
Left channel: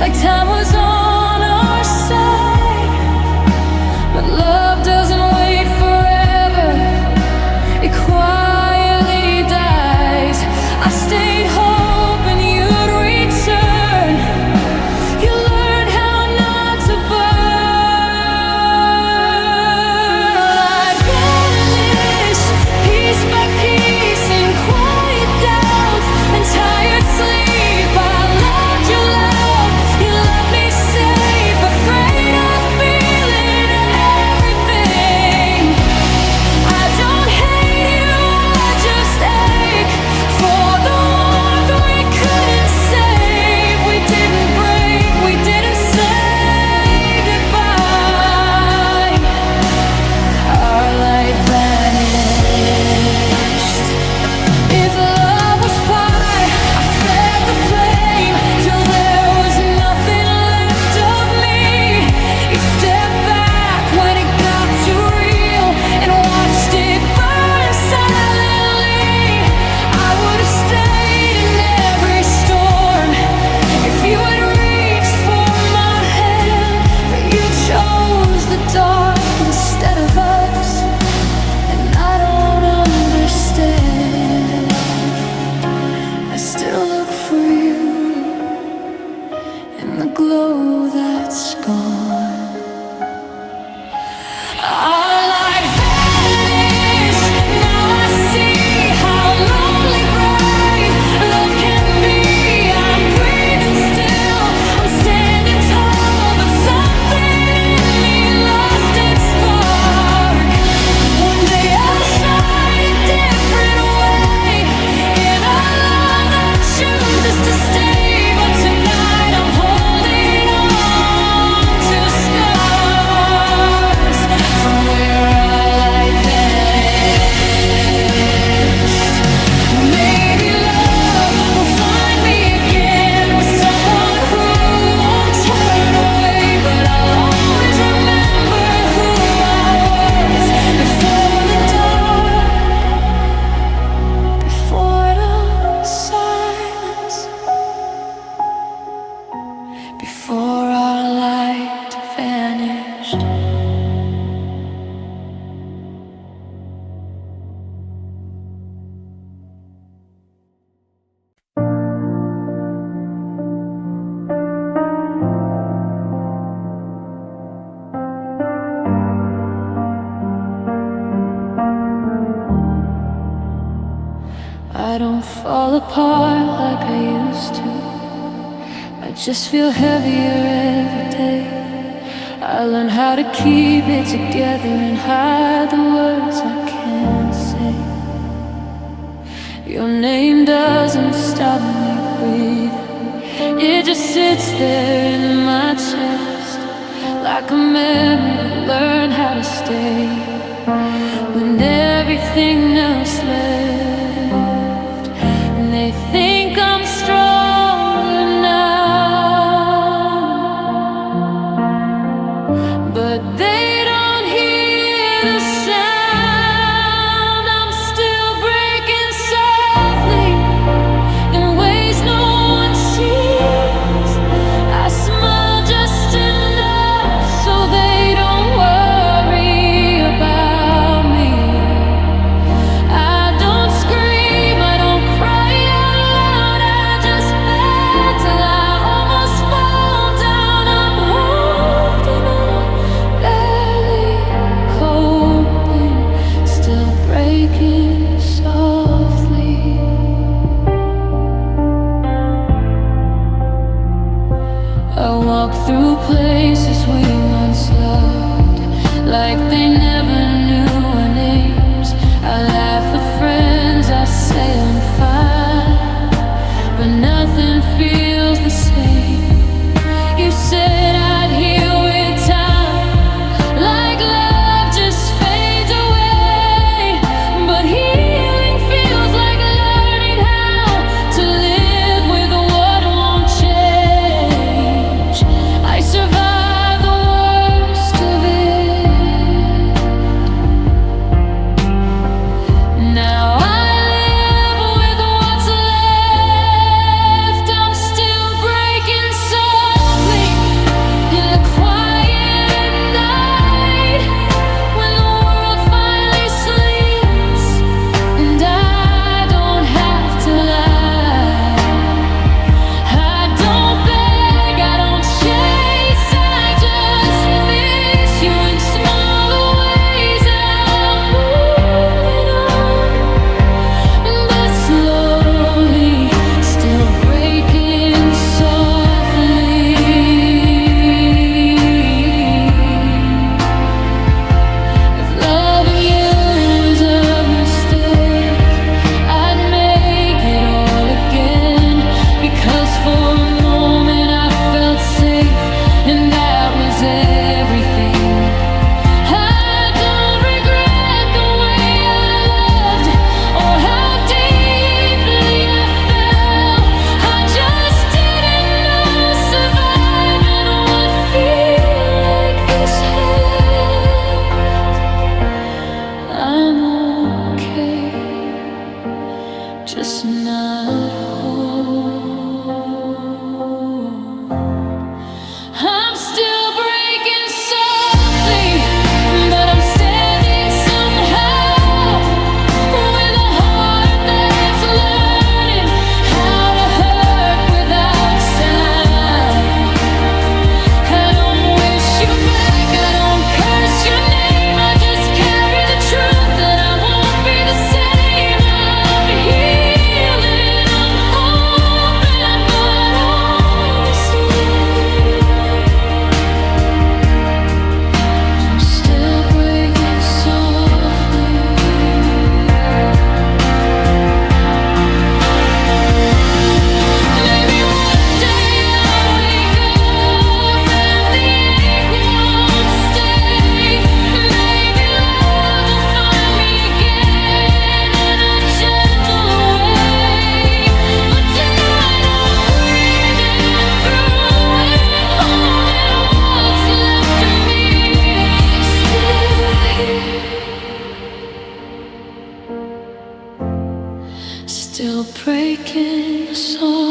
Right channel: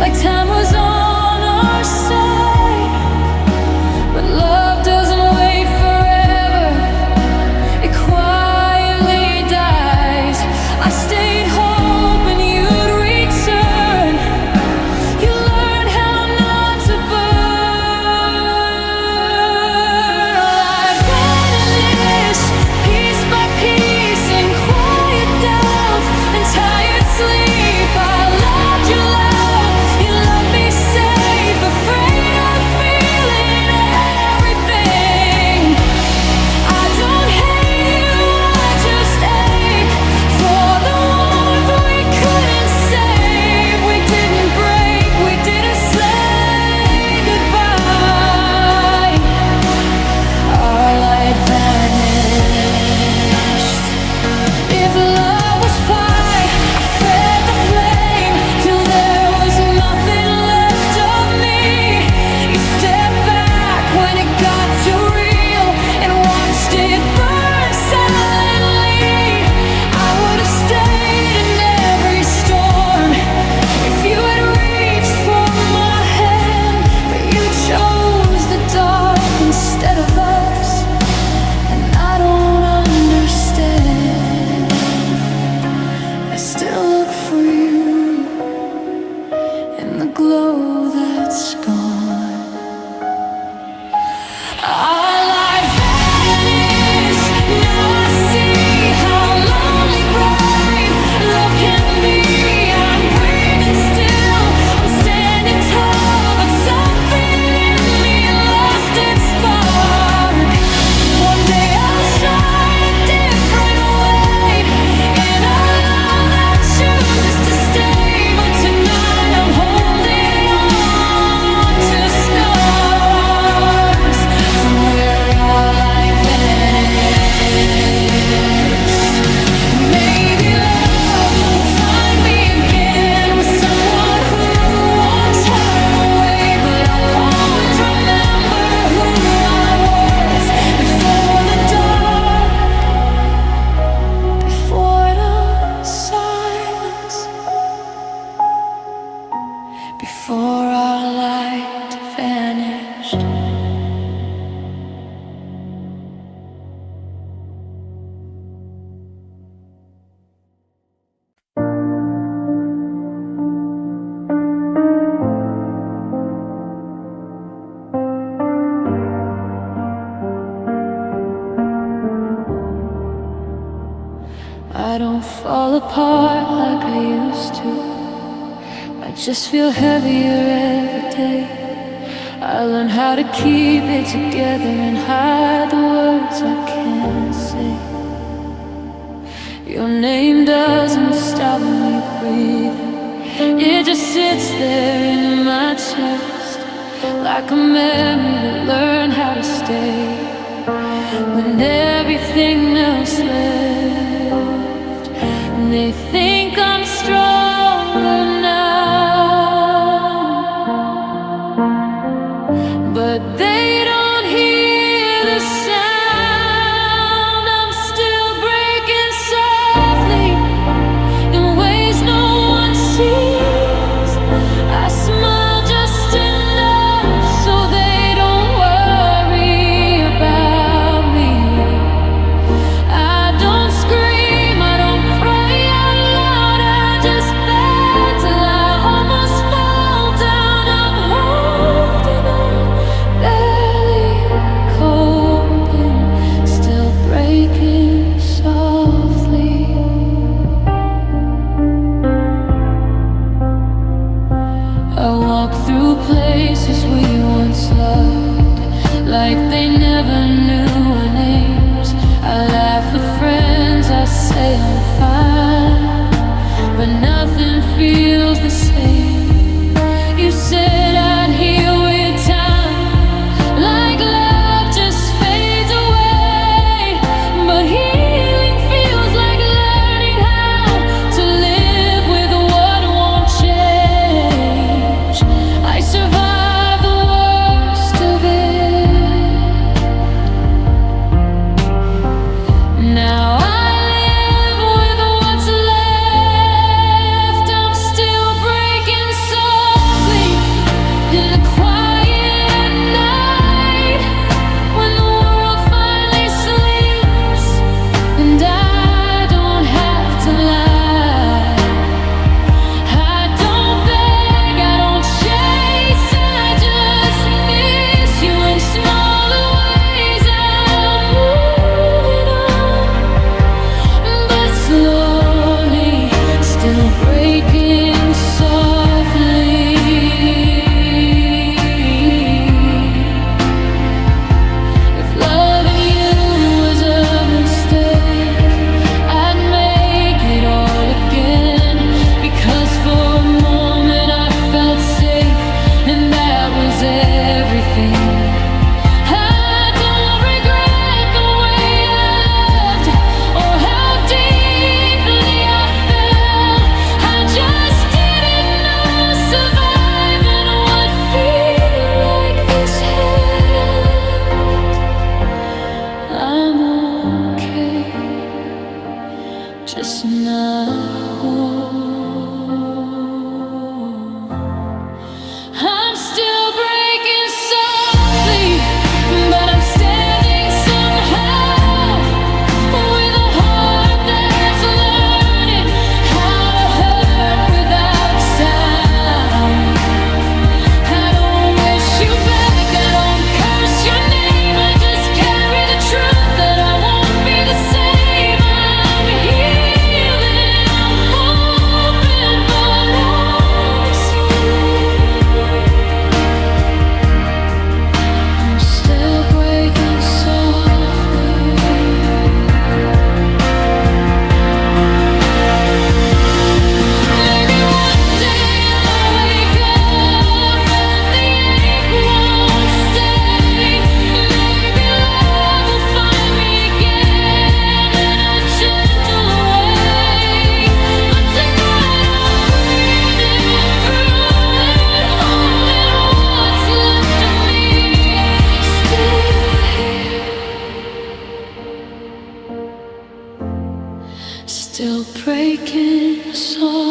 like time was on our side. But love doesn't wait forever, it quietly dies. I stayed hoping you'd return. You learned how not to burn. Light vanished, piece by piece, in quiet doubts and tired sleep. I loved you loud, you loved me safe, afraid of feeling everything. I don't hate you, I just ache for the warmth we couldn't save. We didn't break, we didn't say goodbye. Our light vanished. If love was fire, I fed the flame till there was nothing left of me. You stepped back when it got too real and watched it burn silently. I would have stayed in every storm if you had reached for my hand, but you chose the dark instead of us, and I don't understand. I still look for you in the glow that's gone. Our light vanished, now I see how lonely bright love can be. I'm breathing still, I'm standing tall, but something in me lost its spark. One day I'll shine a different way in a love that chooses to stay. But tonight I'm holding on to scars from where our light vanished. Maybe love will find me again with someone who won't turn away, but I'll always remember who I was before the dark, before the silence, before our light vanished. I don't fall apart like I used to. I just feel heavier every day. I learned how to keep it together and hide the words I can't say. Your name doesn't stop me breathing. It just sits there in my chest, like a memory that learned how to stay when everything else left. And they think I'm stronger now, but they don't hear the sound. I'm still breaking softly in ways no one sees. I smile just enough so they don't worry about me. I don't scream, I don't cry out loud, I just beg till I almost fall down. I'm holding on, barely coping, still breaking softly. I walk through places we once loved, like they never knew our names. I laugh with friends, I say I'm fine, but nothing feels the same. You said I'd heal with time, like love just fades away, but healing feels like learning how to live with what won't change. I survived the worst of it. Now I live with what's left. I'm still breaking softly in the quiet night, when the world finally sleeps and I don't have to lie. I don't beg, I don't chase, I just miss you in smaller ways. I'm moving on, but slowly, still breaking softly. If loving you was a mistake, I'd make it all again, because for a moment I felt safe, and that was everything. I don't regret the way I loved or how deeply I fell. I just didn't know surviving would feel like this had. I'm okay, just not whole. I'm still breaking softly, but I'm standing somehow, with a heart that's learning how to hurt without sound. I don't wish you back, I don't curse your name, I just carry the truth that I won't be the same. I'm healing, I'm hoping, but honestly, I'm still breaking softly. Maybe one day I'll wake up and the ache won't stay. Maybe love will find me again in a gentle way. But tonight I'm breathing through it, holding what's left of me, still here, still breaking softly.